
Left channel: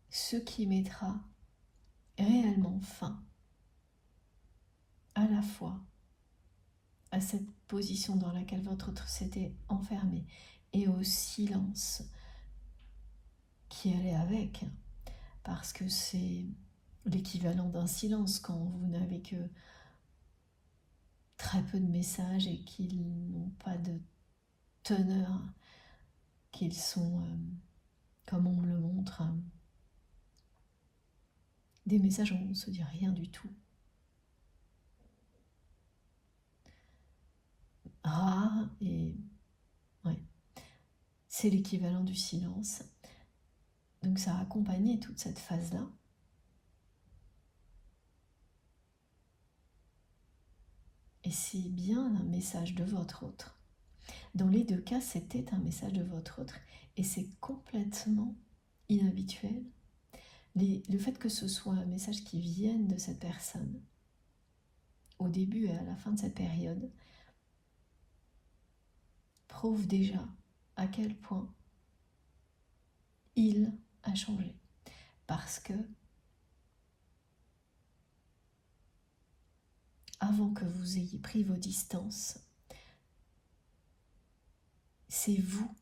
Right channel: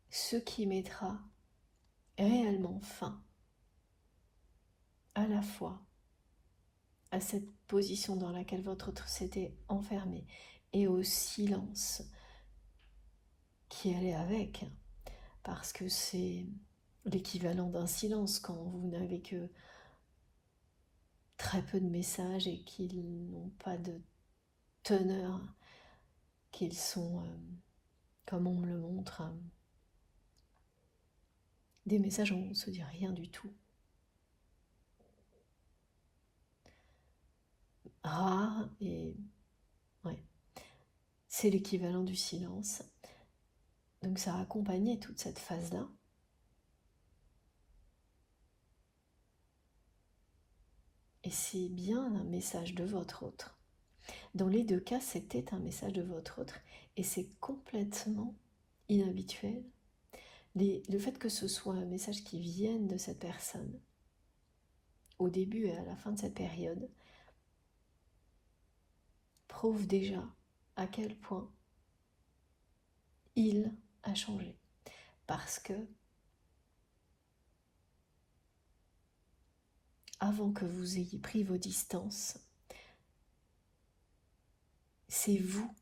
ce qui mettra réellement fin à la fois à cette position dans laquelle votre autre s'était enfermé et au silence qui allait avec, parce que c'est l'équivalent d'un silence quand vous n'avez que très peu de messages et qu'ils n'ont pas de teneur, qu'ils sont, comme on me le montre, des messages où on ne se dit rien du tout. Rare et ouais, c'est l'équivalent du silence. Donc ça a accompagné toute cette phase-là. Et c'est bien un message de votre autre. Dans les deux cas, c'était un message de votre autre. Et c'est complètement inhabituel. Le fait que ce soit un message qui vienne de cette personne, au début et à la fin de cette période, prouve déjà à quel point il a changé. Parce que avant que vous ayez pris vos distances, c'est vous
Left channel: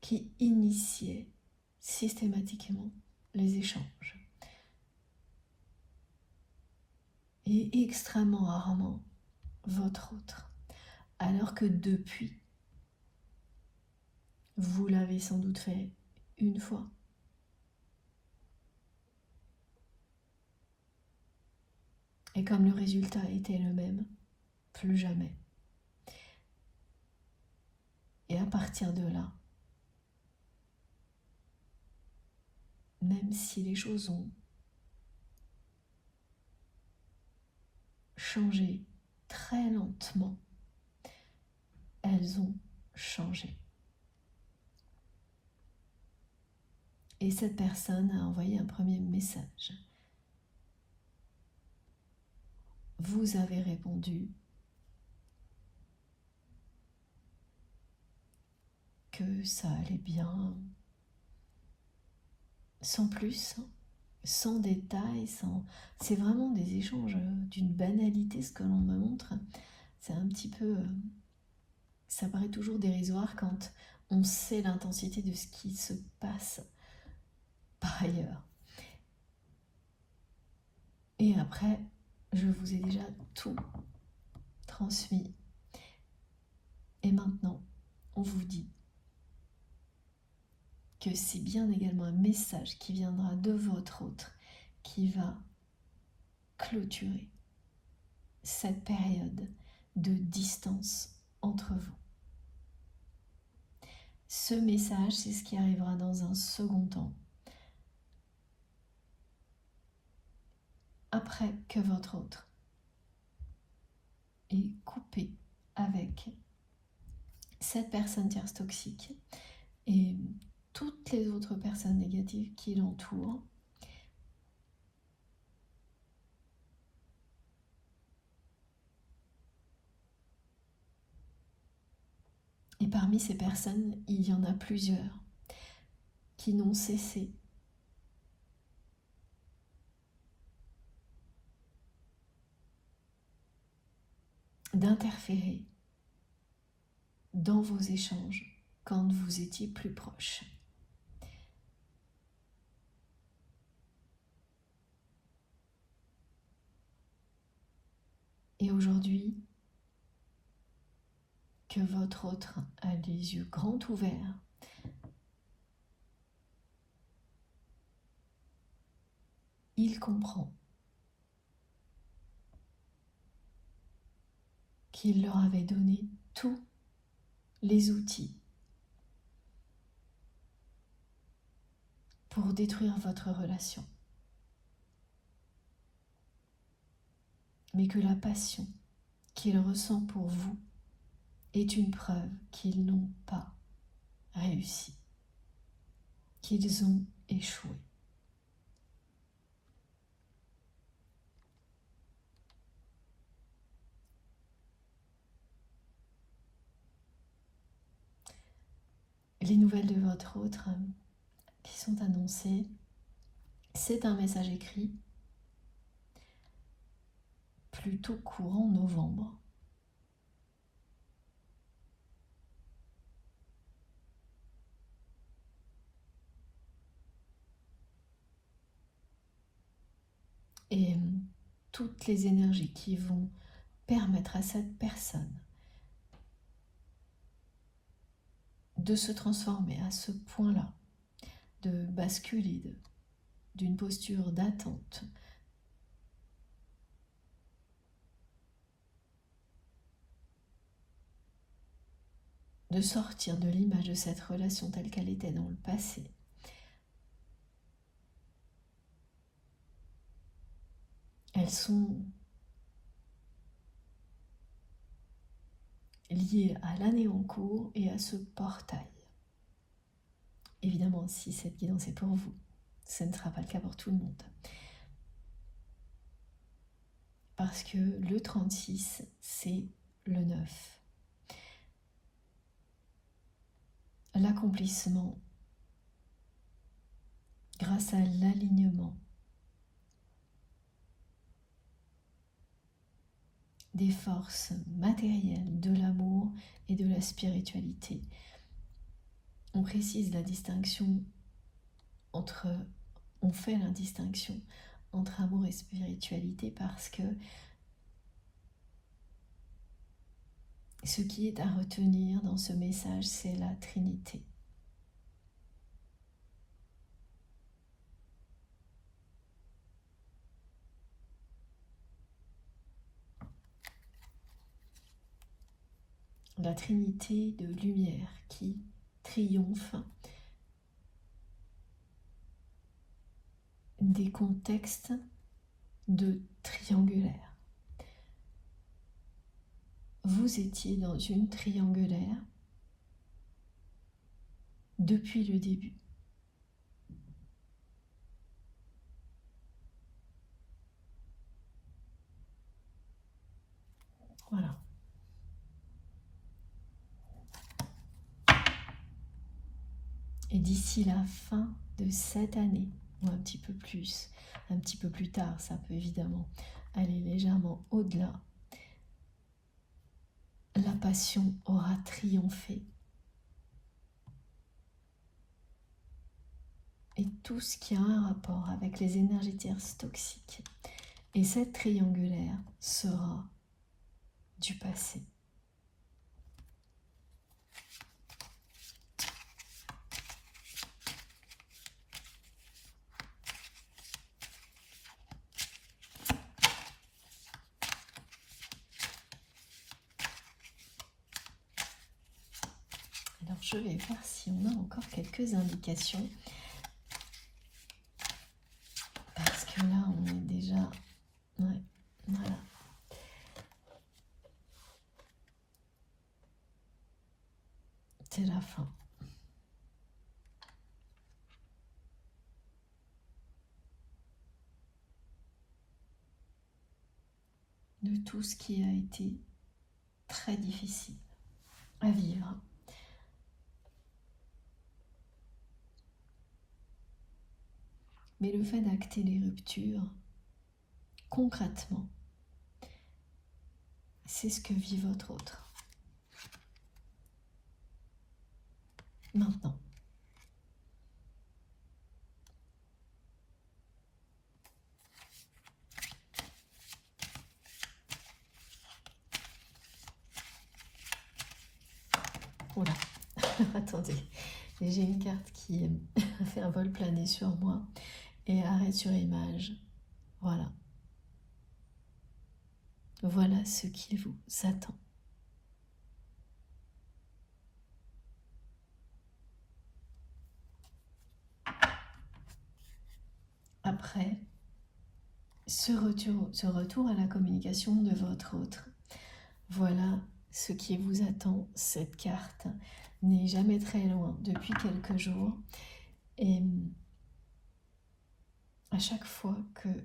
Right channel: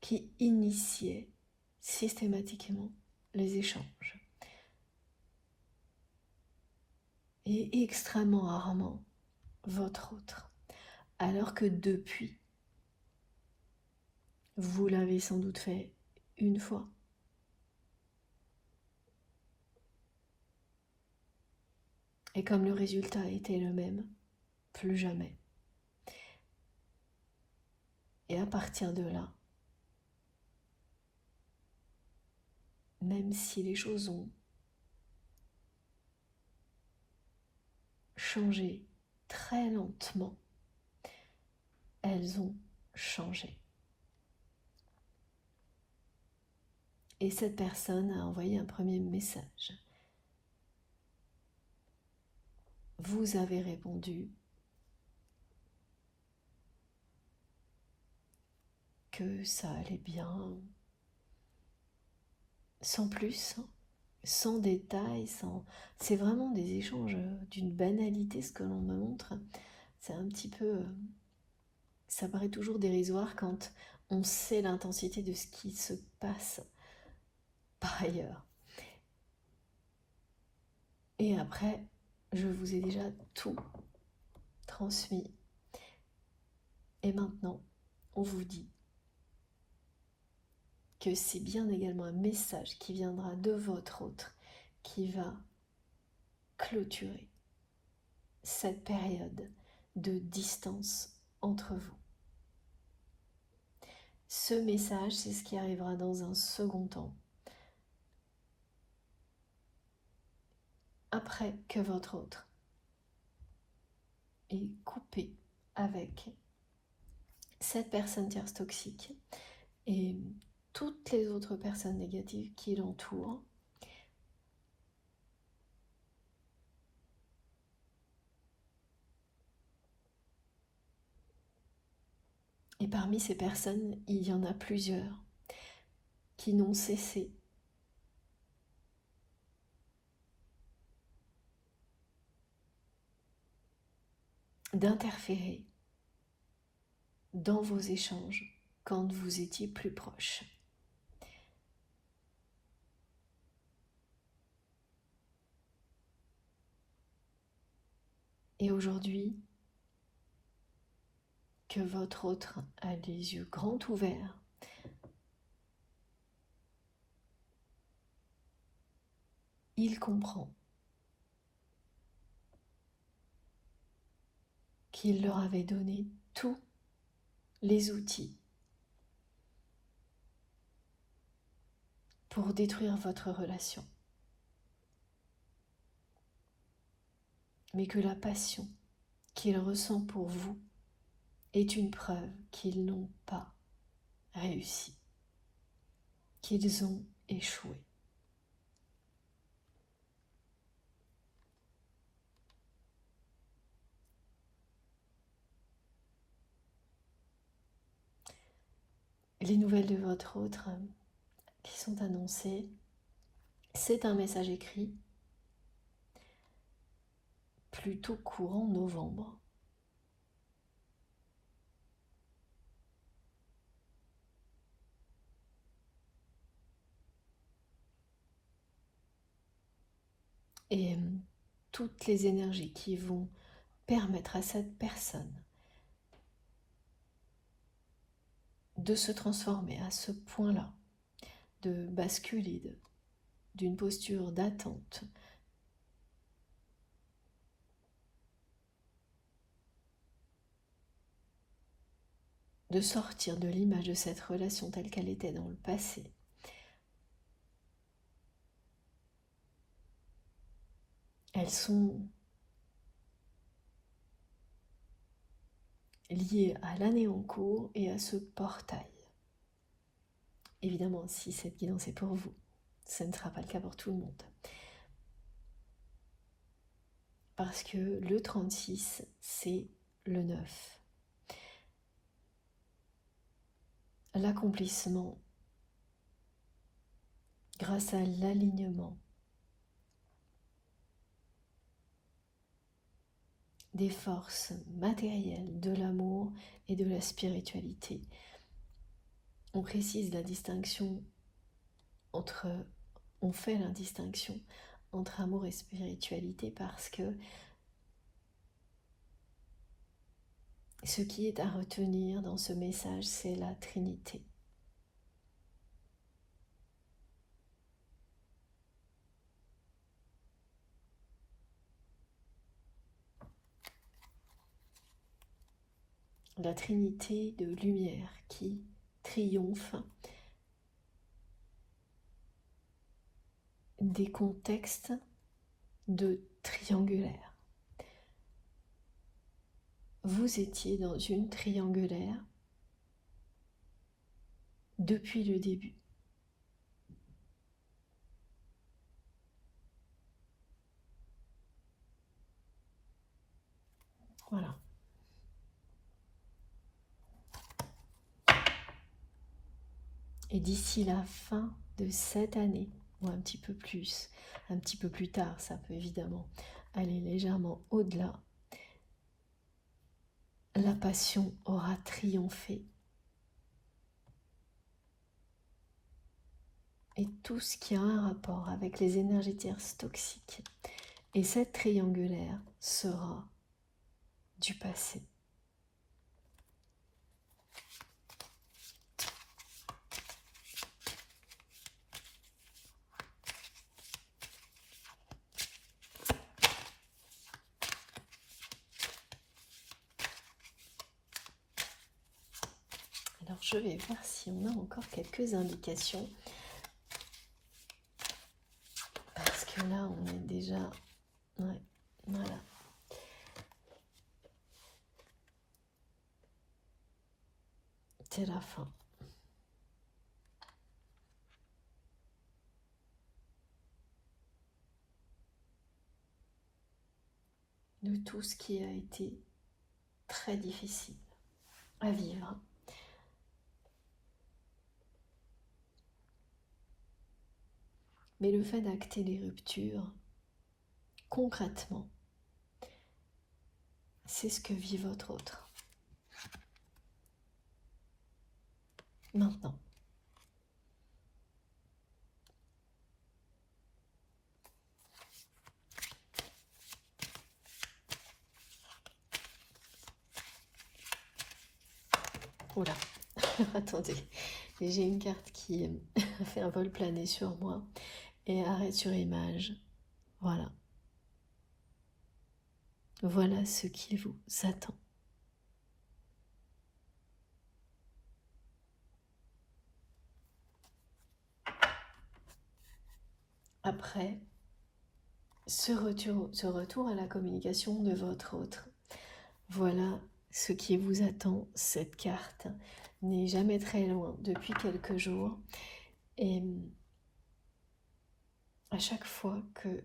qui initiez systématiquement les échanges. Et extrêmement rarement votre autre. Alors que depuis, vous l'avez sans doute fait une fois. Et comme le résultat était le même, plus jamais. Et à partir de là, même si les choses ont changé très lentement, elles ont changé. Et cette personne a envoyé un premier message. Vous avez répondu que ça allait bien, sans plus, sans détails, c'est vraiment des échanges d'une banalité, ce que l'on me montre. C'est un petit peu... Ça paraît toujours dérisoire quand on sait l'intensité de ce qui se passe par ailleurs. Et après, je vous ai déjà tout transmis. Et maintenant, on vous dit que c'est bien également un message qui viendra de votre autre qui va clôturer cette période de distance entre vous. Ce message, c'est ce qui arrivera dans un second temps, après que votre autre est coupé avec cette personne tierce toxique et toutes les autres personnes négatives qui l'entourent. Et parmi ces personnes, il y en a plusieurs qui n'ont cessé d'interférer dans vos échanges quand vous étiez plus proches. Et aujourd'hui, que votre autre a les yeux grands ouverts, il comprend qu'il leur avait donné tous les outils pour détruire votre relation. Mais que la passion qu'il ressent pour vous est une preuve qu'ils n'ont pas réussi, qu'ils ont échoué. Les nouvelles de votre autre qui sont annoncées, c'est un message écrit plutôt courant novembre. Et toutes les énergies qui vont permettre à cette personne de se transformer à ce point-là, de basculer d'une posture d'attente de sortir de l'image de cette relation telle qu'elle était dans le passé. Elles sont liées à l'année en cours et à ce portail. Évidemment, si cette guidance est pour vous, ce ne sera pas le cas pour tout le monde. Parce que le 36, c'est le 9. L'accomplissement grâce à l'alignement des forces matérielles, de l'amour et de la spiritualité. On précise la distinction entre, on fait la distinction entre amour et spiritualité parce que ce qui est à retenir dans ce message, c'est la Trinité. La Trinité de lumière qui triomphe des contextes de triangulaire. Vous étiez dans une triangulaire depuis le début. Voilà. Et d'ici la fin de cette année, ou un petit peu plus tard, ça peut évidemment aller légèrement au-delà, la passion aura triomphé. Et tout ce qui a un rapport avec les énergies tierces toxiques et cette triangulaire sera du passé. je vais voir si on a encore quelques indications. Parce que là, on est déjà... Ouais, voilà. C'est la fin. De tout ce qui a été très difficile à vivre. Mais le fait d'acter les ruptures, concrètement, c'est ce que vit votre autre. Maintenant. Oula, attendez, j'ai une carte qui fait un vol plané sur moi et arrête sur image. Voilà. Voilà ce qui vous attend. Après, ce retour à la communication de votre autre, voilà ce qui vous attend. Cette carte n'est jamais très loin depuis quelques jours. Et à chaque fois que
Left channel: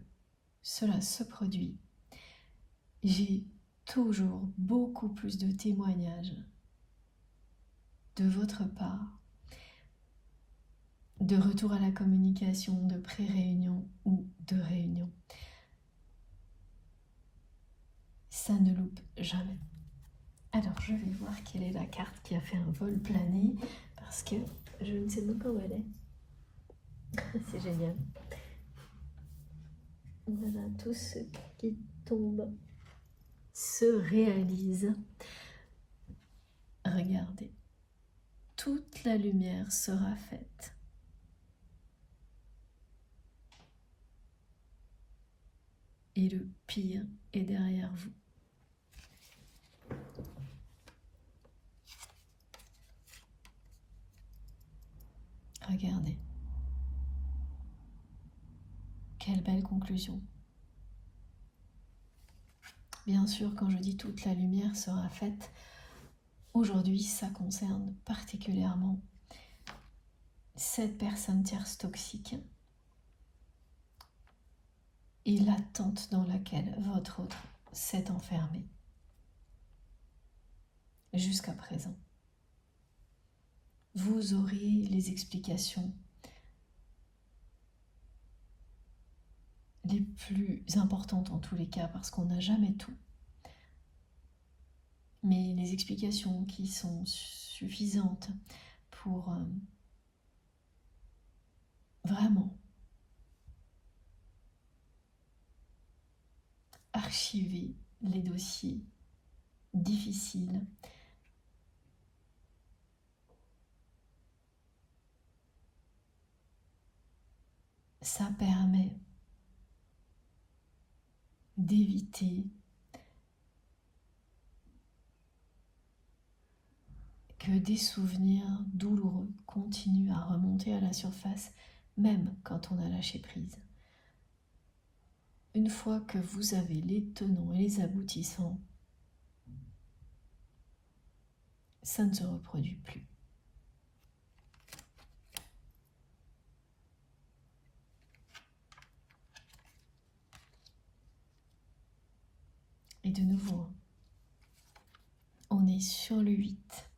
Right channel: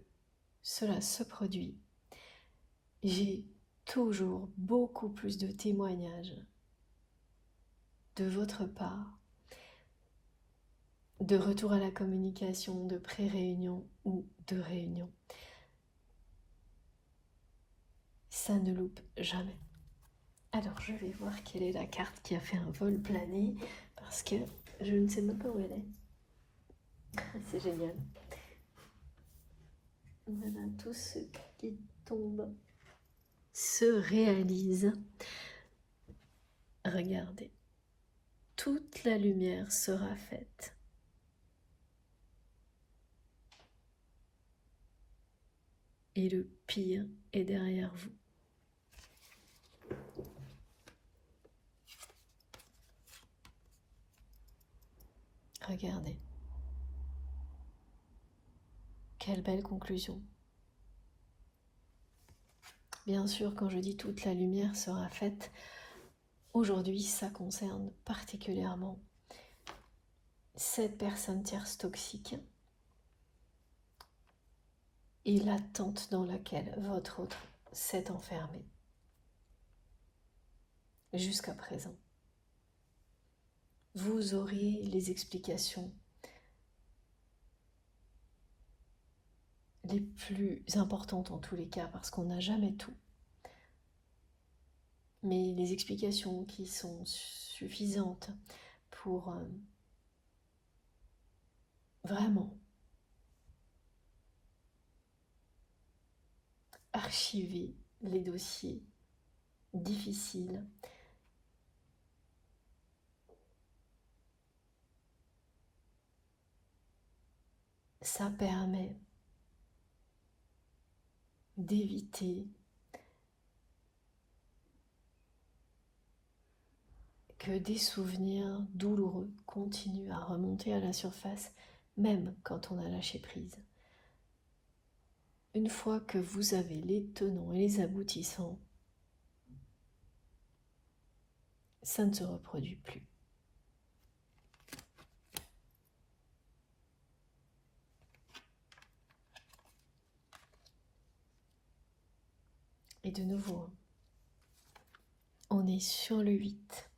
cela se produit, j'ai toujours beaucoup plus de témoignages de votre part, de retour à la communication, de pré-réunion ou de réunion. Ça ne loupe jamais. Alors, je vais voir quelle est la carte qui a fait un vol plané, parce que je ne sais même pas où elle est. C'est génial. Voilà, tout ce qui tombe se réalise. Regardez, toute la lumière sera faite. Et le pire est derrière vous. Regardez. Quelle belle conclusion. Bien sûr, quand je dis toute la lumière sera faite, aujourd'hui, ça concerne particulièrement cette personne tierce toxique et l'attente dans laquelle votre autre s'est enfermé jusqu'à présent. Vous aurez les explications les plus importantes en tous les cas, parce qu'on n'a jamais tout. Mais les explications qui sont suffisantes pour vraiment archiver les dossiers difficiles, ça permet d'éviter que des souvenirs douloureux continuent à remonter à la surface, même quand on a lâché prise. Une fois que vous avez les tenants et les aboutissants, ça ne se reproduit plus. Et de nouveau, on est sur le 8.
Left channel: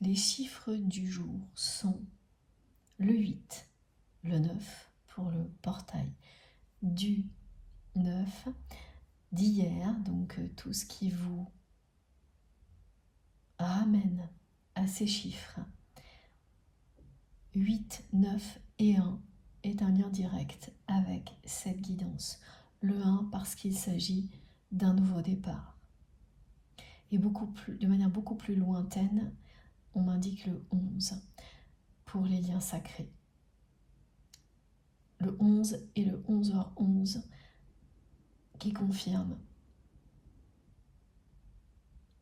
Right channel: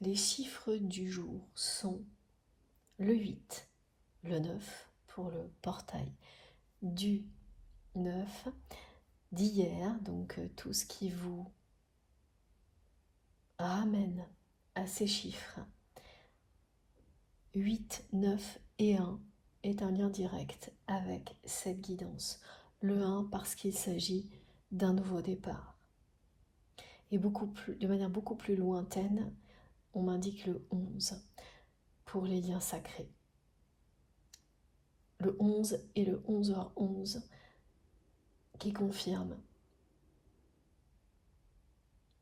Les chiffres du jour sont le 8, le 9 pour le portail du 9 d'hier, donc tout ce qui vous ramène à ces chiffres. 8, 9 et 1 est un lien direct avec cette guidance. Le 1 parce qu'il s'agit d'un nouveau départ. Et de manière beaucoup plus lointaine, on m'indique le 11 pour les liens sacrés. Le 11 et le 11h11 qui confirment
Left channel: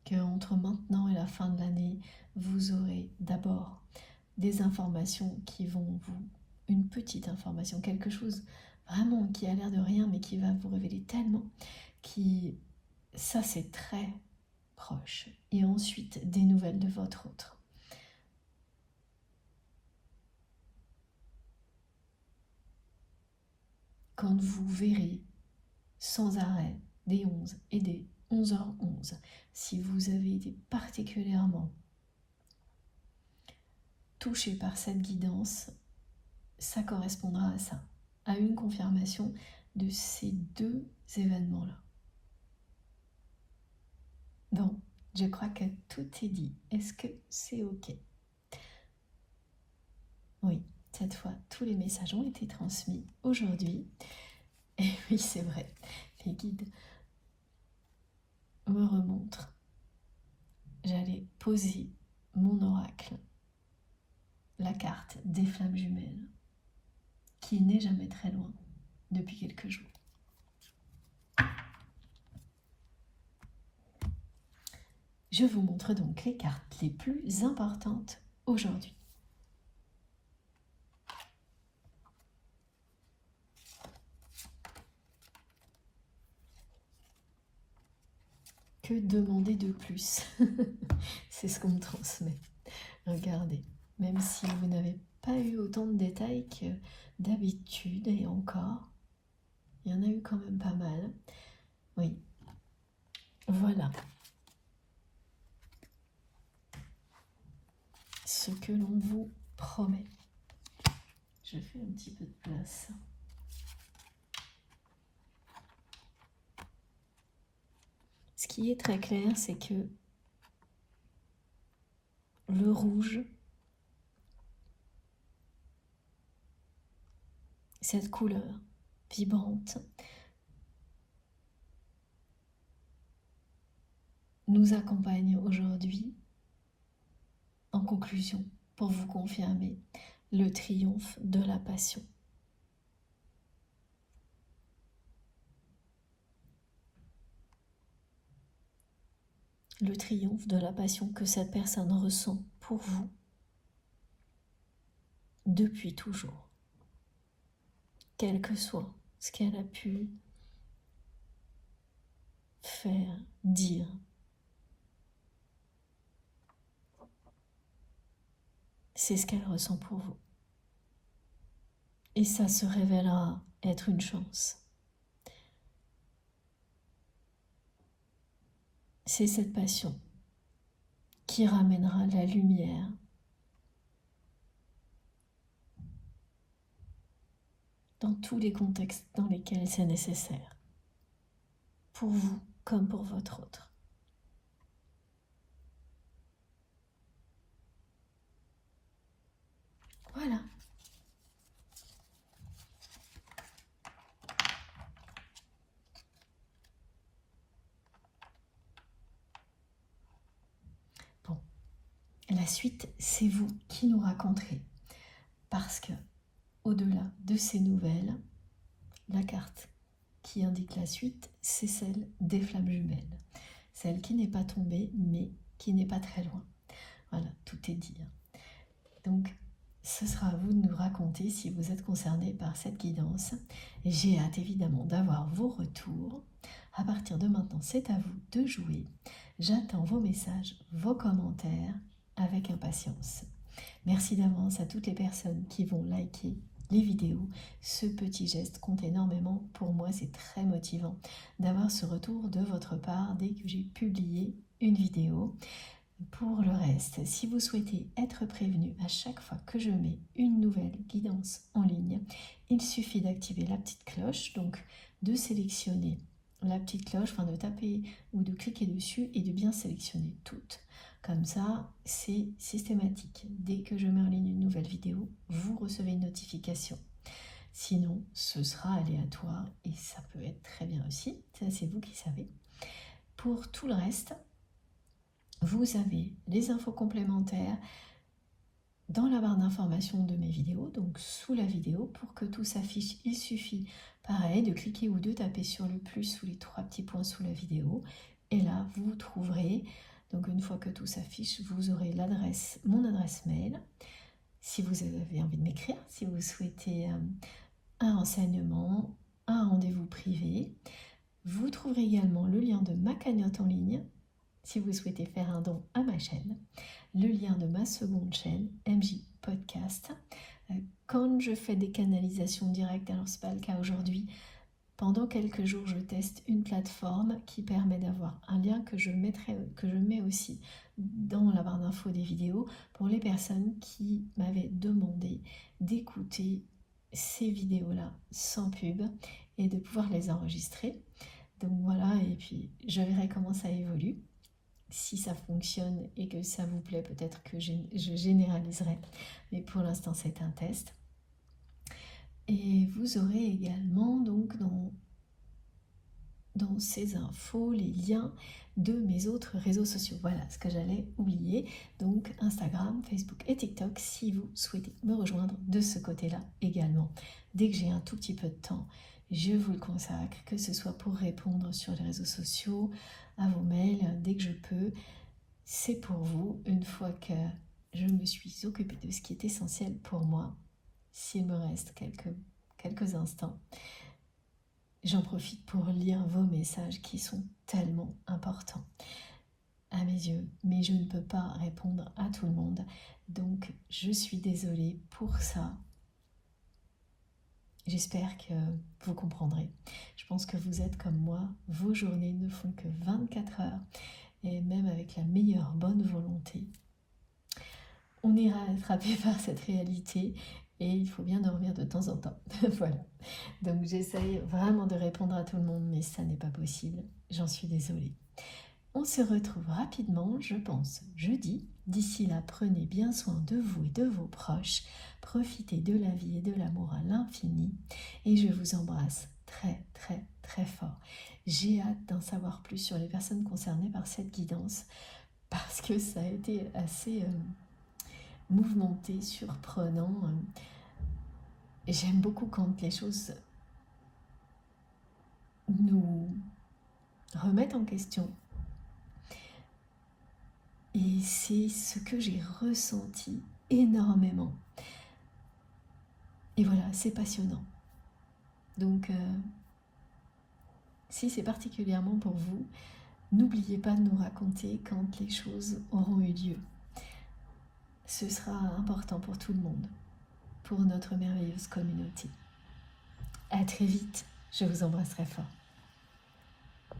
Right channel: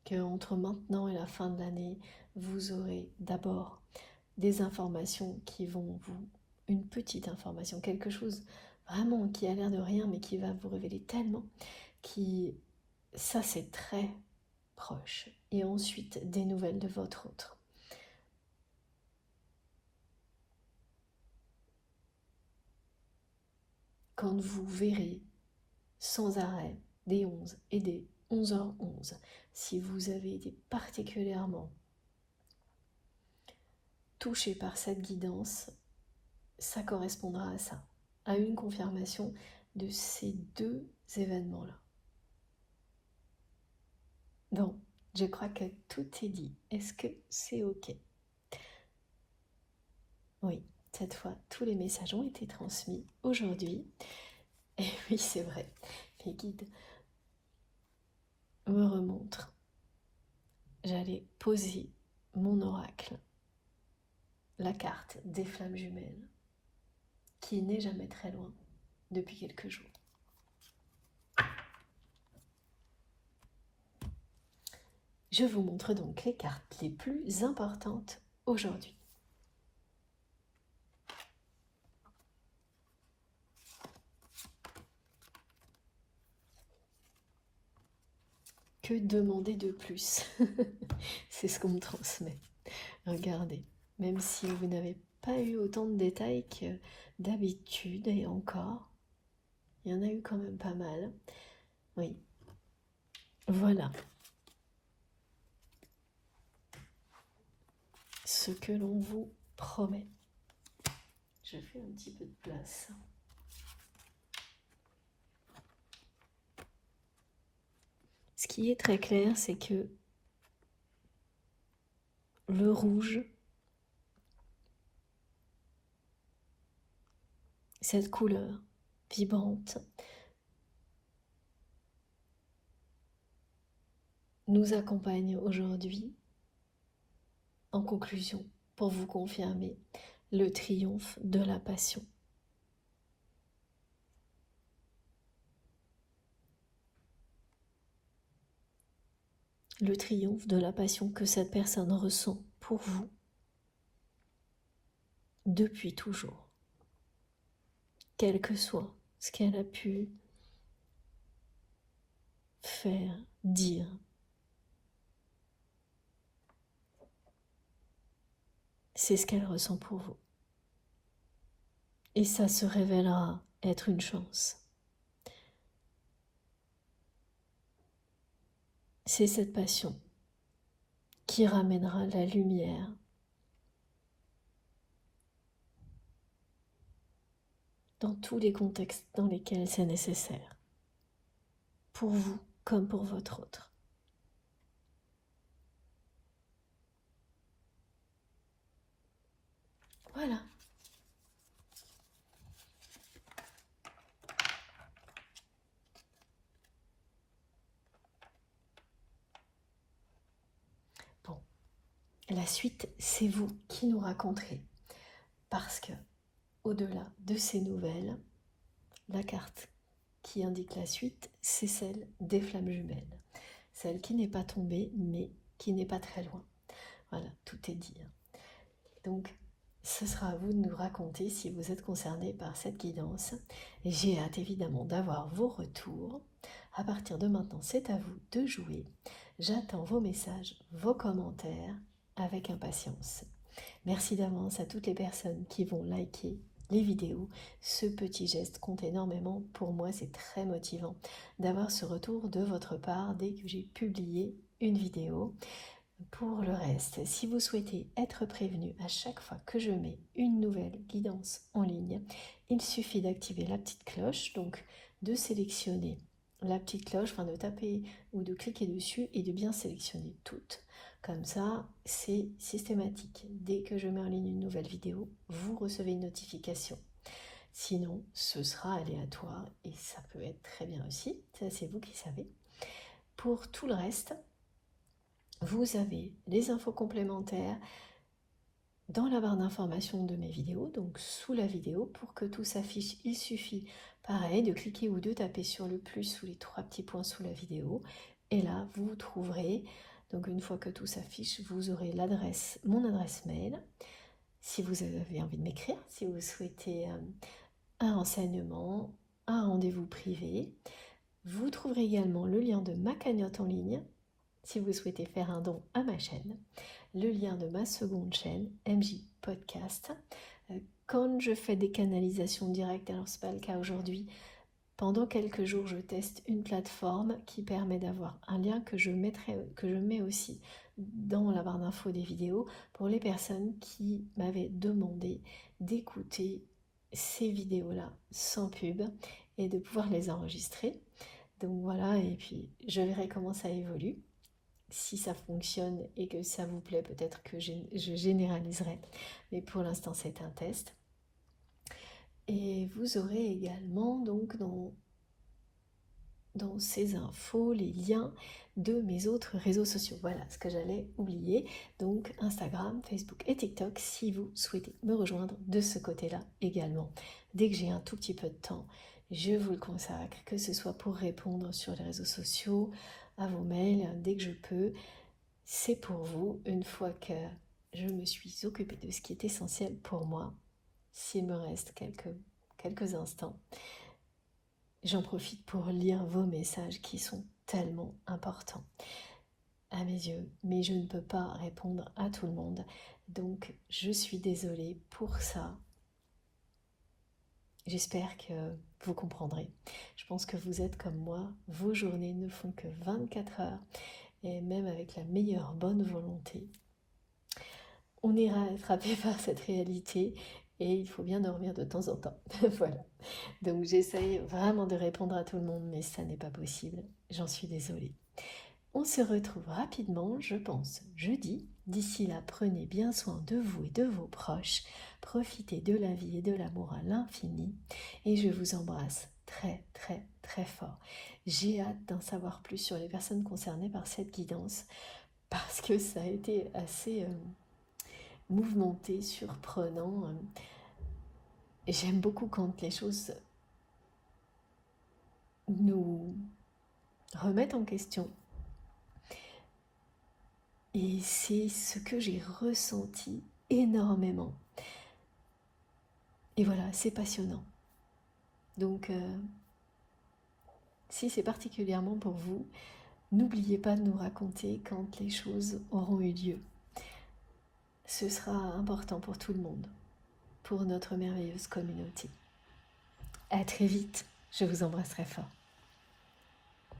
qu'entre maintenant et la fin de l'année, vous aurez d'abord des informations qui vont une petite information, quelque chose vraiment qui a l'air de rien, mais qui va vous révéler tellement, ça c'est très proche. Et ensuite, des nouvelles de votre autre. Quand vous verrez sans arrêt des 11 et des 11h11, si vous avez été particulièrement touché par cette guidance, ça correspondra à ça, à une confirmation de ces deux événements-là. Donc, je crois que tout est dit. Est-ce que c'est OK? Oui, cette fois, tous les messages ont été transmis aujourd'hui. Et oui, c'est vrai, les guides me remontrent. J'allais poser mon oracle, la carte des flammes jumelles, qui n'est jamais très loin depuis quelques jours. Je vous montre donc les cartes les plus importantes aujourd'hui. Que demander de plus? C'est ce qu'on me transmet. Regardez, même si vous n'avez pas eu autant de détails que d'habitude, et encore, il y en a eu quand même pas mal. Oui, voilà ce que l'on vous promet. Je fais un petit peu de place. Ce qui est très clair, c'est que le rouge, cette couleur vibrante, nous accompagne aujourd'hui en conclusion pour vous confirmer le triomphe de la passion. Le triomphe de la passion que cette personne ressent pour vous depuis toujours, quel que soit ce qu'elle a pu faire, dire. C'est ce qu'elle ressent pour vous. Et ça se révélera être une chance. C'est cette passion qui ramènera la lumière dans tous les contextes dans lesquels c'est nécessaire, pour vous comme pour votre autre. Voilà. Bon, la suite, c'est vous qui nous raconterez, parce que au-delà de ces nouvelles, la carte qui indique la suite, c'est celle des flammes jumelles. Celle qui n'est pas tombée, mais qui n'est pas très loin. Voilà, tout est dit. Donc, ce sera à vous de nous raconter si vous êtes concerné par cette guidance. J'ai hâte évidemment d'avoir vos retours. À partir de maintenant, c'est à vous de jouer. J'attends vos messages, vos commentaires avec impatience. Merci d'avance à toutes les personnes qui vont liker les vidéos. Ce petit geste compte énormément. Pour moi, c'est très motivant d'avoir ce retour de votre part dès que j'ai publié une vidéo. Pour le reste, si vous souhaitez être prévenu à chaque fois que je mets une nouvelle guidance en ligne, il suffit d'activer la petite cloche, donc de sélectionner la petite cloche, enfin de taper ou de cliquer dessus et de bien sélectionner toutes. Comme ça, c'est systématique. Dès que je mets en ligne une nouvelle vidéo, vous recevez une notification. Sinon, ce sera aléatoire et ça peut être très bien aussi. Ça, c'est vous qui savez. Pour tout le reste, vous avez les infos complémentaires dans la barre d'information de mes vidéos, donc sous la vidéo. Pour que tout s'affiche, il suffit, pareil, de cliquer ou de taper sur le plus ou les trois petits points sous la vidéo. Et là, vous trouverez Donc une fois que tout s'affiche, vous aurez mon adresse mail. Si vous avez envie de m'écrire, si vous souhaitez un renseignement, un rendez-vous privé, vous trouverez également le lien de ma cagnotte en ligne si vous souhaitez faire un don à ma chaîne, le lien de ma seconde chaîne, MJ Podcast. Quand je fais des canalisations directes, alors c'est pas le cas aujourd'hui, pendant quelques jours je teste une plateforme qui permet d'avoir un lien que je mets aussi dans la barre d'infos des vidéos pour les personnes qui m'avaient demandé d'écouter ces vidéos-là sans pub et de pouvoir les enregistrer. Donc voilà, et puis je verrai comment ça évolue. Si ça fonctionne et que ça vous plaît, peut-être que je généraliserai. Mais pour l'instant, c'est un test. Et vous aurez également donc dans ces infos les liens de mes autres réseaux sociaux. Voilà ce que j'allais oublier. Donc Instagram, Facebook et TikTok si vous souhaitez me rejoindre de ce côté-là également. Dès que j'ai un tout petit peu de temps, je vous le consacre, que ce soit pour répondre sur les réseaux sociaux, à vos mails, dès que je peux. C'est pour vous, une fois que je me suis occupée de ce qui est essentiel pour moi. S'il me reste quelques instants, j'en profite pour lire vos messages qui sont tellement importants à mes yeux, mais je ne peux pas répondre à tout le monde, donc je suis désolée pour ça. J'espère que vous comprendrez. Je pense que vous êtes comme moi, vos journées ne font que 24 heures, et même avec la meilleure bonne volonté, on ira attraper par cette réalité et il faut bien dormir de temps en temps. Voilà. Donc j'essaye vraiment de répondre à tout le monde, mais ça n'est pas possible. J'en suis désolée. On se retrouve rapidement, je pense, jeudi. D'ici là, prenez bien soin de vous et de vos proches. Profitez de la vie et de l'amour à l'infini. Et je vous embrasse très, très, très fort. J'ai hâte d'en savoir plus sur les personnes concernées par cette guidance parce que ça a été assez mouvementé, surprenant. Et j'aime beaucoup quand les choses nous remettent en question. Et c'est ce que j'ai ressenti énormément. Et voilà, c'est passionnant. Donc, si c'est particulièrement pour vous, n'oubliez pas de nous raconter quand les choses auront eu lieu. Ce sera important pour tout le monde, pour notre merveilleuse communauté. À très vite, je vous embrasserai fort.